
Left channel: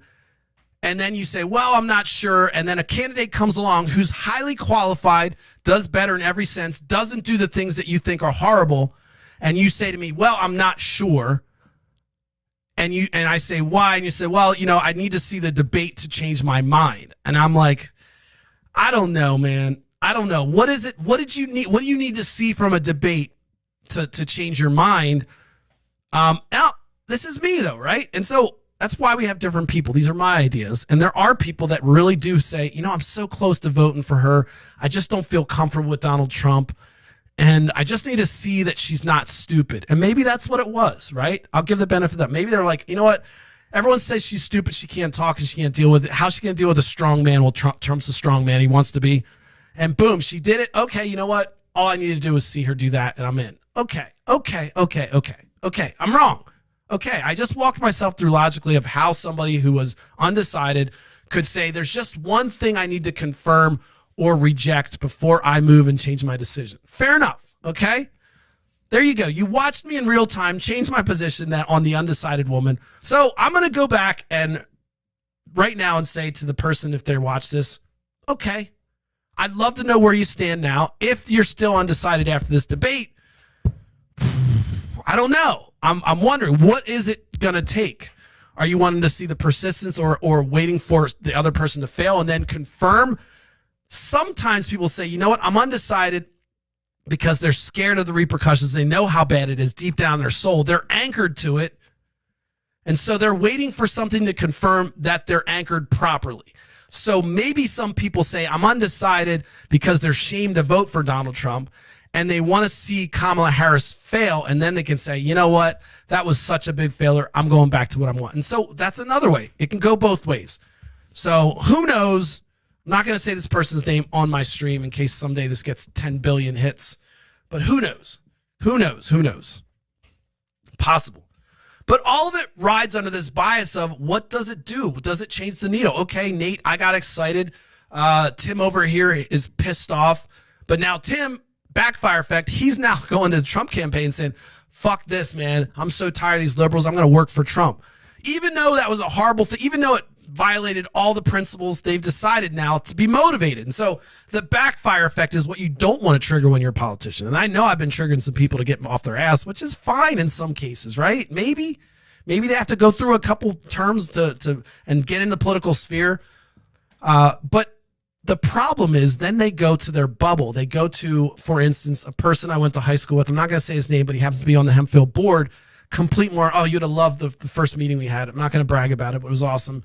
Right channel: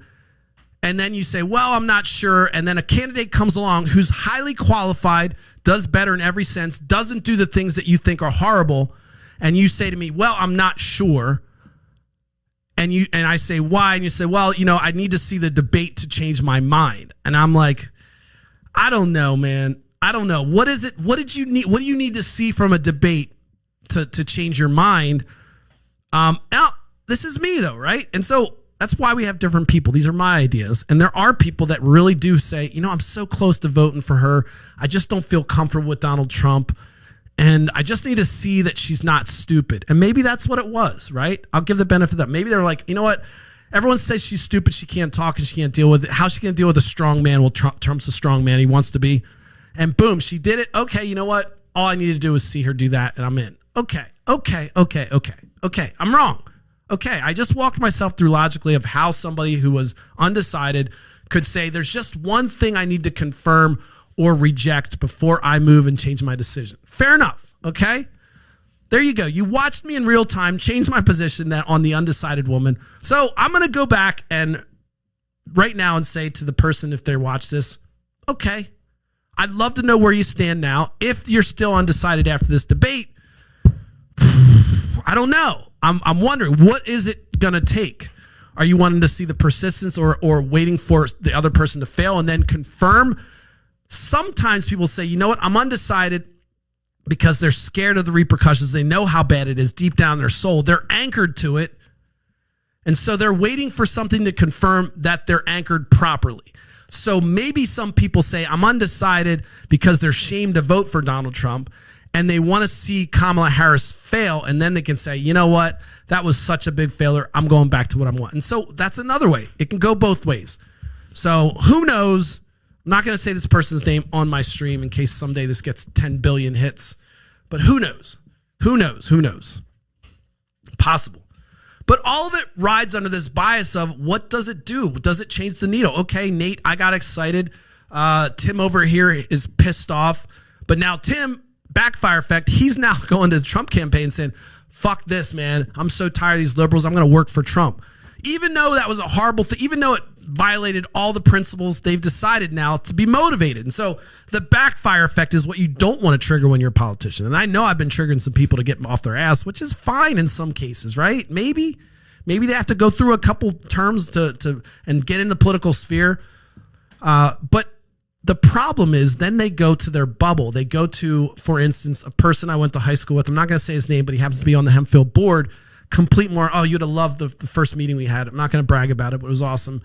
and then you say, well, I'm not sure, and then a candidate comes along who's highly qualified, does better in every sense, doesn't do the things that you think are horrible, and you say to me, well, I'm not sure, and I say, why? And you say, well, I need to see the debate to change my mind. And I'm like, I don't know, man. I don't know. What is it? What did you need? What do you need to see from a debate to change your mind? Now, this is me though, right? And so that's why we have different people. These are my ideas. And there are people that really do say, I'm so close to voting for her. I just don't feel comfortable with Donald Trump. And I just need to see that she's not stupid. And maybe that's what it was, right? I'll give the benefit of that. Maybe they're like, you know what? Everyone says she's stupid. She can't talk and she can't deal with it. How's she going to deal with a strong man? Well, Trump's a strong man. He wants to be. And boom, she did it. Okay, you know what? All I need to do is see her do that, and I'm in. Okay. I'm wrong. Okay, I just walked myself through logically of how somebody who was undecided could say there's just one thing I need to confirm or reject before I move and change my decision. Fair enough, okay? There you go. You watched me in real time change my position on the undecided woman. So I'm going to go back and right now and say to the person, if they watch this, okay, I'd love to know where you stand now. If you're still undecided after this debate, I don't know. I'm wondering, what is it going to take? Are you wanting to see the persistence or waiting for the other person to fail and then confirm? Sometimes people say, you know what, I'm undecided because they're scared of the repercussions. They know how bad it is deep down in their soul. They're anchored to it. And so they're waiting for something to confirm that they're anchored properly. So maybe some people say, I'm undecided because they're ashamed to vote for Donald Trump. And they want to see Kamala Harris fail, and then they can say, you know what, that was such a big failure. I'm going back to what I want. And so that's another way. It can go both ways. So who knows? I'm not going to say this person's name on my stream in case someday this gets 10 billion hits. But who knows? Who knows? Who knows? Possible. But all of it rides under this bias of what does it do? Does it change the needle? Okay, Nate, I got excited. Tim over here is pissed off. But now Tim, backfire effect, he's now going to the Trump campaign saying, fuck this, man. I'm so tired of these liberals. I'm going to work for Trump. Even though that was a horrible thing, even though it violated all the principles, they've decided now to be motivated. And so the backfire effect is what you don't want to trigger when you're a politician. And I know I've been triggering some people to get off their ass, which is fine in some cases, right? Maybe they have to go through a couple terms to and get in the political sphere. But the problem is then they go to their bubble. They go to, for instance, a person I went to high school with. I'm not going to say his name, but he happens to be on the Hempfield board. Complete more, oh, you'd have loved the first meeting we had. I'm not going to brag about it, but it was awesome.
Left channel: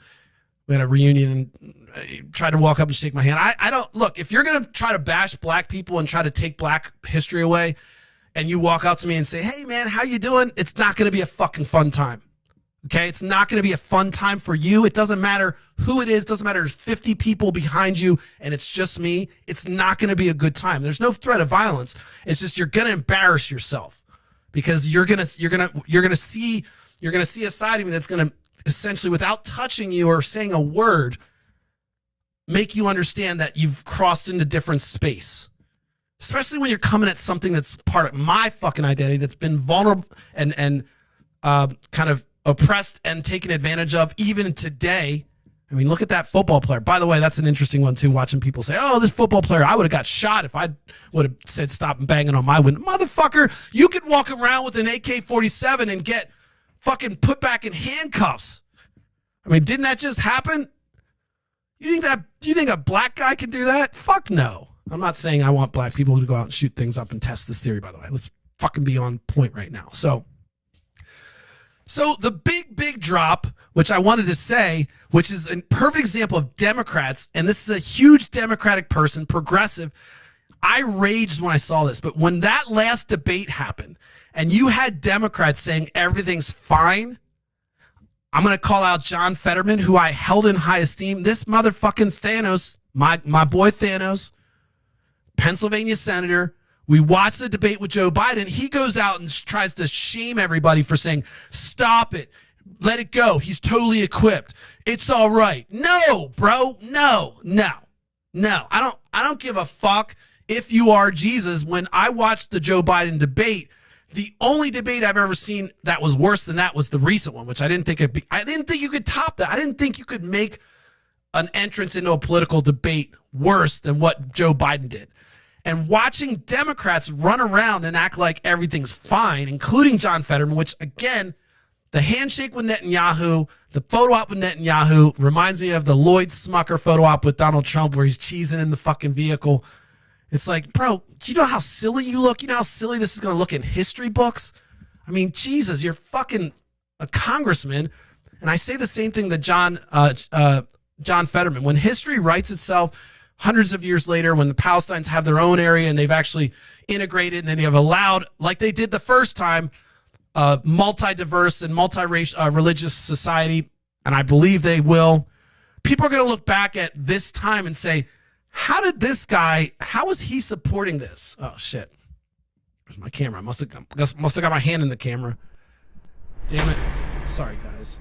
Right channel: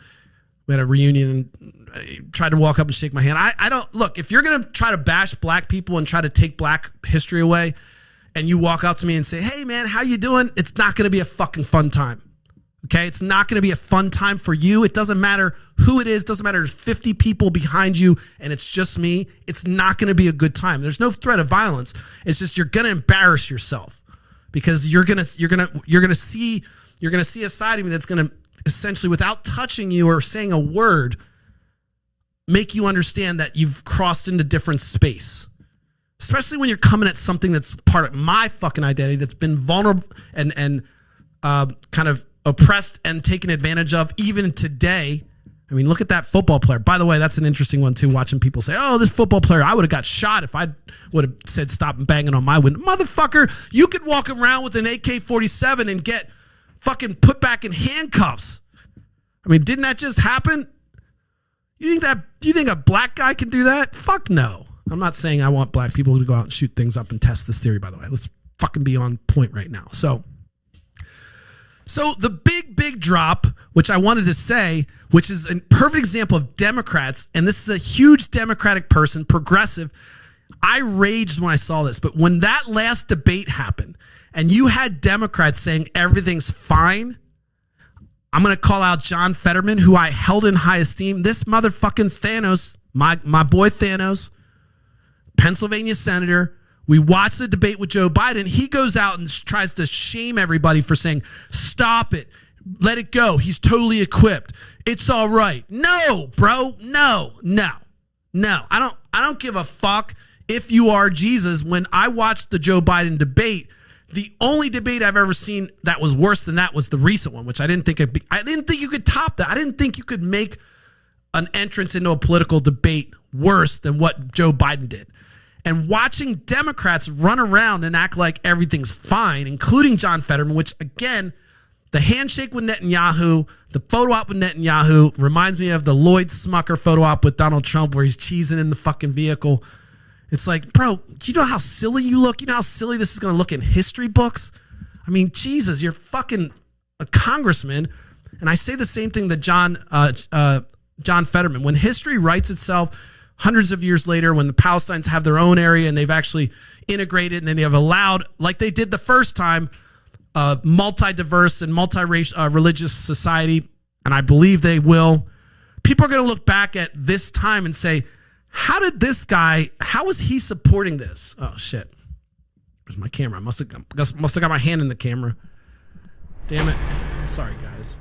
We had a reunion and tried to walk up and shake my hand. I don't, look, if you're going to try to bash black people and try to take black history away and you walk up to me and say, hey, man, how you doing? It's not going to be a fucking fun time. Okay, it's not going to be a fun time for you. It doesn't matter who it is. Doesn't matter if 50 people behind you and it's just me. It's not going to be a good time. There's no threat of violence. It's just you're going to embarrass yourself because you're going to see a side of me that's going to essentially, without touching you or saying a word, make you understand that you've crossed into different space. Especially when you're coming at something that's part of my fucking identity that's been vulnerable and kind of oppressed and taken advantage of even today. I mean, look at that football player. By the way, that's an interesting one too, watching people say, oh, this football player, I would have got shot if I would have said stop and banging on my window. Motherfucker, you could walk around with an AK-47 and get fucking put back in handcuffs. I mean, didn't that just happen? Do you think a black guy can do that? Fuck no. I'm not saying I want black people to go out and shoot things up and test this theory, by the way. Let's fucking be on point right now. So the big drop, which I wanted to say, which is a perfect example of Democrats, and this is a huge Democratic person, progressive. I raged when I saw this, but when that last debate happened and you had Democrats saying everything's fine, I'm going to call out John Fetterman, who I held in high esteem. This motherfucking Thanos, my boy Thanos, Pennsylvania senator. We watched the debate with Joe Biden. He goes out and tries to shame everybody for saying, stop it. Let it go. He's totally equipped. It's all right. No, bro. No. I don't give a fuck if you are Jesus. When I watched the Joe Biden debate, the only debate I've ever seen that was worse than that was the recent one, which I didn't think I didn't think you could top that. I didn't think you could make an entrance into a political debate worse than what Joe Biden did. And watching Democrats run around and act like everything's fine, including John Fetterman, which, again, the handshake with Netanyahu, the photo op with Netanyahu reminds me of the Lloyd Smucker photo op with Donald Trump where he's cheesing in the fucking vehicle. It's like, bro, you know how silly you look? You know how silly this is going to look in history books? I mean, Jesus, you're fucking a congressman. And I say the same thing that John Fetterman. When history writes itself hundreds of years later, when the Palestinians have their own area and they've actually integrated and they have allowed, like they did the first time, multi-diverse and multi-racial religious society, and I believe they will, people are going to look back at this time and say, how is he supporting this? Oh, shit. Where's my camera? I must have got my hand in the camera. Damn it. Sorry, guys.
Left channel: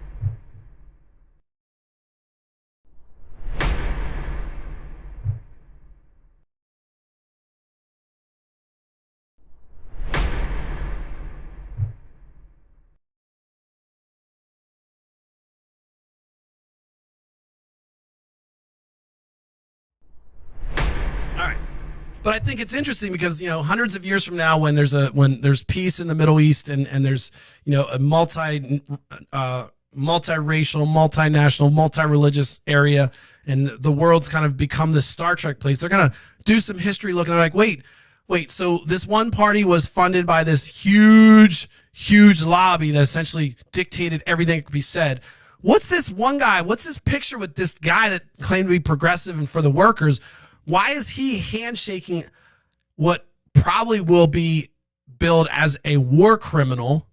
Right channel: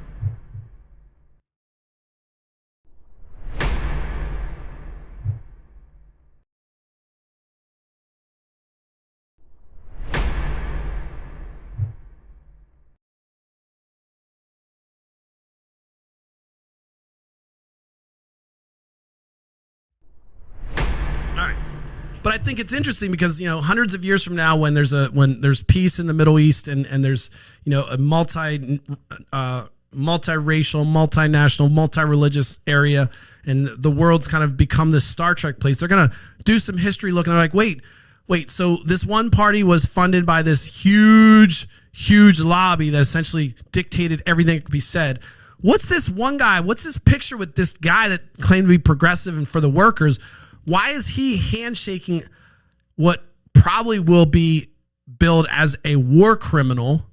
But I think it's interesting because, hundreds of years from now, when there's peace in the Middle East and there's, a multiracial, multinational, multi-religious area, and the world's kind of become this Star Trek place, they're going to do some history looking. They're like, wait, so this one party was funded by this huge lobby that essentially dictated everything that could be said. What's this one guy? What's this picture with this guy that claimed to be progressive and for the workers? Why is he handshaking what probably will be billed as a war criminal?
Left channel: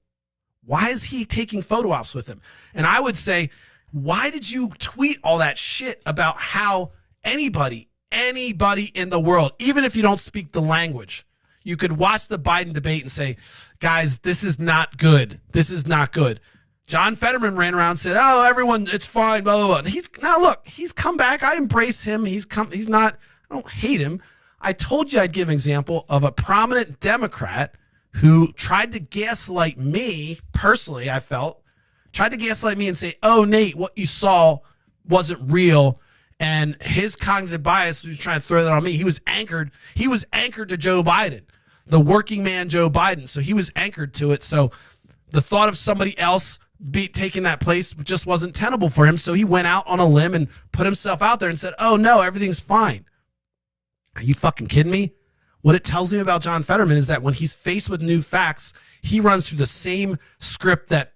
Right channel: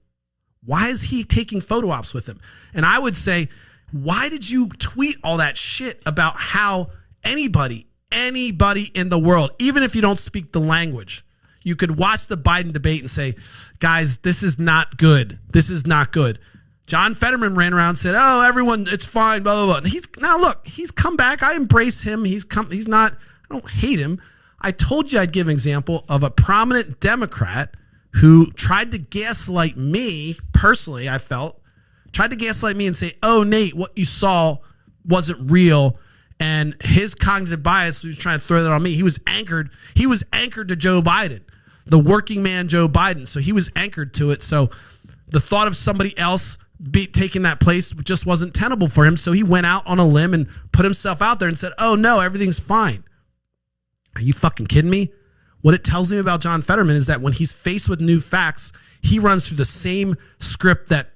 Why is he taking photo ops with him? And I would say, why did you tweet all that shit about how anybody in the world, even if you don't speak the language, you could watch the Biden debate and say, guys, this is not good. This is not good. John Fetterman ran around and said, oh, everyone, it's fine, blah, blah, blah. He's come back. I embrace him. I don't hate him. I told you I'd give an example of a prominent Democrat who tried to gaslight me, personally, I felt, tried to gaslight me and say, oh, Nate, what you saw wasn't real. And his cognitive bias was trying to throw that on me. He was anchored to Joe Biden, the working man Joe Biden. So he was anchored to it. So the thought of somebody else taking that place just wasn't tenable for him. So he went out on a limb and put himself out there and said, oh, no, everything's fine. Are you fucking kidding me? What it tells me about John Fetterman is that when he's faced with new facts, he runs through the same script that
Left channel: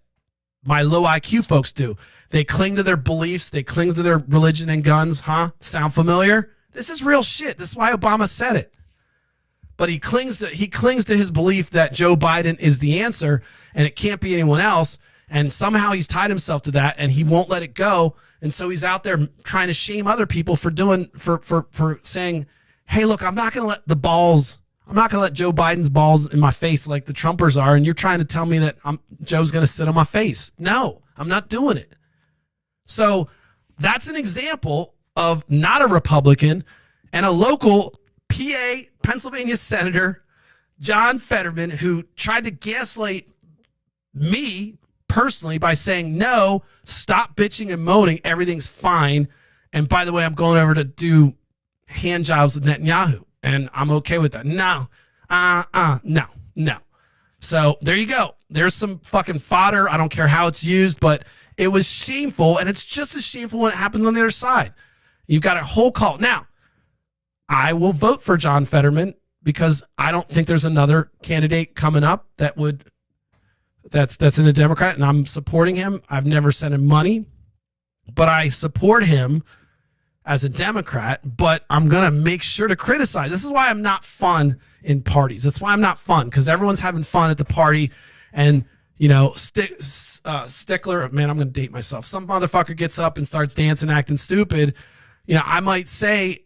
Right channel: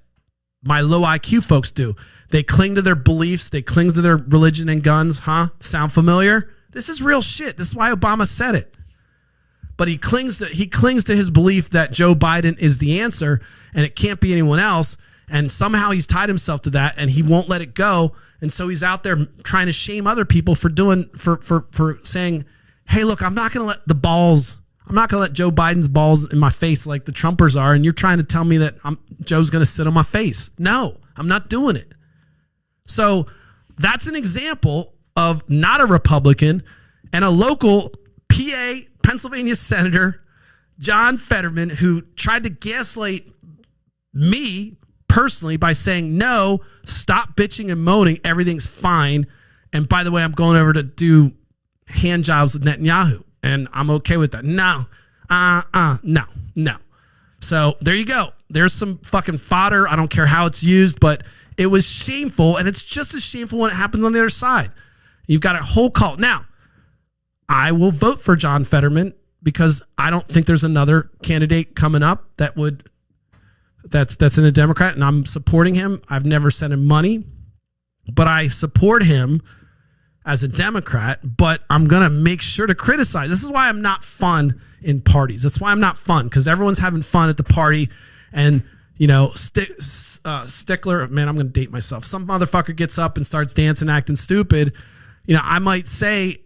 my low IQ folks do. They cling to their beliefs. They cling to their religion and guns. Huh? Sound familiar? This is real shit. This is why Obama said it. But he clings to his belief that Joe Biden is the answer and it can't be anyone else. And somehow he's tied himself to that and he won't let it go. And so he's out there trying to shame other people for saying, hey, look, I'm not going to let Joe Biden's balls in my face like the Trumpers are, and you're trying to tell me that Joe's going to sit on my face. No, I'm not doing it. So that's an example of not a Republican and a local PA, Pennsylvania Senator, John Fetterman, who tried to gaslight me personally by saying, no, stop bitching and moaning, everything's fine. And by the way, I'm going over to do hand jobs with Netanyahu, and I'm okay with that. No. So there you go. There's some fucking fodder. I don't care how it's used, but it was shameful, and it's just as shameful when it happens on the other side. You've got a whole call. Now, I will vote for John Fetterman because I don't think there's another candidate coming up that's in a Democrat, and I'm supporting him. I've never sent him money, but I support him as a Democrat, but I'm going to make sure to criticize. This is why I'm not fun in parties. That's why I'm not fun, because everyone's having fun at the party. And, Stickler, man, I'm going to date myself. Some motherfucker gets up and starts dancing, acting stupid. I might say,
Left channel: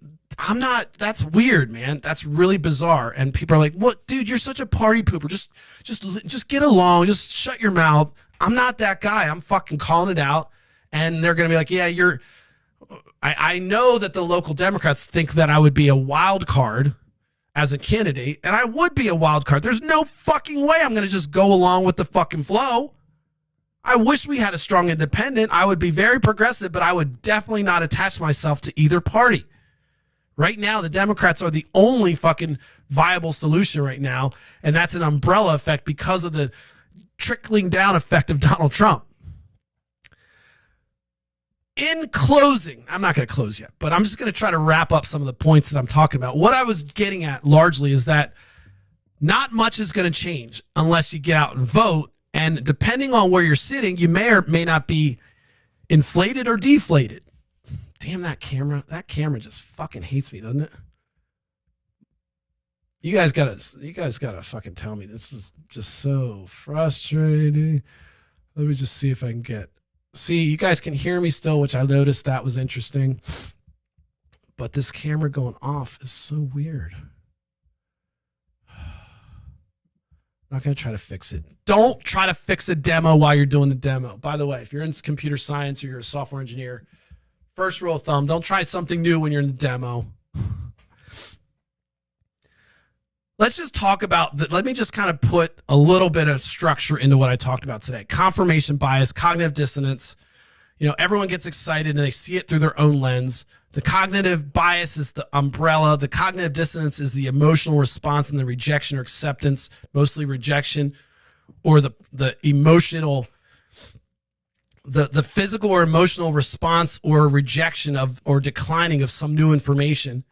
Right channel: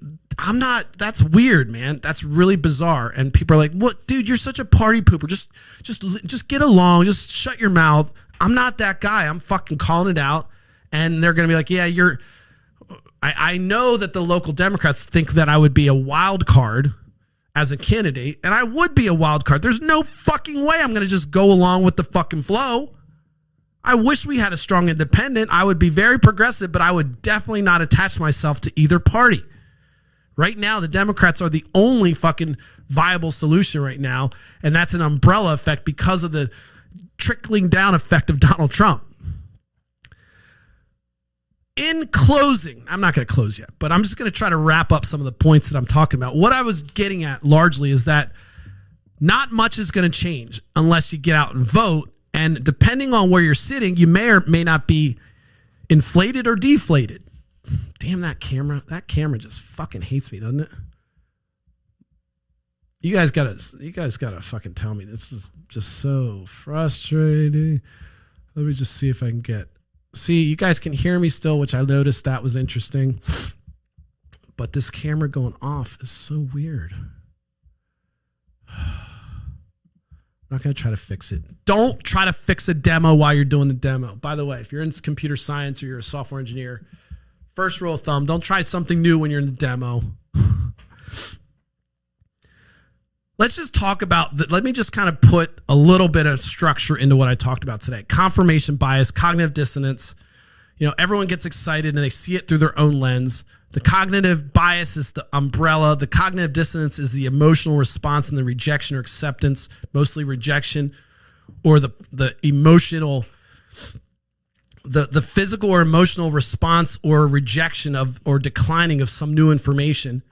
that's weird, man. That's really bizarre. And people are like, what, dude, you're such a party pooper. Just get along. Just shut your mouth. I'm not that guy. I'm fucking calling it out. And they're going to be like, yeah, I know that the local Democrats think that I would be a wild card as a candidate, and I would be a wild card. There's no fucking way I'm going to just go along with the fucking flow. I wish we had a strong independent. I would be very progressive, but I would definitely not attach myself to either party. Right now, the Democrats are the only fucking viable solution right now, and that's an umbrella effect because of the trickling down effect of Donald Trump. In closing, I'm not going to close yet, but I'm just going to try to wrap up some of the points that I'm talking about. What I was getting at largely is that not much is going to change unless you get out and vote. And depending on where you're sitting, you may or may not be inflated or deflated. Damn, that camera just fucking hates me, doesn't it? You guys gotta fucking tell me. This is just so frustrating. Let me just see if I can see, you guys can hear me still, which I noticed that was interesting. But this camera going off is so weird. I'm not going to try to fix it. Don't try to fix a demo while you're doing the demo. By the way, if you're in computer science or you're a software engineer, first rule of thumb, don't try something new when you're in the demo. Let's just talk about, let me just kind of put a little bit of structure into what I talked about today. Confirmation bias, cognitive dissonance. You know, everyone gets excited and they see it through their own lens. The cognitive bias is the umbrella. The cognitive dissonance is the emotional response and the rejection or acceptance, mostly rejection, or the emotional, the physical or emotional response or rejection of or declining of some new information.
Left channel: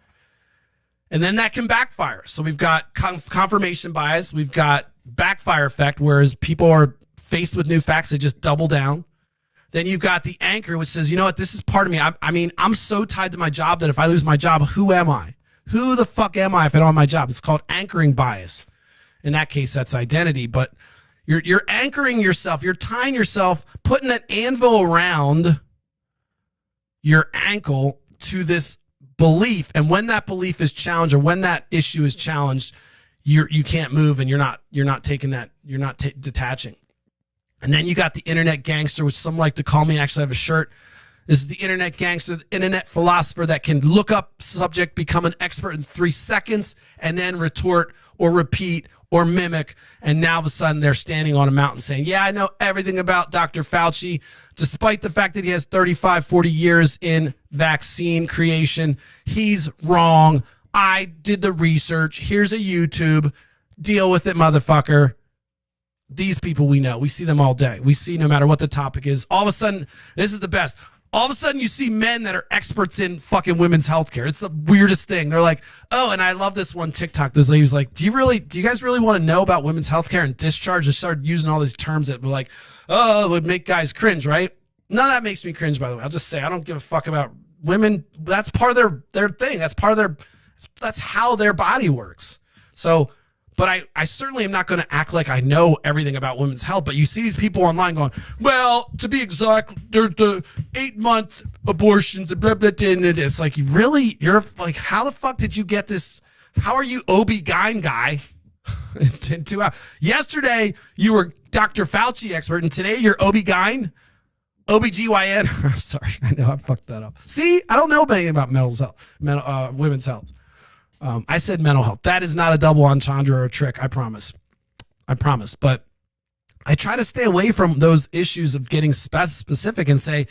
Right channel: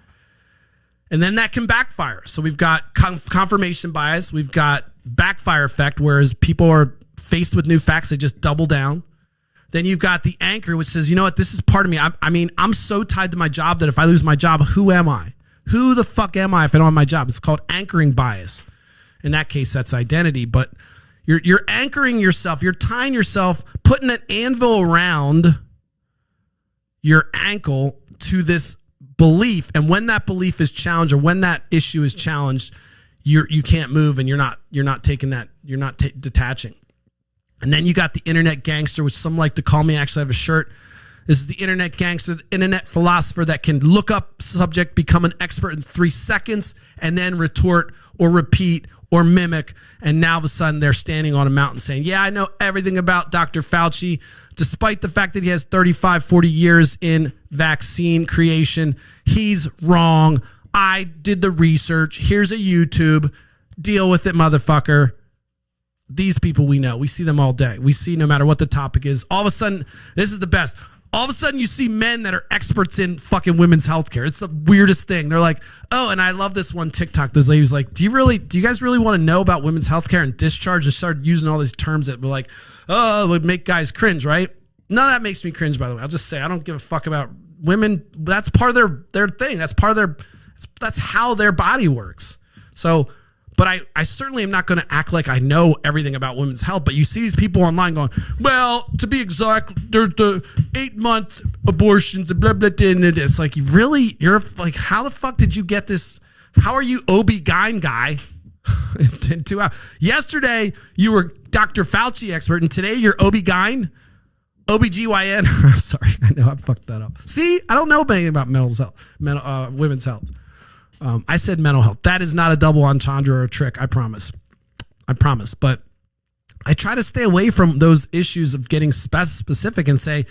And then that can backfire. So we've got confirmation bias. We've got backfire effect, whereas people are faced with new facts, they just double down. Then you've got the anchor, which says, you know what, this is part of me. I mean, I'm so tied to my job that if I lose my job, who am I? Who the fuck am I if I don't have my job? It's called anchoring bias. In that case, that's identity. But you're anchoring yourself. You're tying yourself, putting an anvil around your ankle to this belief. And when that belief is challenged, or when that issue is challenged, you can't move, and you're not taking that. You're not detaching. And then you got the internet gangster, which some like to call me. I actually have a shirt. This is the internet gangster, the internet philosopher that can look up subject, become an expert in 3 seconds, and then retort or repeat or mimic. And now all of a sudden they're standing on a mountain saying, yeah, I know everything about Dr. Fauci, despite the fact that he has 35, 40 years in vaccine creation. He's wrong. I did the research. Here's a YouTube. Deal with it, motherfucker. These people we know. We see them all day. We see no matter what the topic is. All of a sudden, this is the best. All of a sudden, you see men that are experts in fucking women's healthcare. It's the weirdest thing. They're like, oh, and I love this one TikTok. This lady's like, do you guys really want to know about women's healthcare and discharge? And started using all these terms that were like, oh, it would make guys cringe, right? None of that makes me cringe, by the way. I'll just say, I don't give a fuck about women. That's part of their thing. That's part of that's how their body works. So, but I certainly am not going to act like I know everything about women's health. But you see these people online going, well, to be exact, there's the 8-month abortions and blah, blah, blah. And it's like, really? You're like, how the fuck did you get this? How are you OB-GYN guy? in 2 hours? Yesterday, you were Dr. Fauci expert, and today you're OB-GYN? OB-GYN? I'm sorry. I know I fucked that up. See, I don't know anything about women's health. I said mental health. That is not a double entendre or a trick. I promise. But I try to stay away from those issues of getting specific and say,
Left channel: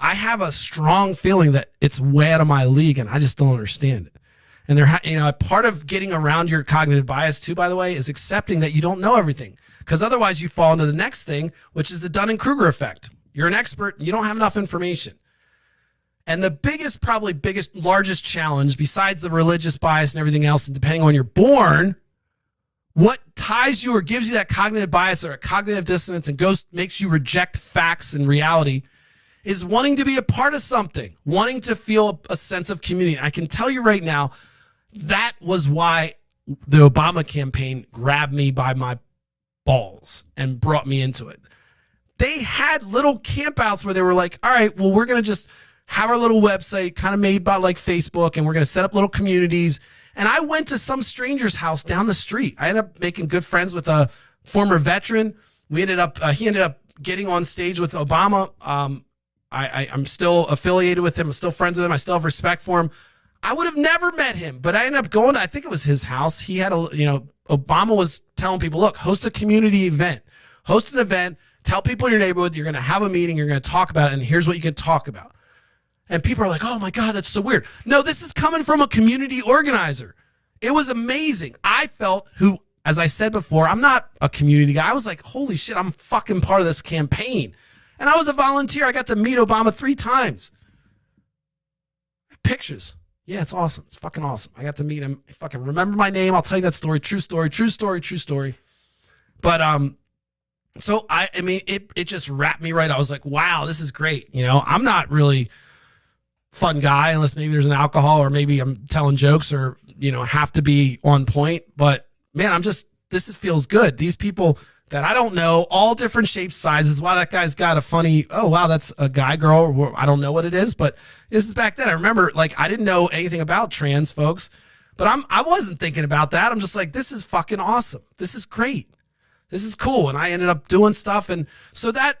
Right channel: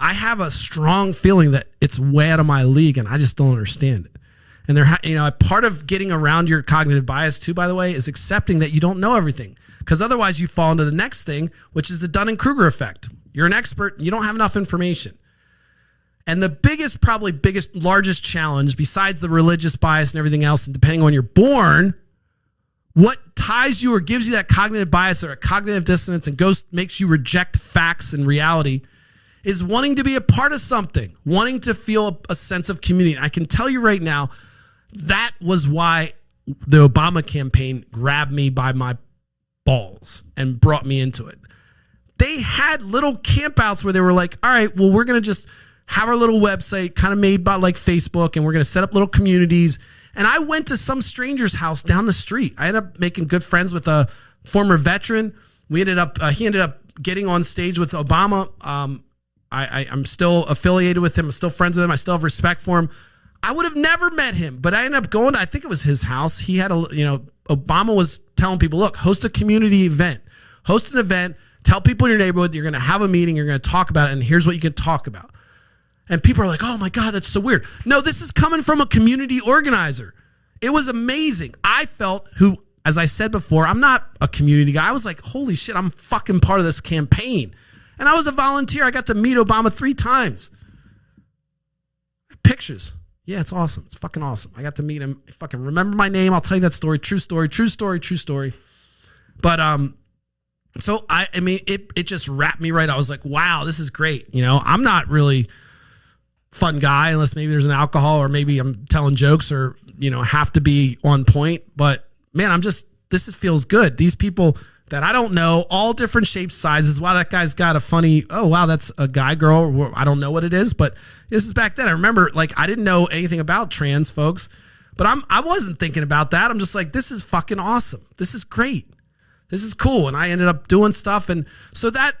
I have a strong feeling that it's way out of my league and I just don't understand it. And part of getting around your cognitive bias too, by the way, is accepting that you don't know everything. Because otherwise you fall into the next thing, which is the Dunning-Kruger effect. You're an expert, you don't have enough information. And the largest challenge, besides the religious bias and everything else, and depending on when you're born, what ties you or gives you that cognitive bias or a cognitive dissonance and makes you reject facts and reality is wanting to be a part of something, wanting to feel a sense of community. I can tell you right now, that was why the Obama campaign grabbed me by my balls and brought me into it. They had little campouts where they were like, all right, well, we're going to just have our little website kind of made by like Facebook, and we're going to set up little communities. And I went to some stranger's house down the street. I ended up making good friends with a former veteran. He ended up getting on stage with Obama. I'm still affiliated with him. I'm still friends with him. I still have respect for him. I would have never met him, but I ended up going to, I think it was his house. He had Obama was telling people, look, host a community event, host an event, tell people in your neighborhood, you're going to have a meeting, you're going to talk about it, and here's what you can talk about. And people are like, oh my God, that's so weird. No, this is coming from a community organizer. It was amazing. I felt as I said before, I'm not a community guy. I was like, holy shit, I'm fucking part of this campaign. And I was a volunteer. I got to meet Obama 3 times. Pictures. Yeah, it's awesome. It's fucking awesome. I got to meet him. I fucking remember my name. I'll tell you that story. True story, true story, true story. But So I mean, it just wrapped me right. I was like, wow, this is great. You know, I'm not really fun guy unless maybe there's an alcohol or maybe I'm telling jokes or, you know, have to be on point. But man, feels good. These people that I don't know, all different shapes, sizes. Wow, that guy's got a funny, oh, wow, that's a guy, girl. Or I don't know what it is, but this is back then. I remember, like, I didn't know anything about trans folks, but I wasn't thinking about that. I'm just like, this is fucking awesome. This is great. This is cool. And I ended up doing stuff. And so that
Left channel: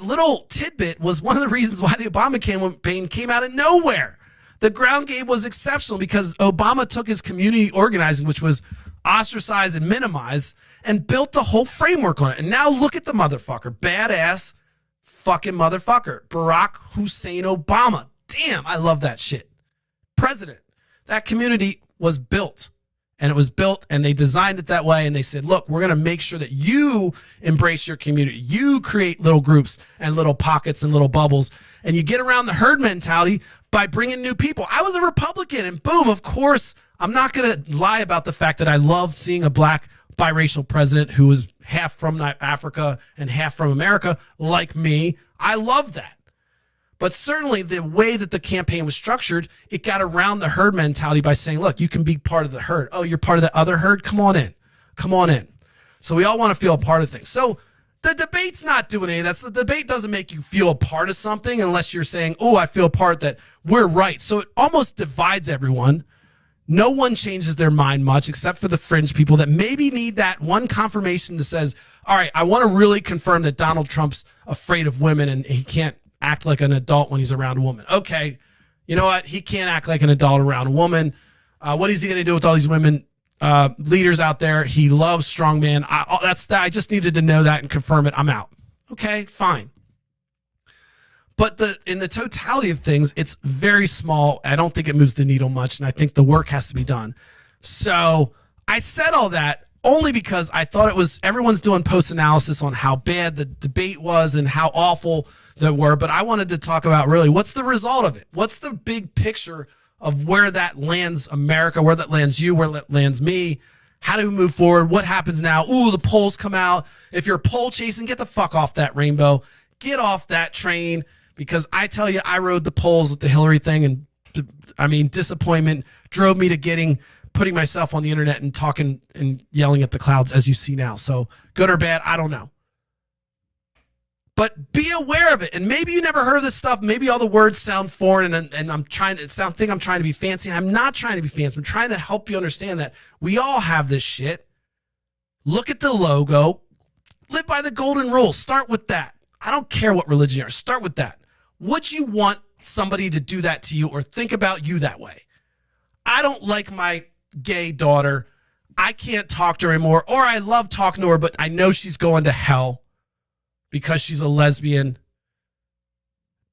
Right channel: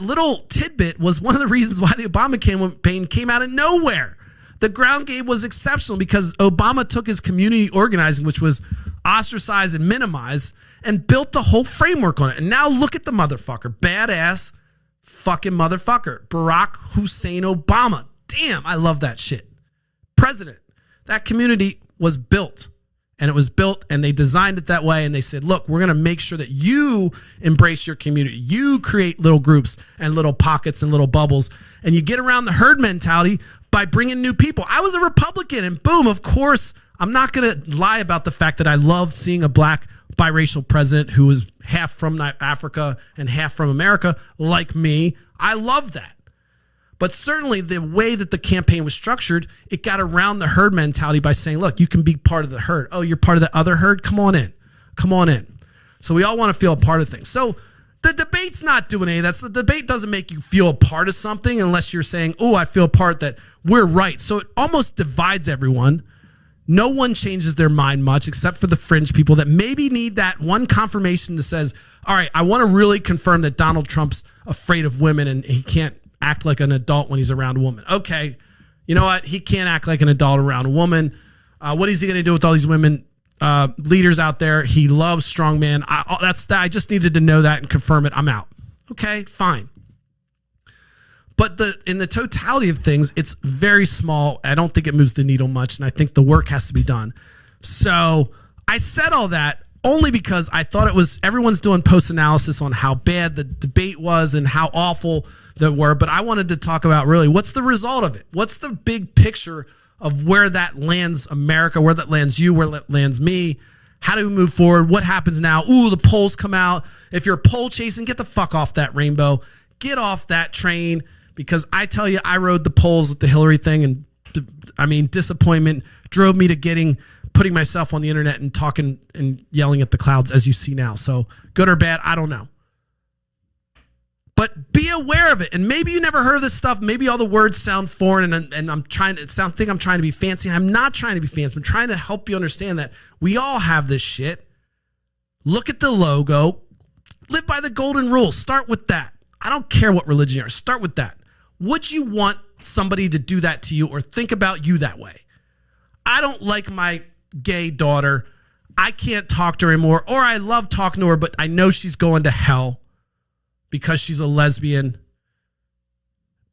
little tidbit was one of the reasons why the Obama campaign came out of nowhere. The ground game was exceptional because Obama took his community organizing, which was ostracize and minimize, and built the whole framework on it. And now look at the motherfucker. Badass fucking motherfucker. Barack Hussein Obama. Damn, I love that shit. President. That community was built. And it was built and they designed it that way. And they said, look, we're going to make sure that you embrace your community. You create little groups and little pockets and little bubbles. And you get around the herd mentality by bringing new people. I was a Republican and boom, of course, I'm not going to lie about the fact that I loved seeing a black biracial president who was half from Africa and half from America, like me. I love that. But certainly the way that the campaign was structured, it got around the herd mentality by saying, look, you can be part of the herd. Oh, you're part of the other herd? Come on in. Come on in. So we all want to feel a part of things. So the debate's not doing any of that. So the debate doesn't make you feel a part of something unless you're saying, oh, I feel a part that we're right. So it almost divides everyone. No one changes their mind much except for the fringe people that maybe need that one confirmation that says, all right, I want to really confirm that Donald Trump's afraid of women and he can't act like an adult when he's around a woman. Okay, you know what? He can't act like an adult around a woman. What is he going to do with all these women leaders out there? He loves strongman. I just needed to know that and confirm it. I'm out. Okay, fine. But in the totality of things, it's very small. I don't think it moves the needle much, and I think the work has to be done. So I said all that only because I thought everyone's doing post-analysis on how bad the debate was and how awful they were, but I wanted to talk about really what's the result of it? What's the big picture of where that lands America, where that lands you, where that lands me? How do we move forward? What happens now? Ooh, the polls come out. If you're poll chasing, get the fuck off that rainbow. Get off that train. Because I tell you, I rode the polls with the Hillary thing, and I mean, disappointment drove me to putting myself on the internet and talking and yelling at the clouds, as you see now. So good or bad, I don't know. But be aware of it. And maybe you never heard of this stuff. Maybe all the words sound foreign, and I'm trying to be fancy. I'm not trying to be fancy. I'm trying to help you understand that we all have this shit. Look at the logo. Live by the golden rule. Start with that. I don't care what religion you are. Start with that. Would you want somebody to do that to you or think about you that way? I don't like my gay daughter. I can't talk to her anymore, or I love talking to her, but I know she's going to hell because she's a lesbian.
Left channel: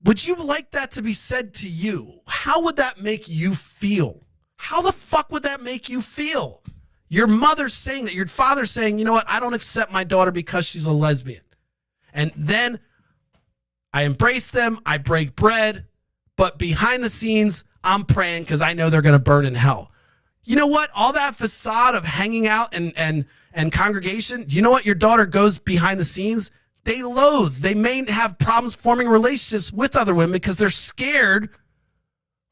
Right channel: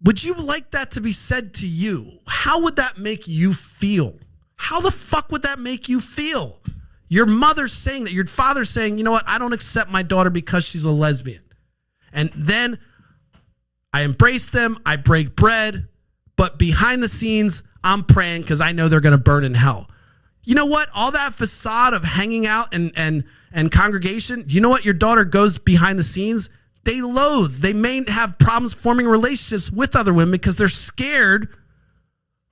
Would you like that to be said to you? How would that make you feel? How the fuck would that make you feel? Your mother's saying that, your father's saying, you know what, I don't accept my daughter because she's a lesbian. And then I embrace them, I break bread, but behind the scenes, I'm praying because I know they're going to burn in hell. You know what? All that facade of hanging out and congregation, you know what? Your daughter goes behind the scenes. They loathe. They may have problems forming relationships with other women because they're scared,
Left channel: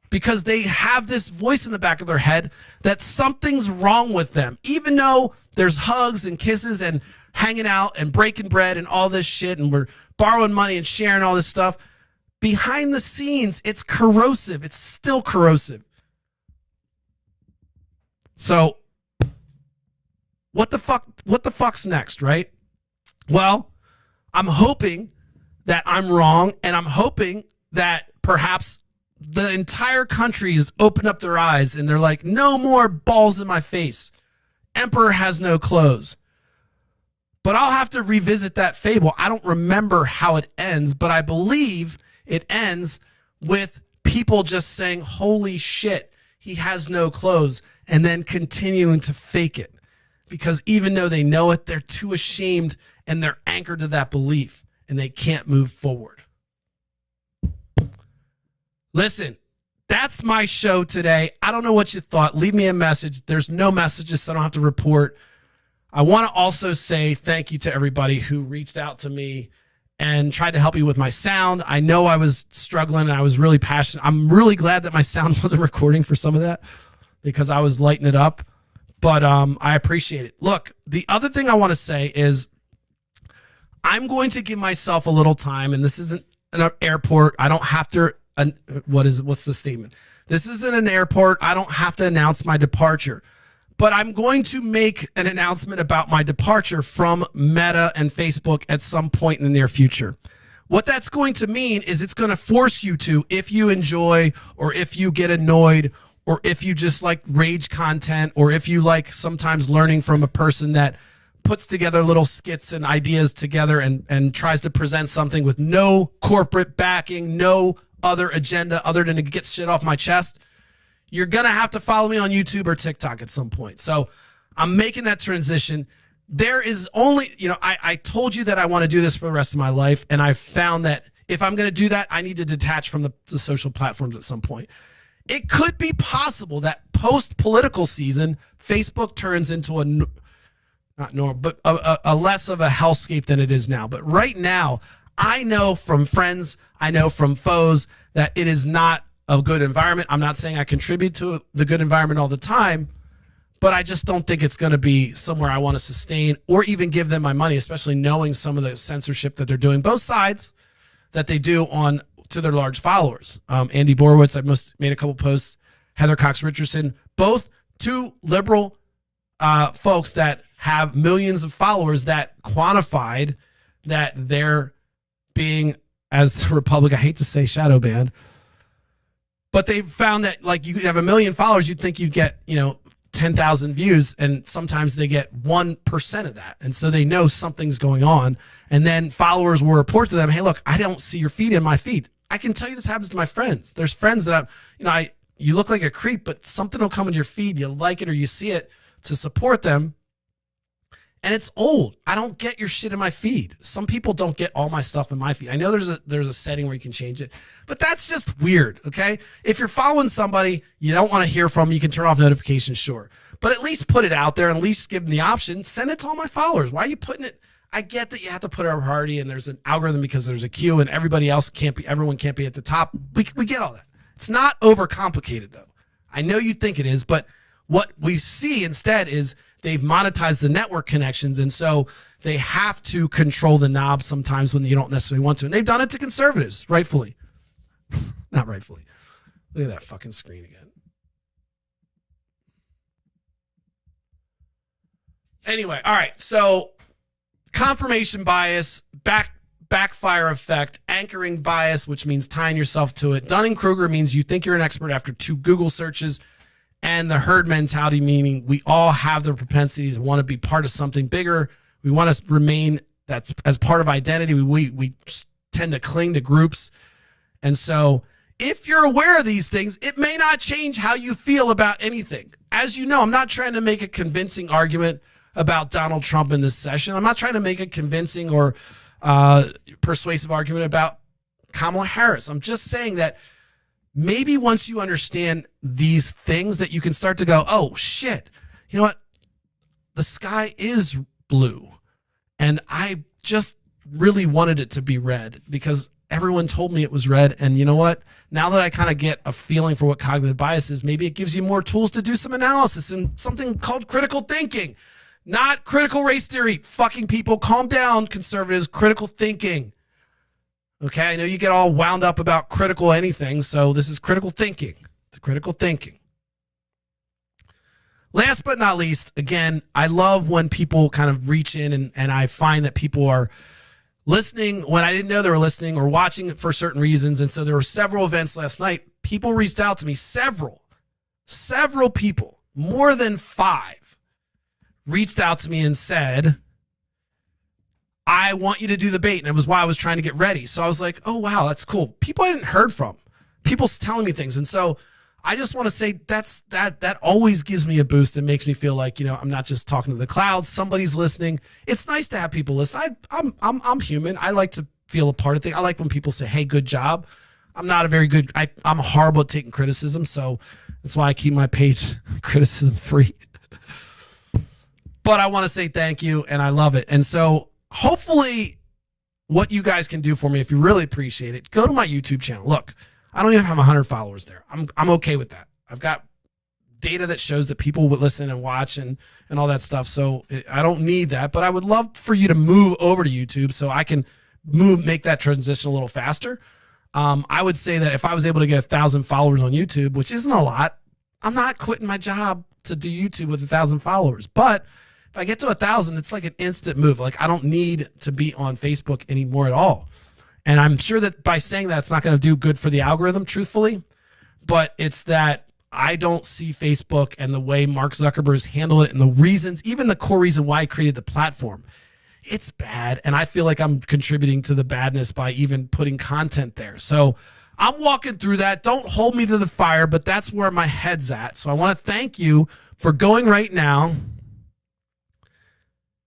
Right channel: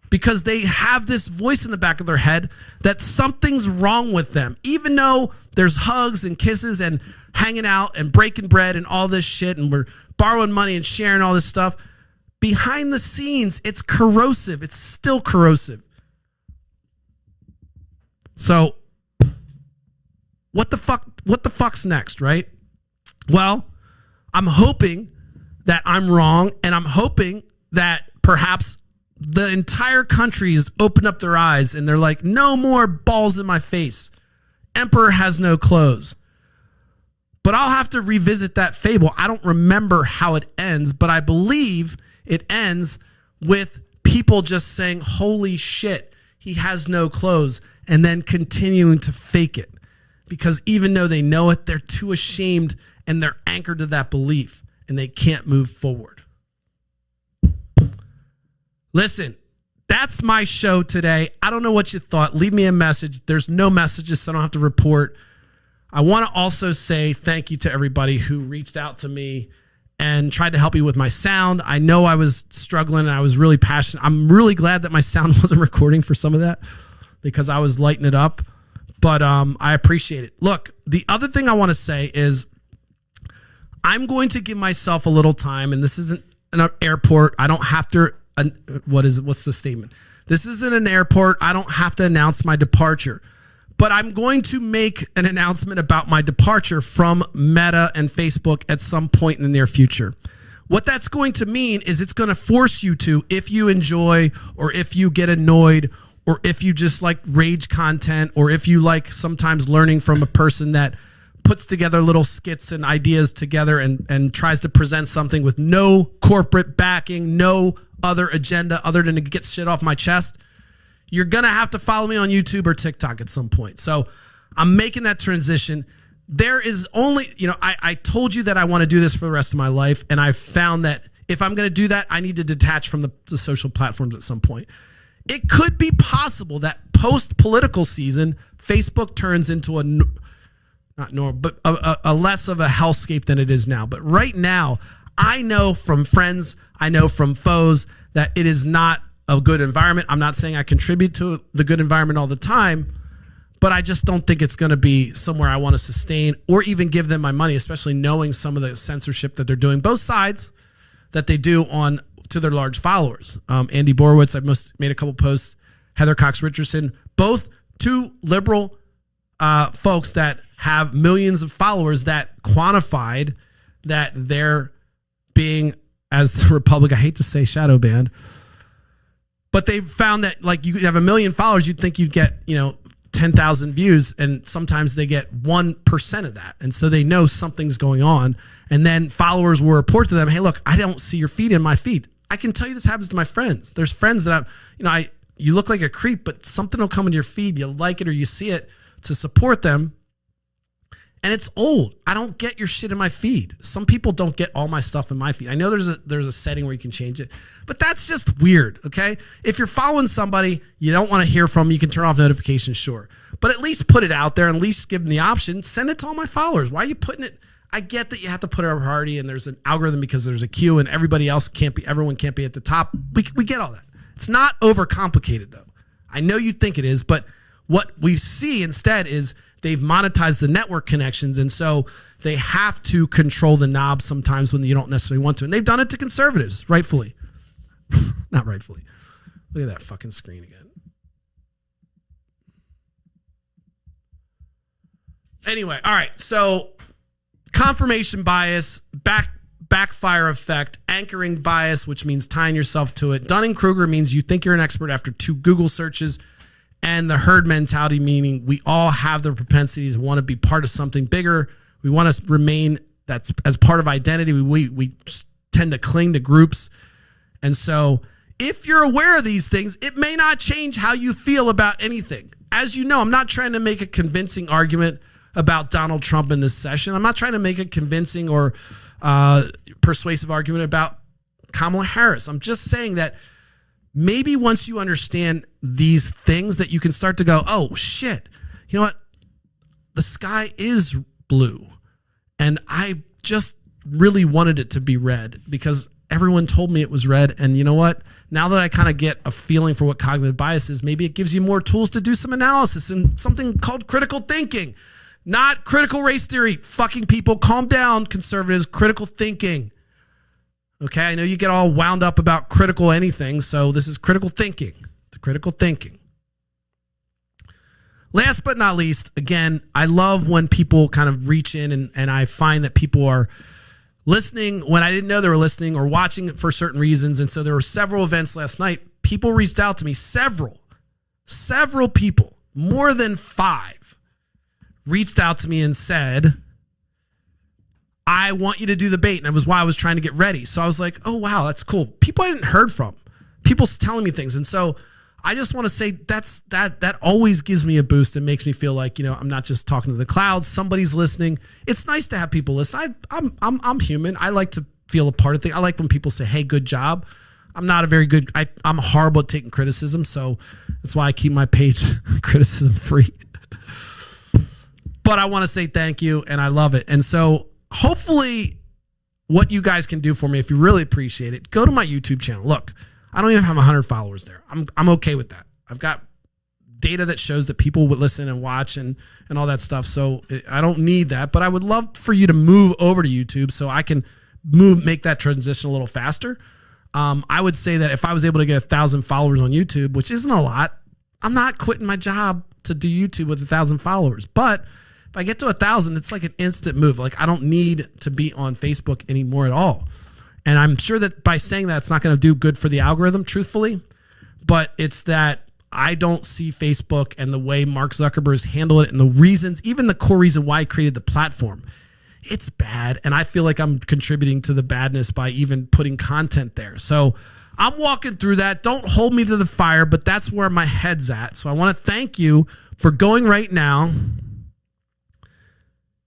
because they have this voice in the back of their head that something's wrong with them. Even though there's hugs and kisses and hanging out and breaking bread and all this shit, and we're borrowing money and sharing all this stuff, behind the scenes, it's corrosive. It's still corrosive. So what the fuck's next, right? Well, I'm hoping that I'm wrong, and I'm hoping that perhaps the entire country has opened up their eyes and they're like, no more balls in my face. Emperor has no clothes. But I'll have to revisit that fable. I don't remember how it ends, but I believe it ends with people just saying, holy shit, he has no clothes, and then continuing to fake it. Because even though they know it, they're too ashamed and they're anchored to that belief and they can't move forward. Listen, that's my show today. I don't know what you thought. Leave me a message. There's no messages, so I don't have to report. I want to also say thank you to everybody who reached out to me and tried to help me with my sound. I know I was struggling and I was really passionate. I'm really glad that my sound wasn't recording for some of that because I was lighting it up. But I appreciate it. Look, the other thing I want to say is I'm going to give myself a little time, and this isn't an airport. I don't have to, what's the statement? This isn't an airport. I don't have to announce my departure. But I'm going to make an announcement about my departure from Meta and Facebook at some point in the near future. What that's going to mean is it's going to force you to, if you enjoy or if you get annoyed or if you just like rage content or if you like sometimes learning from a person that puts together little skits and ideas together and tries to present something with no corporate backing, no other agenda other than to get shit off my chest, you're going to have to follow me on YouTube or TikTok at some point. So I'm making that transition. There is only, I told you that I want to do this for the rest of my life. And I found that if I'm going to do that, I need to detach from the social platforms at some point. It could be possible that post-political season, Facebook turns into a less of a hellscape than it is now. But right now, I know from friends, I know from foes that it is not a good environment. I'm not saying I contribute to the good environment all the time, but I just don't think it's going to be somewhere I want to sustain or even give them my money, especially knowing some of the censorship that they're doing, both sides that they do on to their large followers. Andy Borowitz, I've made a couple posts, Heather Cox Richardson, both two liberal folks that have millions of followers that quantified that they're being, as the Republic, I hate to say shadow banned, but they found that like you have 1 million followers, you'd think you'd get, 10,000 views, and sometimes they get 1% of that. And so they know something's going on. And then followers will report to them, hey, look, I don't see your feed in my feed. I can tell you this happens to my friends. There's friends that you look like a creep, but something will come into your feed. You like it or you see it to support them. And it's old. I don't get your shit in my feed. Some people don't get all my stuff in my feed. I know there's a setting where you can change it, but that's just weird, okay? If you're following somebody you don't want to hear from, you can turn off notifications, sure. But at least put it out there and at least give them the option. Send it to all my followers. Why are you putting it? I get that you have to put a priority and there's an algorithm because there's a queue and everyone can't be at the top. We get all that. It's not overcomplicated though. I know you think it is, but what we see instead is they've monetized the network connections, and so they have to control the knob sometimes when you don't necessarily want to. And they've done it to conservatives, rightfully. Not rightfully. Look at that fucking screen again. Anyway, all right. So confirmation bias, backfire effect, anchoring bias, which means tying yourself to it. Dunning-Kruger means you think you're an expert after 2 Google searches. And the herd mentality, meaning we all have the propensity to want to be part of something bigger. We want to remain that's as part of identity. We tend to cling to groups. And so if you're aware of these things, it may not change how you feel about anything. As you know, I'm not trying to make a convincing argument about Donald Trump in this session. I'm not trying to make a convincing or persuasive argument about Kamala Harris. I'm just saying that maybe once you understand these things that you can start to go, oh shit, you know what? The sky is blue. And I just really wanted it to be red because everyone told me it was red. And you know what? Now that I kind of get a feeling for what cognitive bias is, maybe it gives you more tools to do some analysis and something called critical thinking, not critical race theory. Fucking people, calm down, conservatives, critical thinking. Okay, I know you get all wound up about critical anything, so this is critical thinking. The critical thinking. Last but not least, again, I love when people kind of reach in and I find that people are listening when I didn't know they were listening or watching it for certain reasons. And so there were several events last night. People reached out to me, several people, more than 5, reached out to me and said, I want you to do the bait. And it was why I was trying to get ready. So I was like, oh, wow, that's cool. People I didn't heard from. People's telling me things. And so I just want to say that always gives me a boost and makes me feel like, I'm not just talking to the clouds. Somebody's listening. It's nice to have people listen. I'm human. I like to feel a part of things. I like when people say, hey, good job. I'm not a very good, I'm horrible at taking criticism. So that's why I keep my page criticism free. But I want to say thank you, and I love it. And so hopefully what you guys can do for me, if you really appreciate it, go to my YouTube channel. Look, I don't even have 100 followers there. I'm okay with that. I've got data that shows that people would listen and watch and all that stuff. So I don't need that, but I would love for you to move over to YouTube so I can make that transition a little faster. I would say that if I was able to get 1,000 followers on YouTube, which isn't a lot, I'm not quitting my job to do YouTube with 1,000 followers. But if I get to 1,000, it's like an instant move. Like I don't need to be on Facebook anymore at all. And I'm sure that by saying that, it's not going to do good for the algorithm, truthfully. But it's that I don't see Facebook and the way Mark Zuckerberg has handled it and the reasons, even the core reason why he created the platform. It's bad. And I feel like I'm contributing to the badness by even putting content there. So I'm walking through that. Don't hold me to the fire, but that's where my head's at. So I want to thank you for going right now,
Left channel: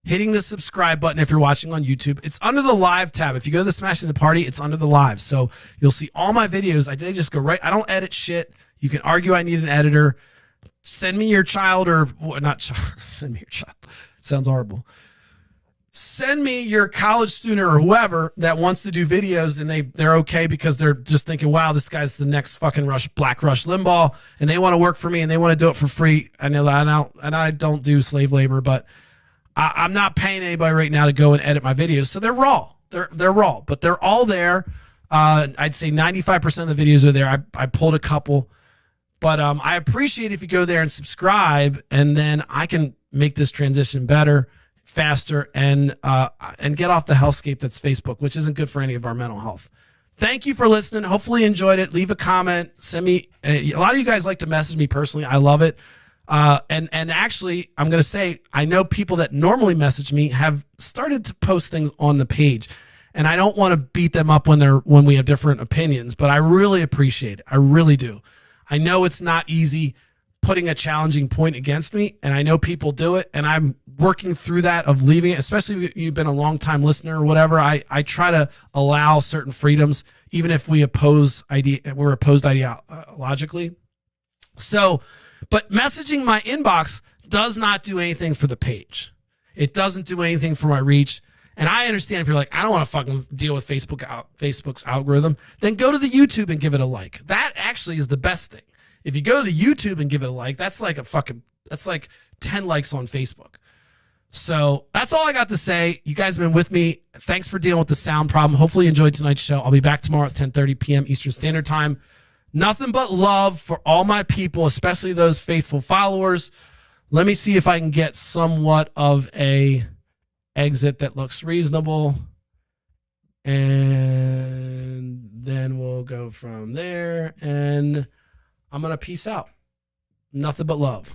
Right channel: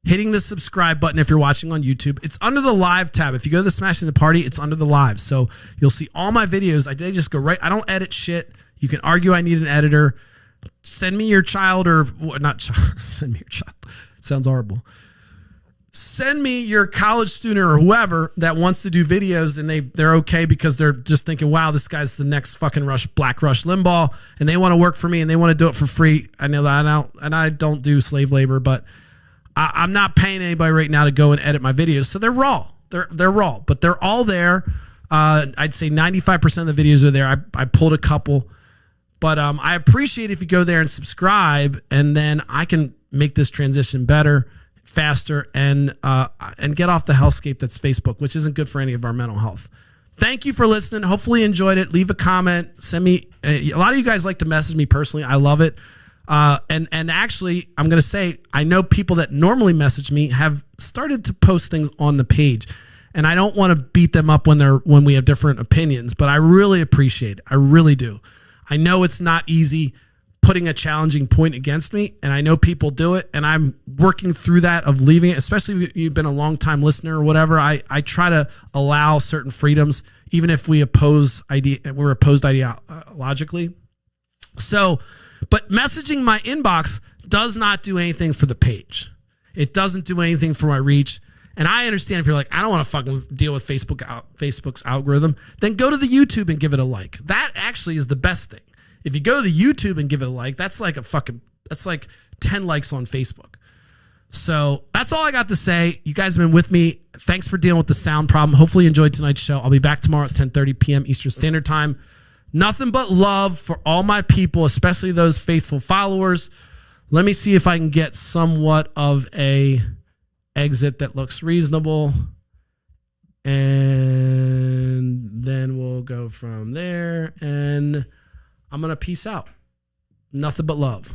hitting the subscribe button if you're watching on YouTube. It's under the live tab. If you go to the Smashing the Party, it's under the live. So you'll see all my videos. I did just go right. I don't edit shit. You can argue I need an editor. Send me your child or not child. Send me your child. Sounds horrible. Send me your college student or whoever that wants to do videos and they're okay because they're just thinking, wow, this guy's the next fucking Black Rush Limbaugh, and they want to work for me and they want to do it for free. I know that, and I don't do slave labor, but I'm not paying anybody right now to go and edit my videos. So they're raw. They're raw, but they're all there. I'd say 95% of the videos are there. I pulled a couple, but I appreciate if you go there and subscribe, and then I can make this transition better, faster, and get off the hellscape that's Facebook, which isn't good for any of our mental health. Thank you for listening. Hopefully you enjoyed it. Leave a comment. Send me. A lot of you guys like to message me personally. I love it. And actually, I'm going to say, I know people that normally message me have started to post things on the page, and I don't want to beat them up when we have different opinions, but I really appreciate it. I really do. I know it's not easy putting a challenging point against me, and I know people do it, and I'm working through that of leaving it, especially if you've been a long time listener or whatever. I try to allow certain freedoms, even if we're opposed ideologically. So, but messaging my inbox does not do anything for the page. It doesn't do anything for my reach. And I understand if you're like, I don't want to fucking deal with Facebook's algorithm, then go to the YouTube and give it a like. That actually is the best thing. If you go to the YouTube and give it a like, that's like 10 likes on Facebook. So that's all I got to say. You guys have been with me. Thanks for dealing with the sound problem. Hopefully you enjoyed tonight's show. I'll be back tomorrow at 10:30 p.m. Eastern Standard Time. Nothing but love for all my people, especially those faithful followers. Let me see if I can get somewhat of a exit that looks reasonable. And then we'll go from there. And I'm going to peace out. Nothing but love.